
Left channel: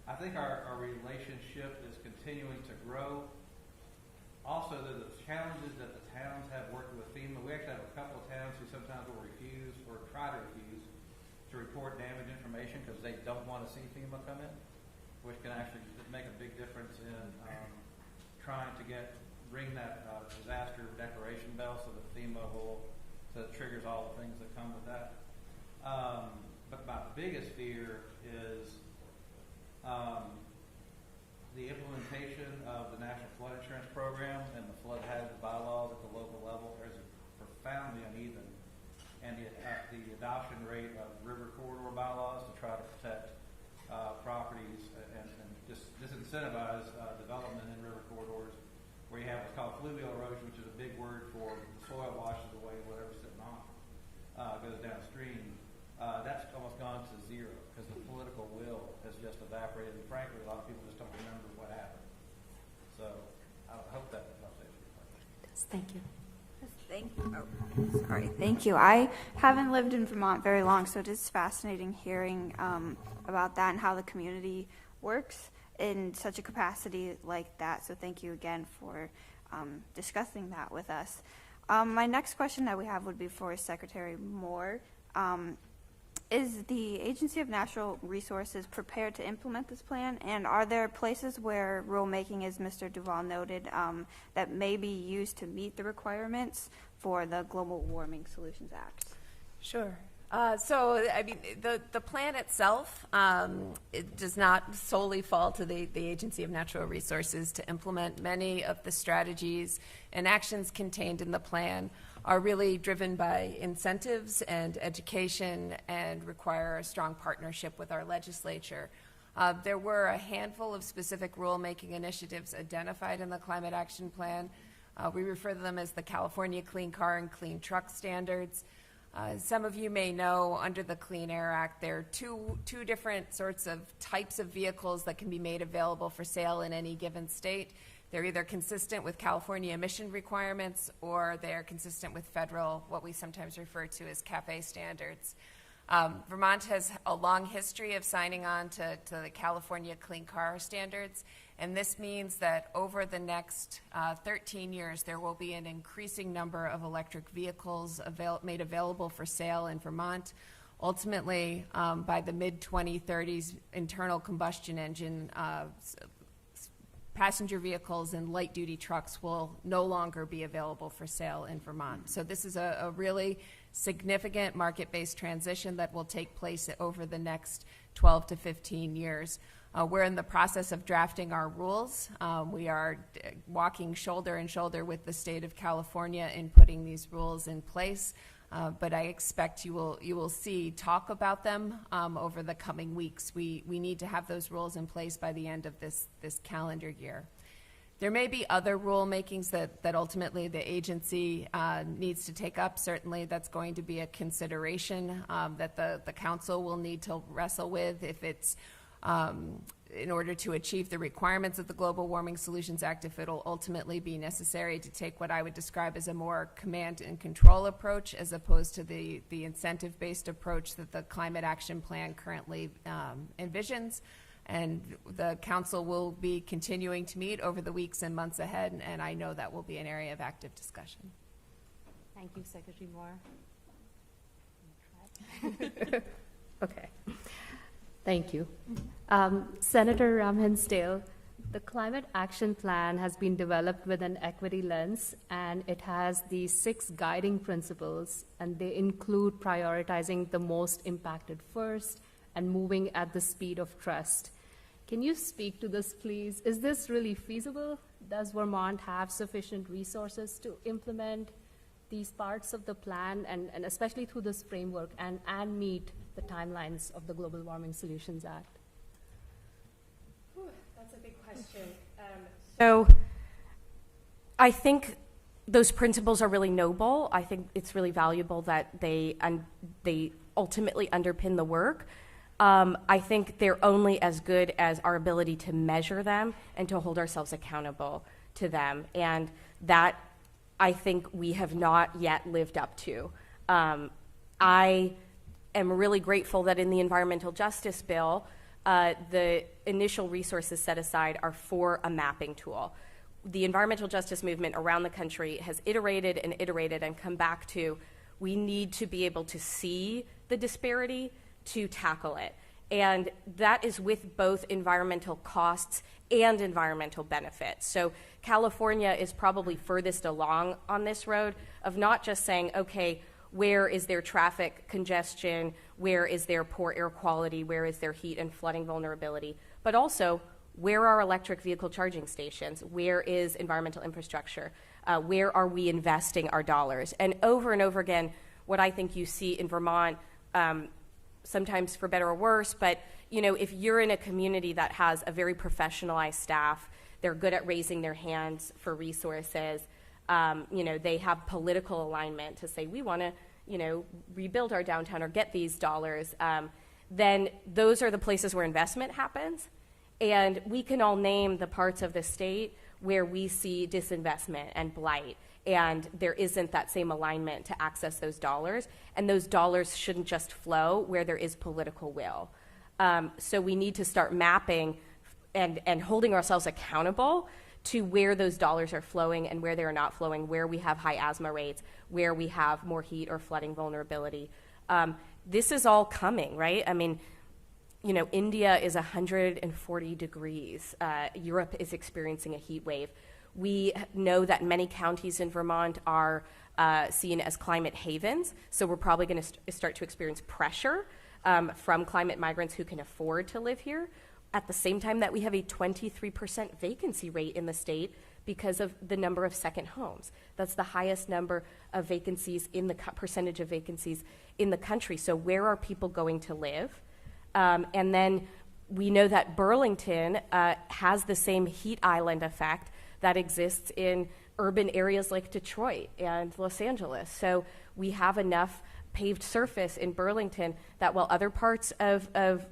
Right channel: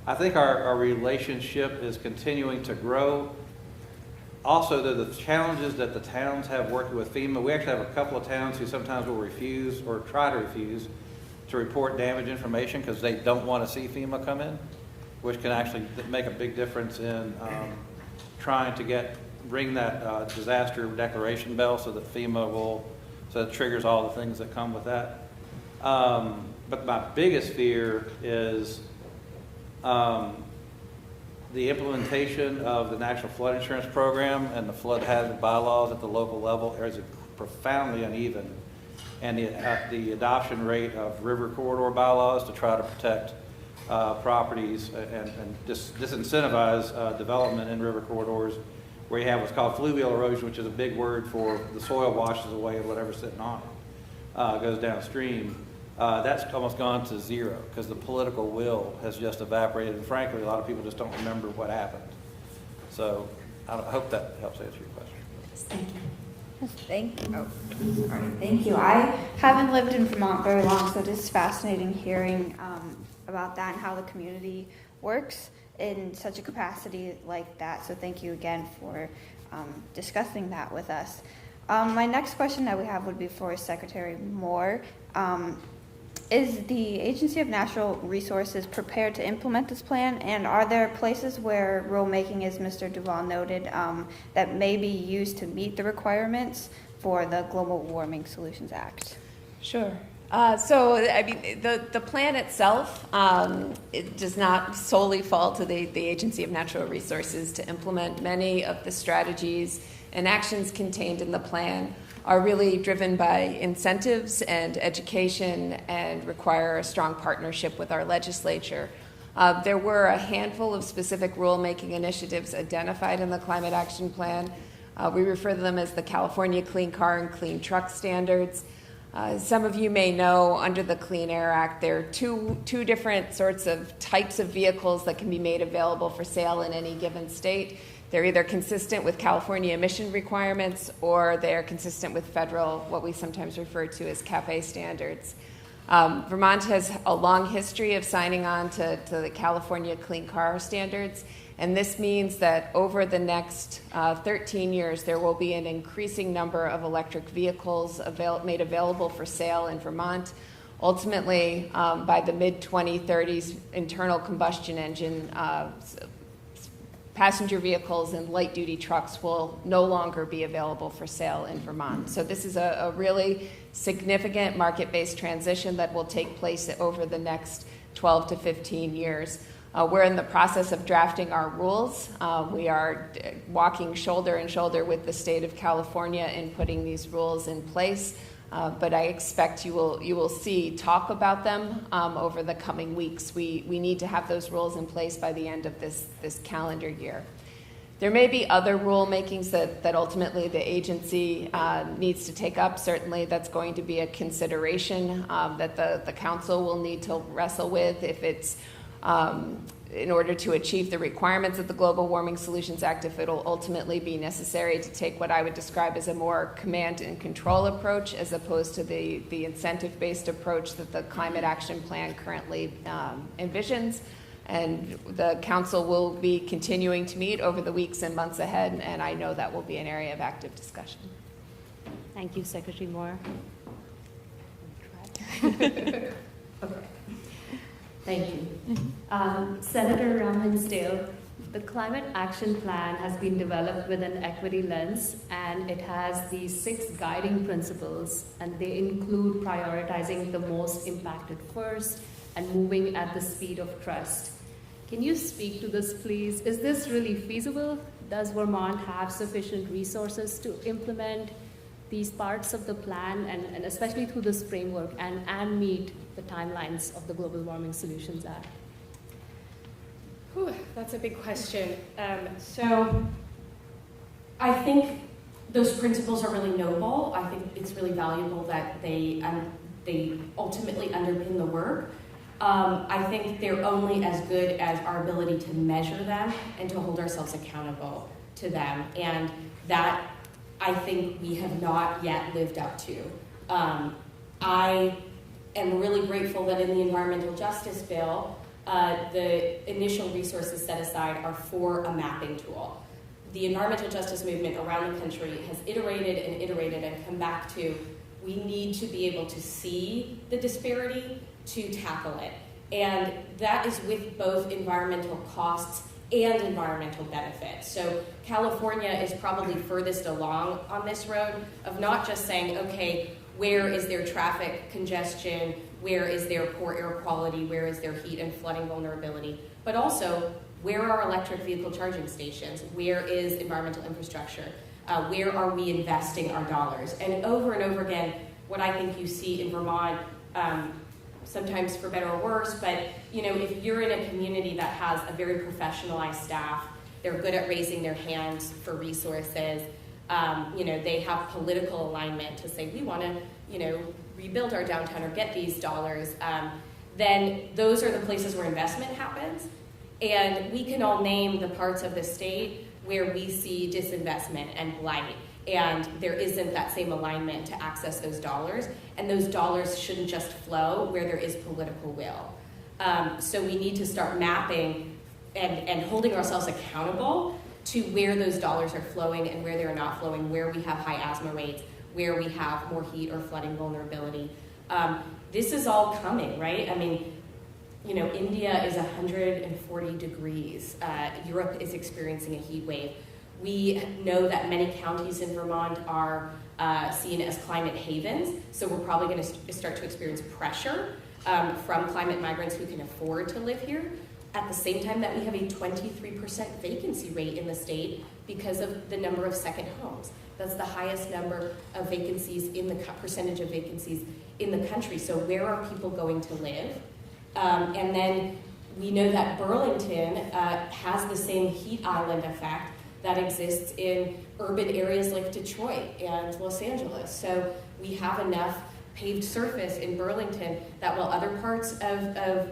I think our relationship is continuing to grow. also, the challenges that the towns have working with FEMA, we actually have a couple of towns who sometimes will refuse or try to refuse to report damage information because they don't want to see FEMA come in, which can actually make a big difference in trying to ring that disaster declaration bell so that FEMA so it triggers all the things that come with that. But my biggest fear is the implementation of the National Flood Insurance Program and the flood hazard bylaws at the local level is profoundly uneven. And the adoption rate of river corridor bylaws to try to protect properties and disincentivize development in river corridors, where you have what's called fluvial erosion, which is a big word for the soil washes away whatever's sitting on it, goes downstream. That's almost gone to zero because the political will has just evaporated, and frankly, a lot of people just don't remember what happened. So I hope that helps answer your question. Thank you. Thank you. I haven't lived in Vermont very long, so it is fascinating hearing about that and how the community works in such a capacity like that. So thank you again for discussing that with us. My next question that we have would be for Secretary Moore. Is the Agency of Natural Resources prepared to implement this plan? And are there places where rulemaking, as Mr. Duval noted, that may be used to meet the requirements for the Global Warming Solutions Act? Sure. So, I mean, the plan itself, it does not solely fall to the Agency of Natural Resources to implement. Many of the strategies and actions contained in the plan are really driven by incentives and education and require a strong partnership with our legislature. There were a handful of specific rulemaking initiatives identified in the Climate Action Plan. We refer to them as the California Clean Car and Clean Truck Standards. Some of you may know under the Clean Air Act, there are two different sorts of types of vehicles that can be made available for sale in any given state. They're either consistent with California emission requirements or they are consistent with federal, what we sometimes refer to as CAFE standards. Vermont has a long history of signing on to the California Clean Car Standards, and this means that over the next 13 years, there will be an increasing number of electric vehicles made available for sale in Vermont. Ultimately, by the mid-2030s, internal combustion engine passenger vehicles and light-duty trucks will no longer be available for sale in Vermont. So this is a really significant market-based transition that will take place over the next 12 to 15 years. We're in the process of drafting our rules. We are walking shoulder in shoulder with the state of California in putting these rules in place. But I expect you will see talk about them over the coming weeks. We need to have those rules in place by the end of this calendar year. There may be other rulemakings that ultimately the agency needs to take up. Certainly that's going to be a consideration that the council will need to wrestle with if it's in order to achieve the requirements of the Global Warming Solutions Act, if it'll ultimately be necessary to take what I would describe as a more command and control approach as opposed to the incentive-based approach that the Climate Action Plan currently envisions. And the council will be continuing to meet over the weeks and months ahead, and I know that will be an area of active discussion. Thank you, Secretary Moore. Okay. Thank you. Senator Rob Pensdale, the Climate Action Plan has been developed with an equity lens, and it has these 6 guiding principles, and they include prioritizing the most impacted first and moving at the speed of trust. Can you speak to this, please? Is this really feasible? Does Vermont have sufficient resources to implement these parts of the plan, and especially through this framework, and meet the timelines of the Global Warming Solutions Act? Whew, that's a big question. So I think those principles are really noble. I think it's really valuable that they ultimately underpin the work. I think they're only as good as our ability to measure them and to hold ourselves accountable to them. And that, I think, we have not yet lived up to. I am really grateful that in the Environmental Justice Bill, the initial resources set aside are for a mapping tool. the environmental justice movement around the country has iterated and come back to, we need to be able to see the disparity to tackle it. And that is with both environmental costs and environmental benefits. So California is probably furthest along on this road of not just saying, okay, where is there traffic congestion, where is there poor air quality, where is there heat and flooding vulnerability, but also where are electric vehicle charging stations, where is environmental infrastructure, where are we investing our dollars? And over again, what I think you see in Vermont, sometimes for better or worse, but if you're in a community that has a very professionalized staff, they're good at raising their hands for resources, they have political alignment to say, we want to, rebuild our downtown or get these dollars, then those are the places where investment happens. And we can all name the parts of the state where we see disinvestment and blight, and there isn't that same alignment to access those dollars, and those dollars shouldn't just flow where there is political will. So we need to start mapping and holding ourselves accountable to where those dollars are flowing and where they're not flowing, where we have high asthma rates, where we have more heat or flooding vulnerability. This is all coming, right? I mean, India is 140 degrees. Europe is experiencing a heat wave. We know that many counties in Vermont are seen as climate havens, so we're probably going to start to experience pressure from climate migrants who can afford to live here. At the same time that we have a 23% vacancy rate in the state because of the number of second homes. That's the highest number of vacancies in the percentage of vacancies in the country. So where are people going to live? And then we know that Burlington has the same heat island effect that exists in urban areas like Detroit and Los Angeles. So we have enough paved surface in Burlington that while other parts of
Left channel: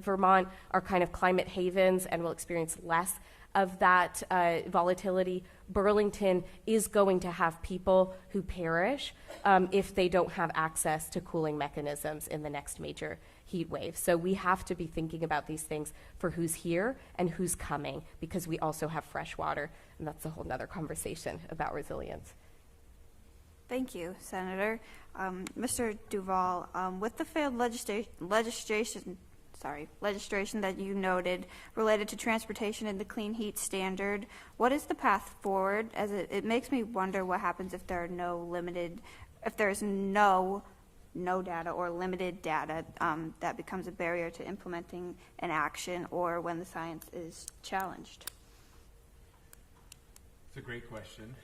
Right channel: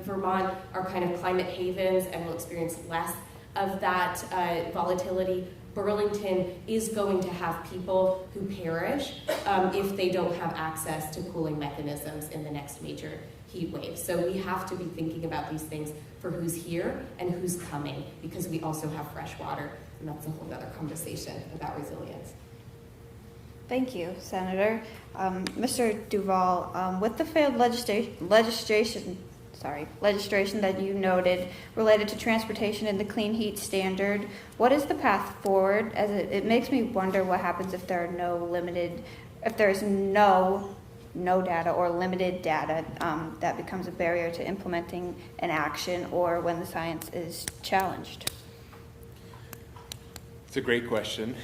Vermont are kind of climate havens and will experience less of that volatility, Burlington is going to have people who perish if they don't have access to cooling mechanisms in the next major heat wave. So we have to be thinking about these things for who's here and who's coming, because we also have fresh water, and that's a whole other conversation about resilience. Thank you, Senator. Mr. Duval, with the failed legislation that you noted related to transportation and the clean heat standard, what is the path forward? As it makes me wonder what happens if there are there's no data or limited data that becomes a barrier to implementing an action, or when the science is challenged. It's a great question.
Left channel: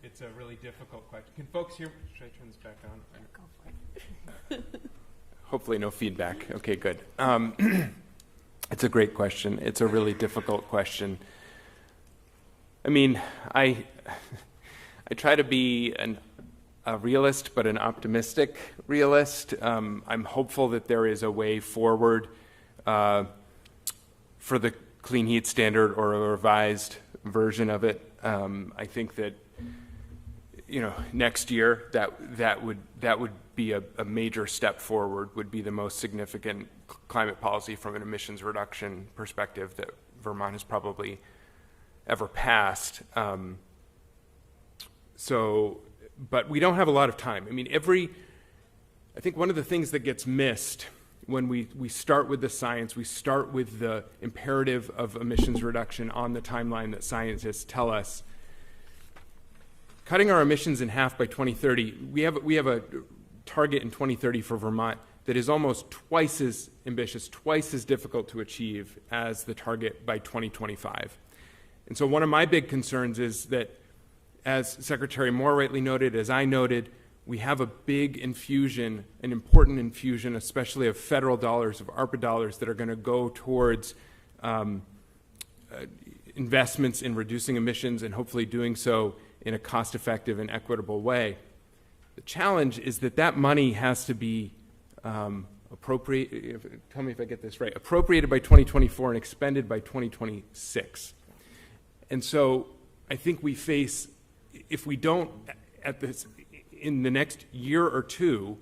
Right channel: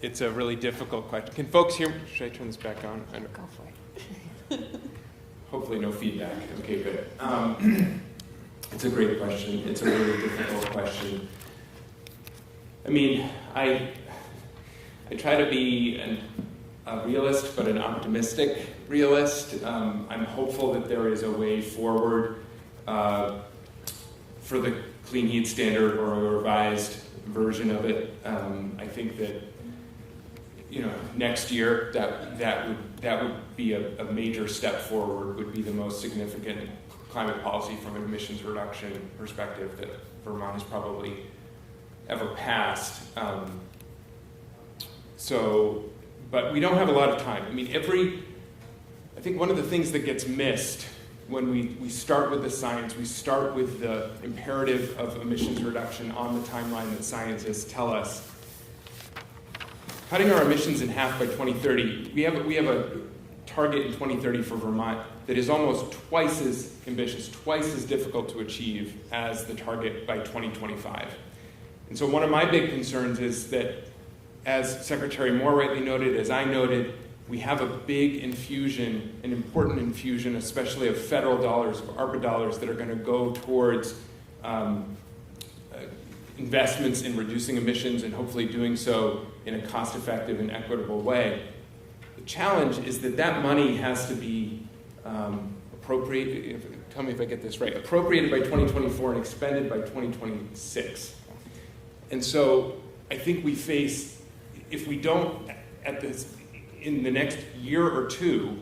It's a really difficult question. Can folks hear me? Should I turn this back on? Hopefully no feedback. Okay, good. It's a great question. It's a really difficult question. I mean, I try to be a realist, but an optimistic realist. I'm hopeful that there is a way forward for the clean heat standard or a revised version of it. I think that next year that would be a major step forward, would be the most significant climate policy from an emissions reduction perspective that Vermont has probably ever passed. But we don't have a lot of time. I mean, I think one of the things that gets missed when we start with the science, we start with the imperative of emissions reduction on the timeline that scientists tell us. Cutting our emissions in half by 2030, we have a target in 2030 for Vermont that is almost twice as ambitious, twice as difficult to achieve as the target by 2025. And so one of my big concerns is that, as Secretary Moore rightly noted, as I noted, we have a big infusion, an important infusion, especially of federal dollars, of ARPA dollars, that are going to go towards investments in reducing emissions and hopefully doing so in a cost-effective and equitable way. The challenge is that money has to be appropriated, tell me if I get this right, appropriated by 2024 and expended by 2026. And so I think we face, if we don't in the next year or two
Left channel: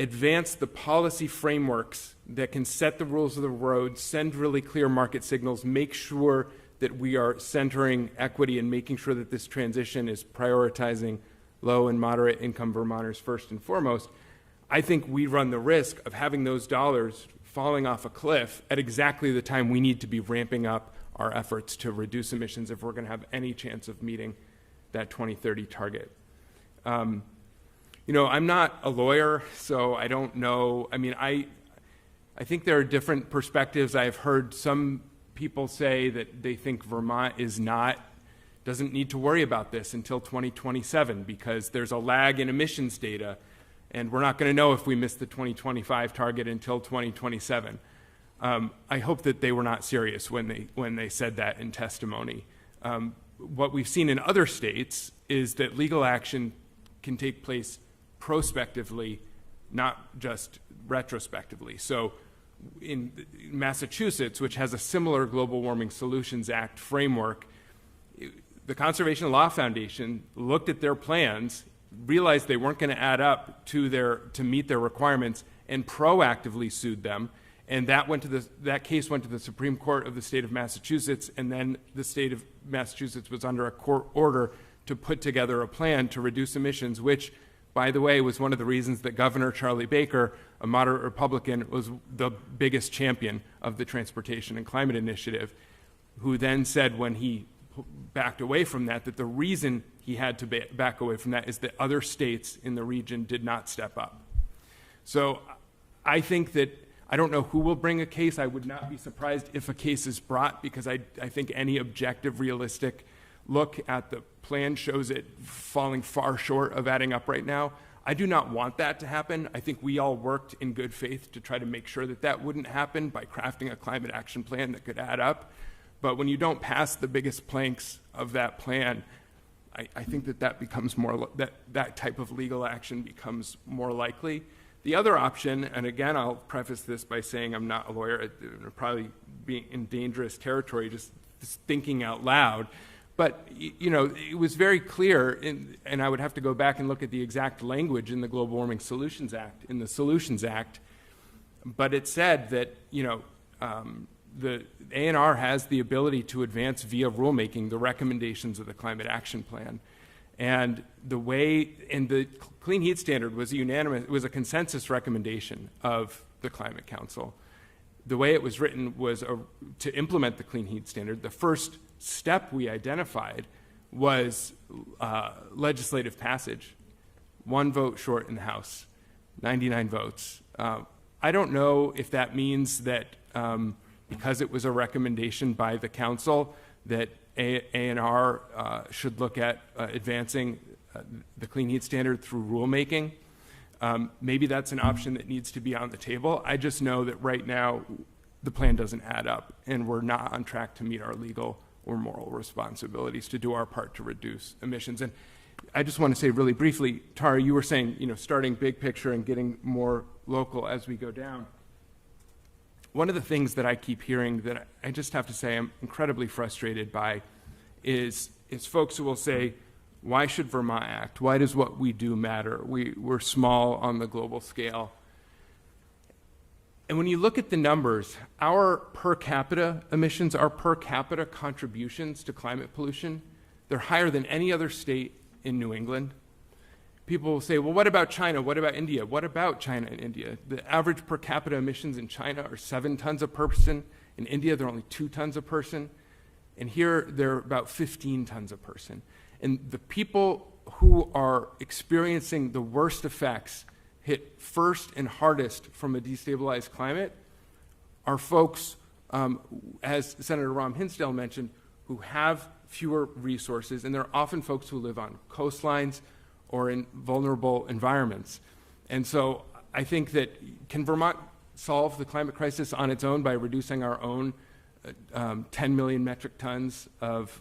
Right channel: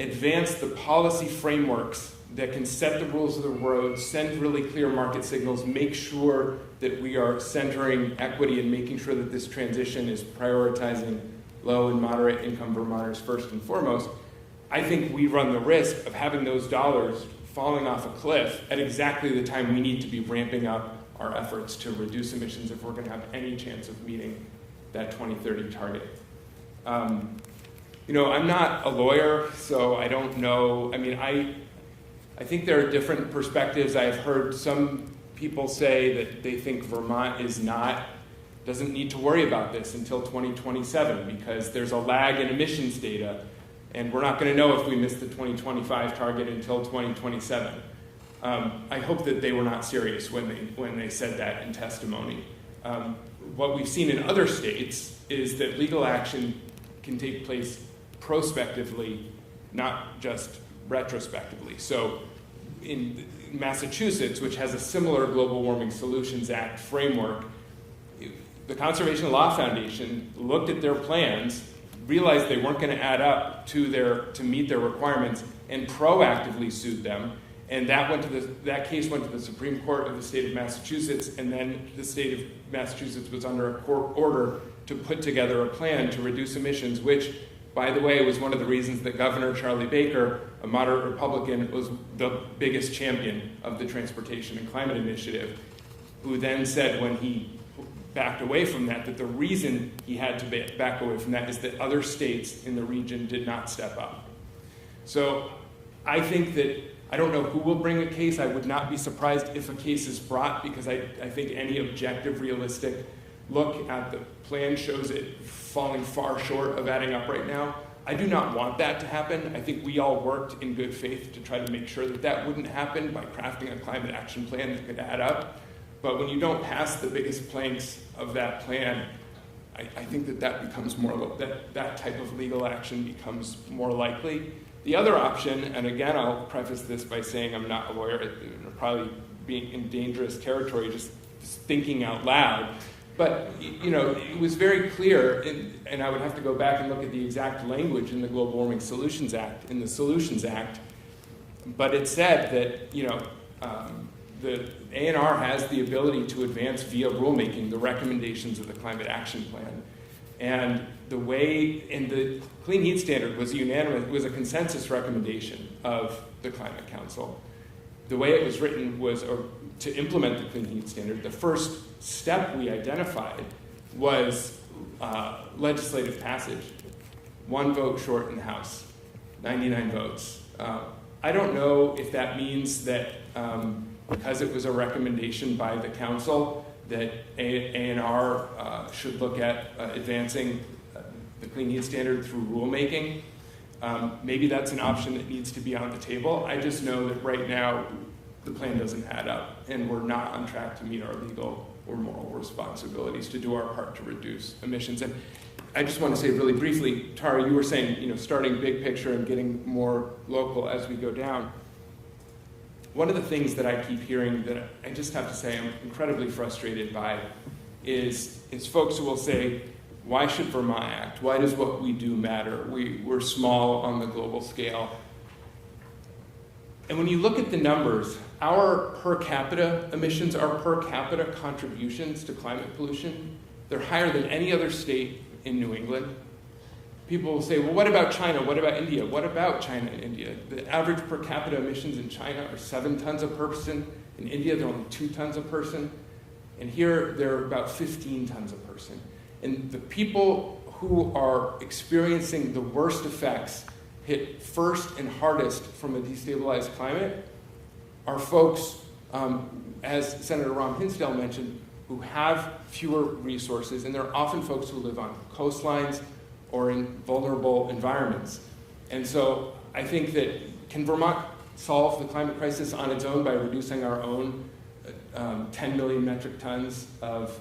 advance the policy frameworks that can set the rules of the road, send really clear market signals, make sure that we are centering equity and making sure that this transition is prioritizing low and moderate income Vermonters first and foremost, I think we run the risk of having those dollars falling off a cliff at exactly the time we need to be ramping up our efforts to reduce emissions if we're going to have any chance of meeting that 2030 target. I'm not a lawyer, so I don't know. I mean, I think there are different perspectives. I've heard some people say that they think Vermont doesn't need to worry about this until 2027 because there's a lag in emissions data, and we're not going to know if we miss the 2025 target until 2027. I hope that they were not serious when they said that in testimony. What we've seen in other states is that legal action can take place prospectively, not just retrospectively. So in Massachusetts, which has a similar Global Warming Solutions Act framework, the Conservation Law Foundation looked at their plans, realized they weren't going to add up to meet their requirements, and proactively sued them. And that case went to the Supreme Court of the state of Massachusetts, and then the state of Massachusetts was under a court order to put together a plan to reduce emissions, which, by the way, was one of the reasons that Governor Charlie Baker, a moderate Republican, was the biggest champion of the Transportation and Climate Initiative, who then said when he backed away from that the reason he had to back away from that is that other states in the region did not step up. So I think that, I don't know who will bring a case. I would not be surprised if a case is brought, because I think any objective, realistic look at the plan shows it falling far short of adding up right now. I do not want that to happen. I think we all worked in good faith to try to make sure that wouldn't happen by crafting a climate action plan that could add up. But when you don't pass the biggest planks of that plan, I think that becomes that type of legal action becomes more likely. The other option, and again, I'll preface this by saying I'm not a lawyer, it'll probably be in dangerous territory, just thinking out loud. But it was very clear, and I would have to go back and look at the exact language in the Global Warming Solutions Act, in the Solutions Act, but it said that the ANR has the ability to advance via rulemaking the recommendations of the Climate Action Plan. And the Clean Heat Standard was unanimous, it was a consensus recommendation of the Climate Council. The way it was written was to implement the Clean Heat Standard. The first step we identified was legislative passage. 1 vote short in the House, 99 votes. I don't know if that means that because it was a recommendation by the council that ANR should look at advancing the Clean Heat Standard through rulemaking. Maybe that's an option that needs to be on the table. I just know that right now the plan doesn't add up, and we're not on track to meet our legal or moral responsibilities to do our part to reduce emissions. And I just want to say really briefly, Tara, you were saying, starting big picture and getting more local as we go down. One of the things that I keep hearing that I just have to say I'm incredibly frustrated by is folks who will say, why should Vermont act? Why does what we do matter? We're small on the global scale. And when you look at the numbers, our per capita emissions, our per capita contributions to climate pollution, they're higher than any other state in New England. People will say, well, what about China? What about India? What about China and India? The average per capita emissions in China are 7 tons a person. In India, they're only 2 tons a person. And here, they're about 15 tons a person. And the people who are experiencing the worst effects hit first and hardest from a destabilized climate are folks, as Senator Rob Pensdale mentioned, who have fewer resources, and they're often folks who live on coastlines or in vulnerable environments. And so I think that, can Vermont solve the climate crisis on its own by reducing our own 10 million metric tons of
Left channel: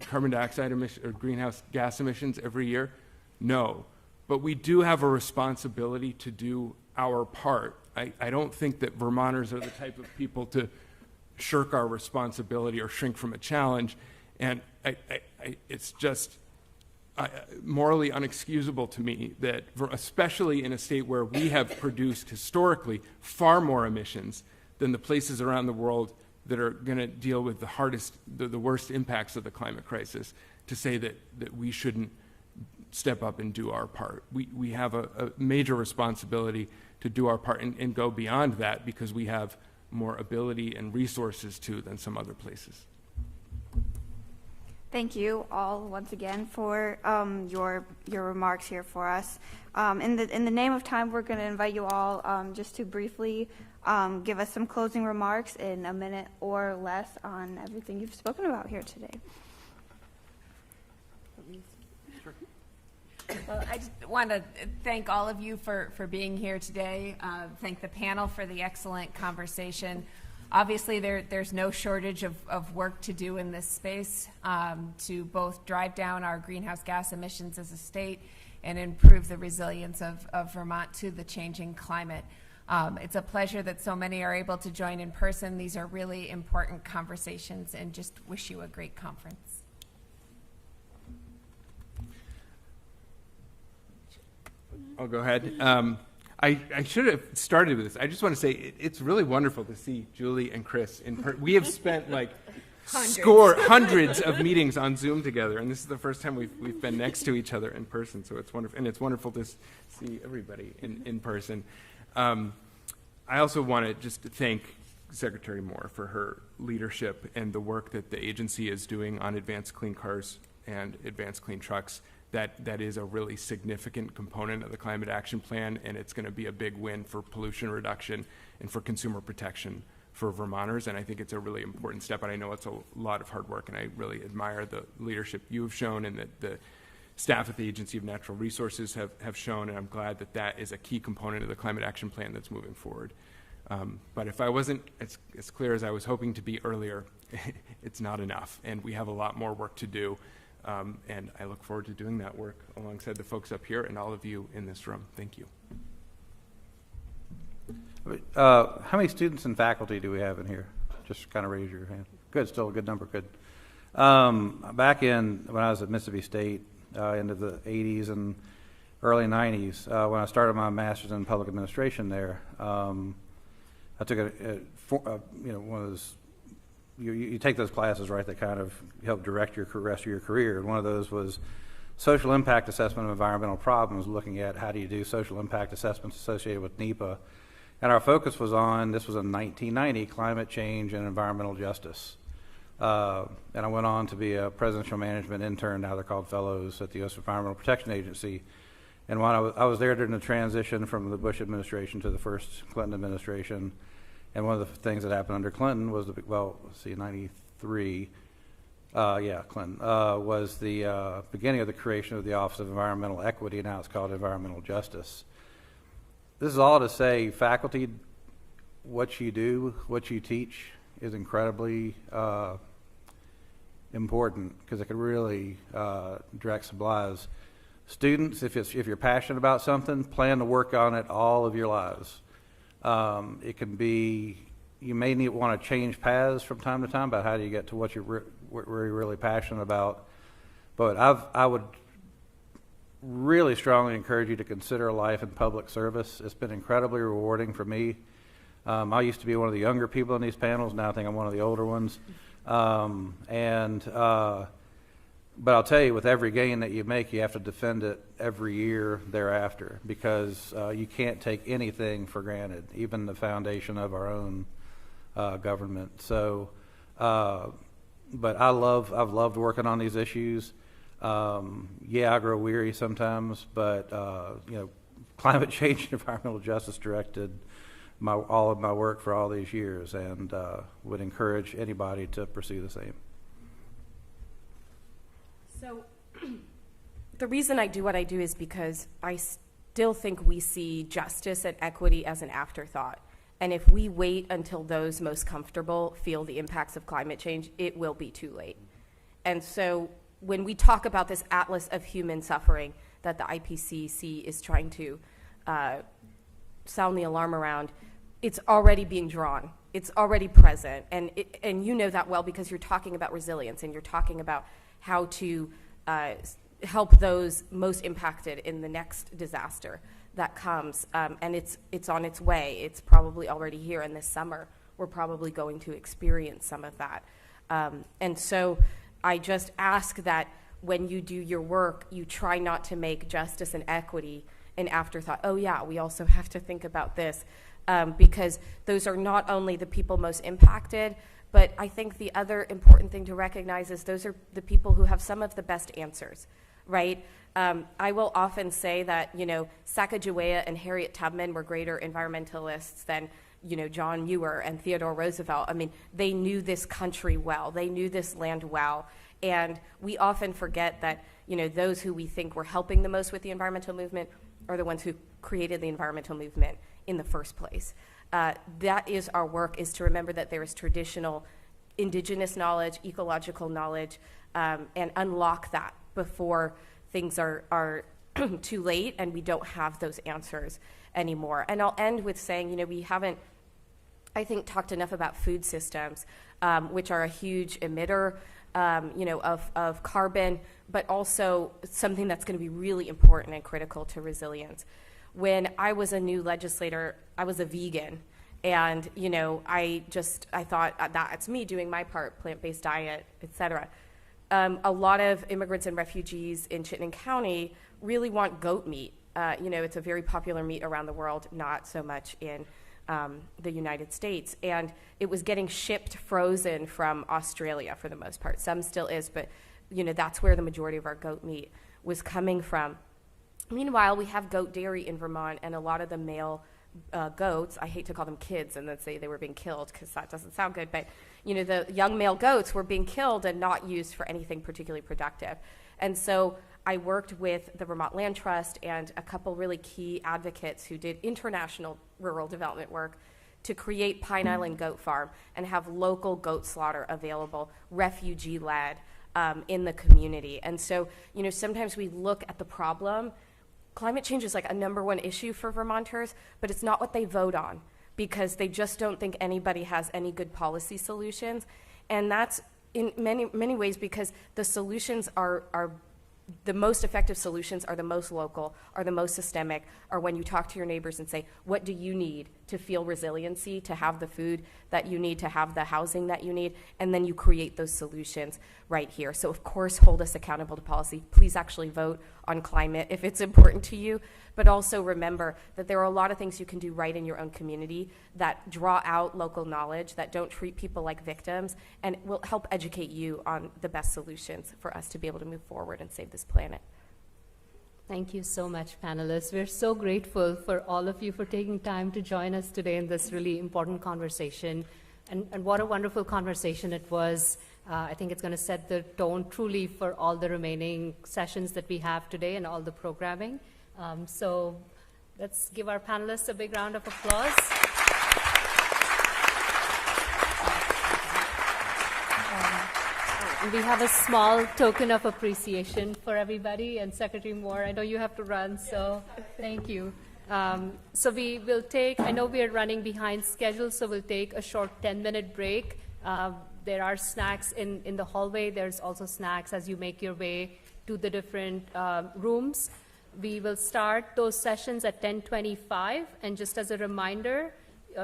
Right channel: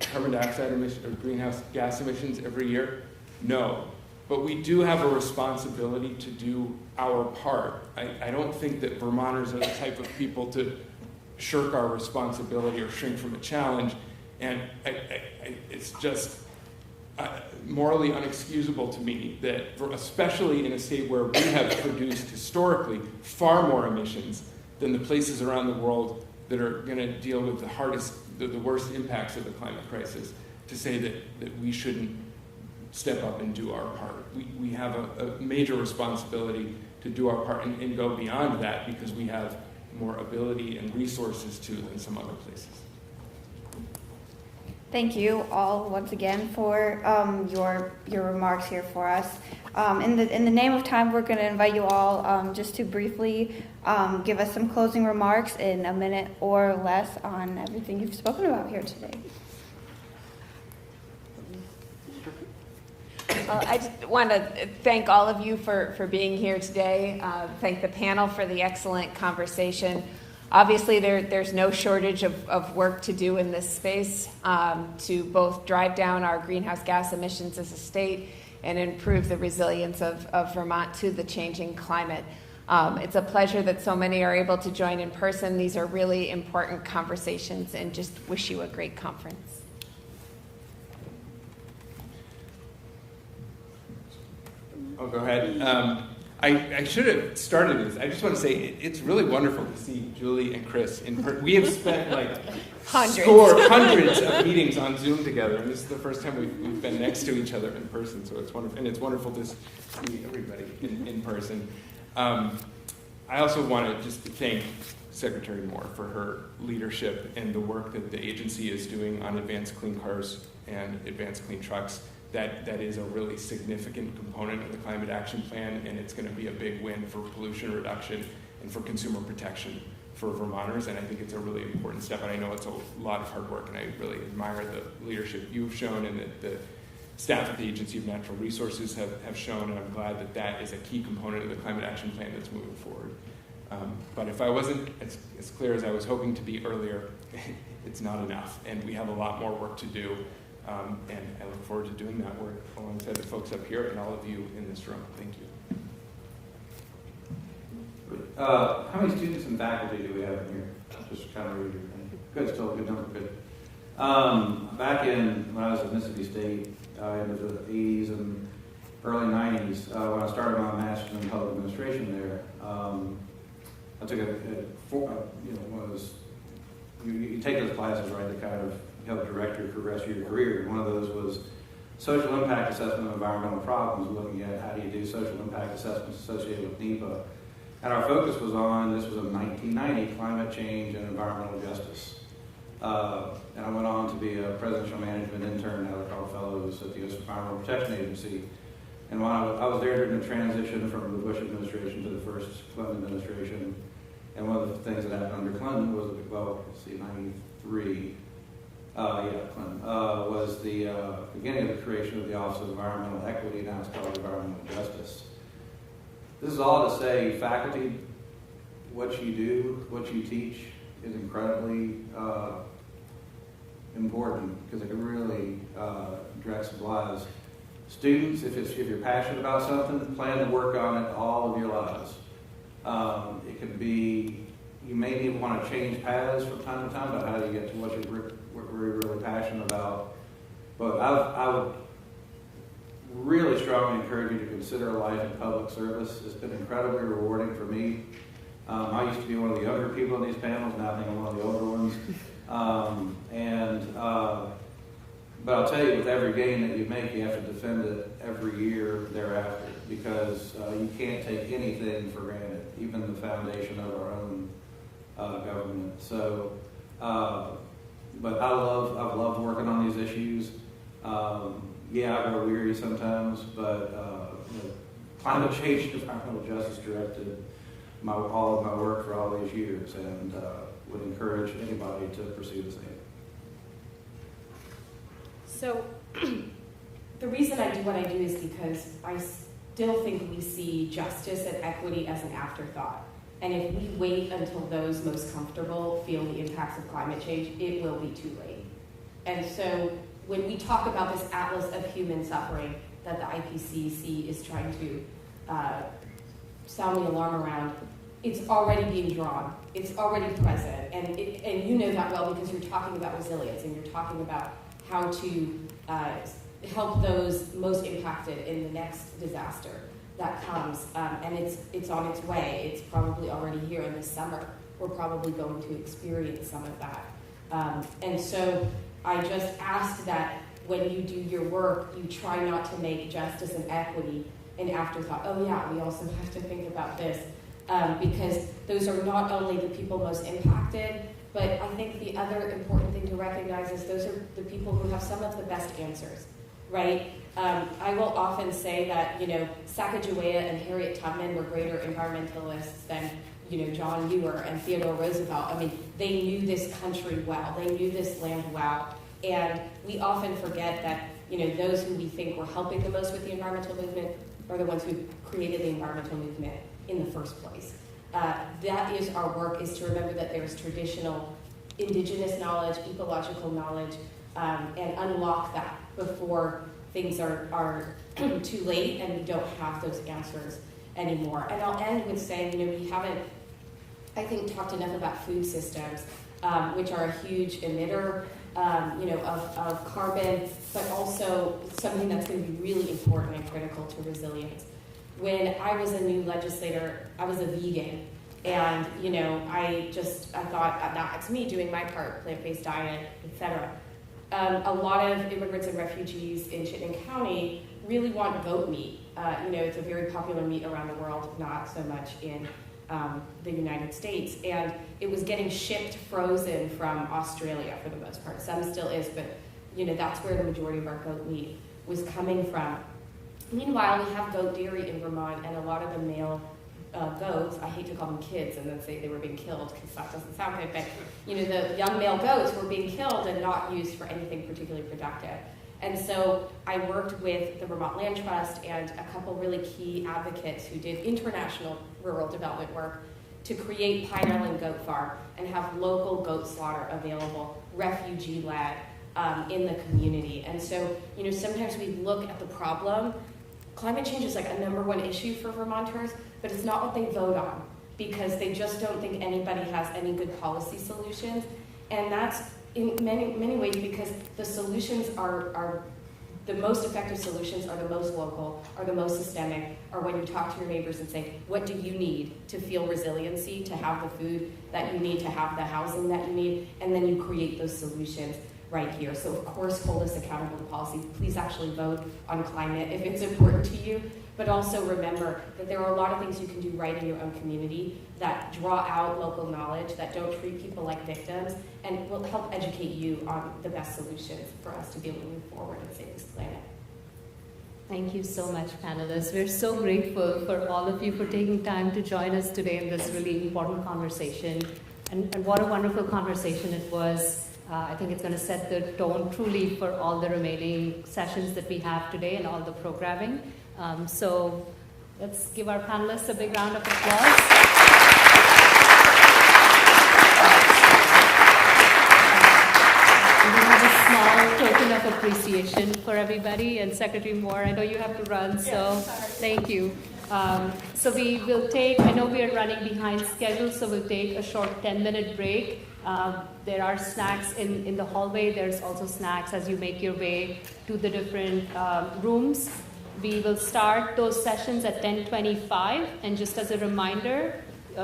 carbon dioxide emissions or greenhouse gas emissions every year? No. But we do have a responsibility to do our part. I don't think that Vermonters are the type of people to shirk our responsibility or shrink from a challenge. And it's just, morally unexcusable to me that, especially in a state where we have produced historically far more emissions than the places around the world that are going to deal with the worst impacts of the climate crisis, to say that we shouldn't step up and do our part. We have a major responsibility to do our part and go beyond that, because we have more ability and resources to than some other places. Thank you all once again for your remarks here for us. In the name of time, we're going to invite you all just to briefly give us some closing remarks in a minute or less on everything you've spoken about here today. Well, I just want to thank all of you for being here today. Thank the panel for the excellent conversation. Obviously, there's no shortage of work to do in this space to both drive down our greenhouse gas emissions as a state and improve the resilience of Vermont to the changing climate. It's a pleasure that so many are able to join in person. These are really important conversations, and just wish you a great conference. I'll go ahead. I should have started this. I just want to say it's really wonderful to see Julie and Chris. We have spent like hundreds of meetings on Zoom together, and this is the first time we've been next to each other in person. So it's wonderful, and it's wonderful to see everybody in person. I also want to just thank Secretary Moore for her leadership and the work that the agency is doing on advanced clean cars and advanced clean trucks. That is a really significant component of the climate action plan, and it's going to be a big win for pollution reduction and for consumer protection for Vermonters, and I think it's a really important step, and I know it's a lot of hard work, and I really admire the leadership you've shown and that the staff at the Agency of Natural Resources have shown, and I'm glad that is a key component of the climate action plan that's moving forward. But if I wasn't as clear as I was hoping to be earlier, it's not enough, and we have a lot more work to do. And I look forward to doing that work alongside the folks up here and all of you in this room. Thank you. How many students and faculty do we have in here? Just kind of raise your hand. Good, still a good number, good. Back when I was at Mississippi State, into the 80s and early 90s, when I started my master's in public administration there, I took one of those, you take those classes, right, that kind of help direct your rest of your career. One of those was social impact assessment of environmental problems, looking at how do you do social impact assessments associated with NEPA. And our focus was on, this was in 1990, climate change and environmental justice. And I went on to be a presidential management intern, now they're called fellows, at the U.S. Environmental Protection Agency. And when I was there during the transition from the Bush administration to the first Clinton administration. And one of the things that happened under Clinton was 93, Clinton, was the beginning of the creation of the Office of Environmental Equity, now it's called Environmental Justice. This is all to say, faculty, what you do, what you teach is incredibly important, because it can really direct some lives. Students, if you're passionate about something, plan to work on it all of your lives. It can be, you may want to change paths from time to time about how do you get to what you're really passionate about. But I would really strongly encourage you to consider a life in public service. It's been incredibly rewarding for me. I used to be one of the younger people in these panels. Now I think I'm one of the older ones. But I'll tell you, with every gain that you make, you have to defend it every year thereafter, because you can't take anything for granted, even the foundation of our own government. So, but I've loved working on these issues. I grow weary sometimes, but climate change and environmental justice directed all of my work for all these years, and would encourage anybody to pursue the same. So the reason I do what I do is because I still think we see justice and equity as an afterthought. And if we wait until those most comfortable feel the impacts of climate change, it will be too late. And so when we talk about this atlas of human suffering that the IPCC is trying to sound the alarm around, it's already being drawn. It's already present. And you know that well, because you're talking about resilience and you're talking about how to help those most impacted in the next disaster that comes. And it's on its way. It's probably already here, in this summer we're probably going to experience some of that. And so I just ask that when you do your work, you try not to make justice and equity an afterthought. Oh yeah, we also have to think about this, because those are not only the people most impacted, but I think the other important thing to recognize is those are the people who have some of the best answers, right? I will often say that, Sacagawea and Harriet Tubman were greater environmentalists than, John Muir and Theodore Roosevelt. I mean, they knew this country well. They knew this land well. And we often forget that, those who we think were helping the most with the environmental movement are the ones who created the environmental movement in the first place. That is our work, is to remember that there is traditional indigenous knowledge, ecological knowledge, and unlock that before things are too late and we don't have those answers anymore. And I'll end with saying, we haven't, I think, talked enough about food systems, which are a huge emitter, of carbon, but also something that's going to be really important and critical to resilience. When I was a new legislator, I was a vegan. And, I thought, that's me doing my part, plant-based diet, etc. A lot of immigrants and refugees in Chittenden County really want goat meat. It's a very popular meat around the world, not so much in the United States. And it was getting shipped frozen from Australia for the most part. Some still is, but, that's where the majority of our goat meat was coming from. Meanwhile, we have goat dairy in Vermont, and a lot of the male goats, I hate to call them kids and then say they were being killed because that doesn't sound good, but the young male goats were being killed and not used for anything particularly productive. And so I worked with the Vermont Land Trust and a couple really key advocates who did international rural development work to create Pine Island Goat Farm and have local goat slaughter available, refugee-led, in the community. And so, sometimes we look at the problem. Climate change is like a #1 issue for Vermonters, but it's not what they vote on because they just don't think anybody has any good policy solutions. And that's in many ways because the solutions are the most effective solutions are the most local, are the most systemic, are when you talk to your neighbors and say, what do you need to feel resiliency, to have the food that you need, to have the housing that you need, and then you create those solutions right here. So of course, hold us accountable to policy. Please actually vote on climate if it's important to you, but also remember that there are a lot of things you can do right in your own community that draw out local knowledge, that don't treat people like victims, and will help educate you on the best solutions for us to be able to move forward and save this planet. Thank you so much, panelists. We're so grateful for all of you for taking time to join us today in this really important conversation. And what a wonderful conversation it was. I think it's going to set the tone truly for all the remaining sessions that we have today and all the programming. So let's give our panelists a big round of applause. And we have a small token of appreciation for everybody. And Secretary Moore, I know you have to run, so thank you. So we will take, I know we are running behind schedule, so we'll take a short 10-minute break. There are snacks in the hallway. There's also snacks as you make your way to the different rooms. We will start those sessions at 10:25. And just as a reminder,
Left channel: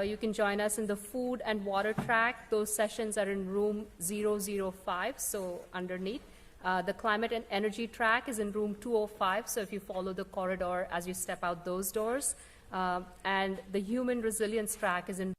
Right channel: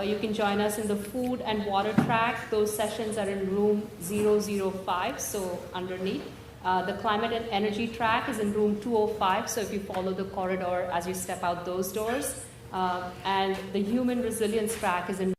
you can join us in the food and water track. Those sessions are in room 005, so underneath. The climate and energy track is in room 205, so if you follow the corridor as you step out those doors. And the human resilience track is in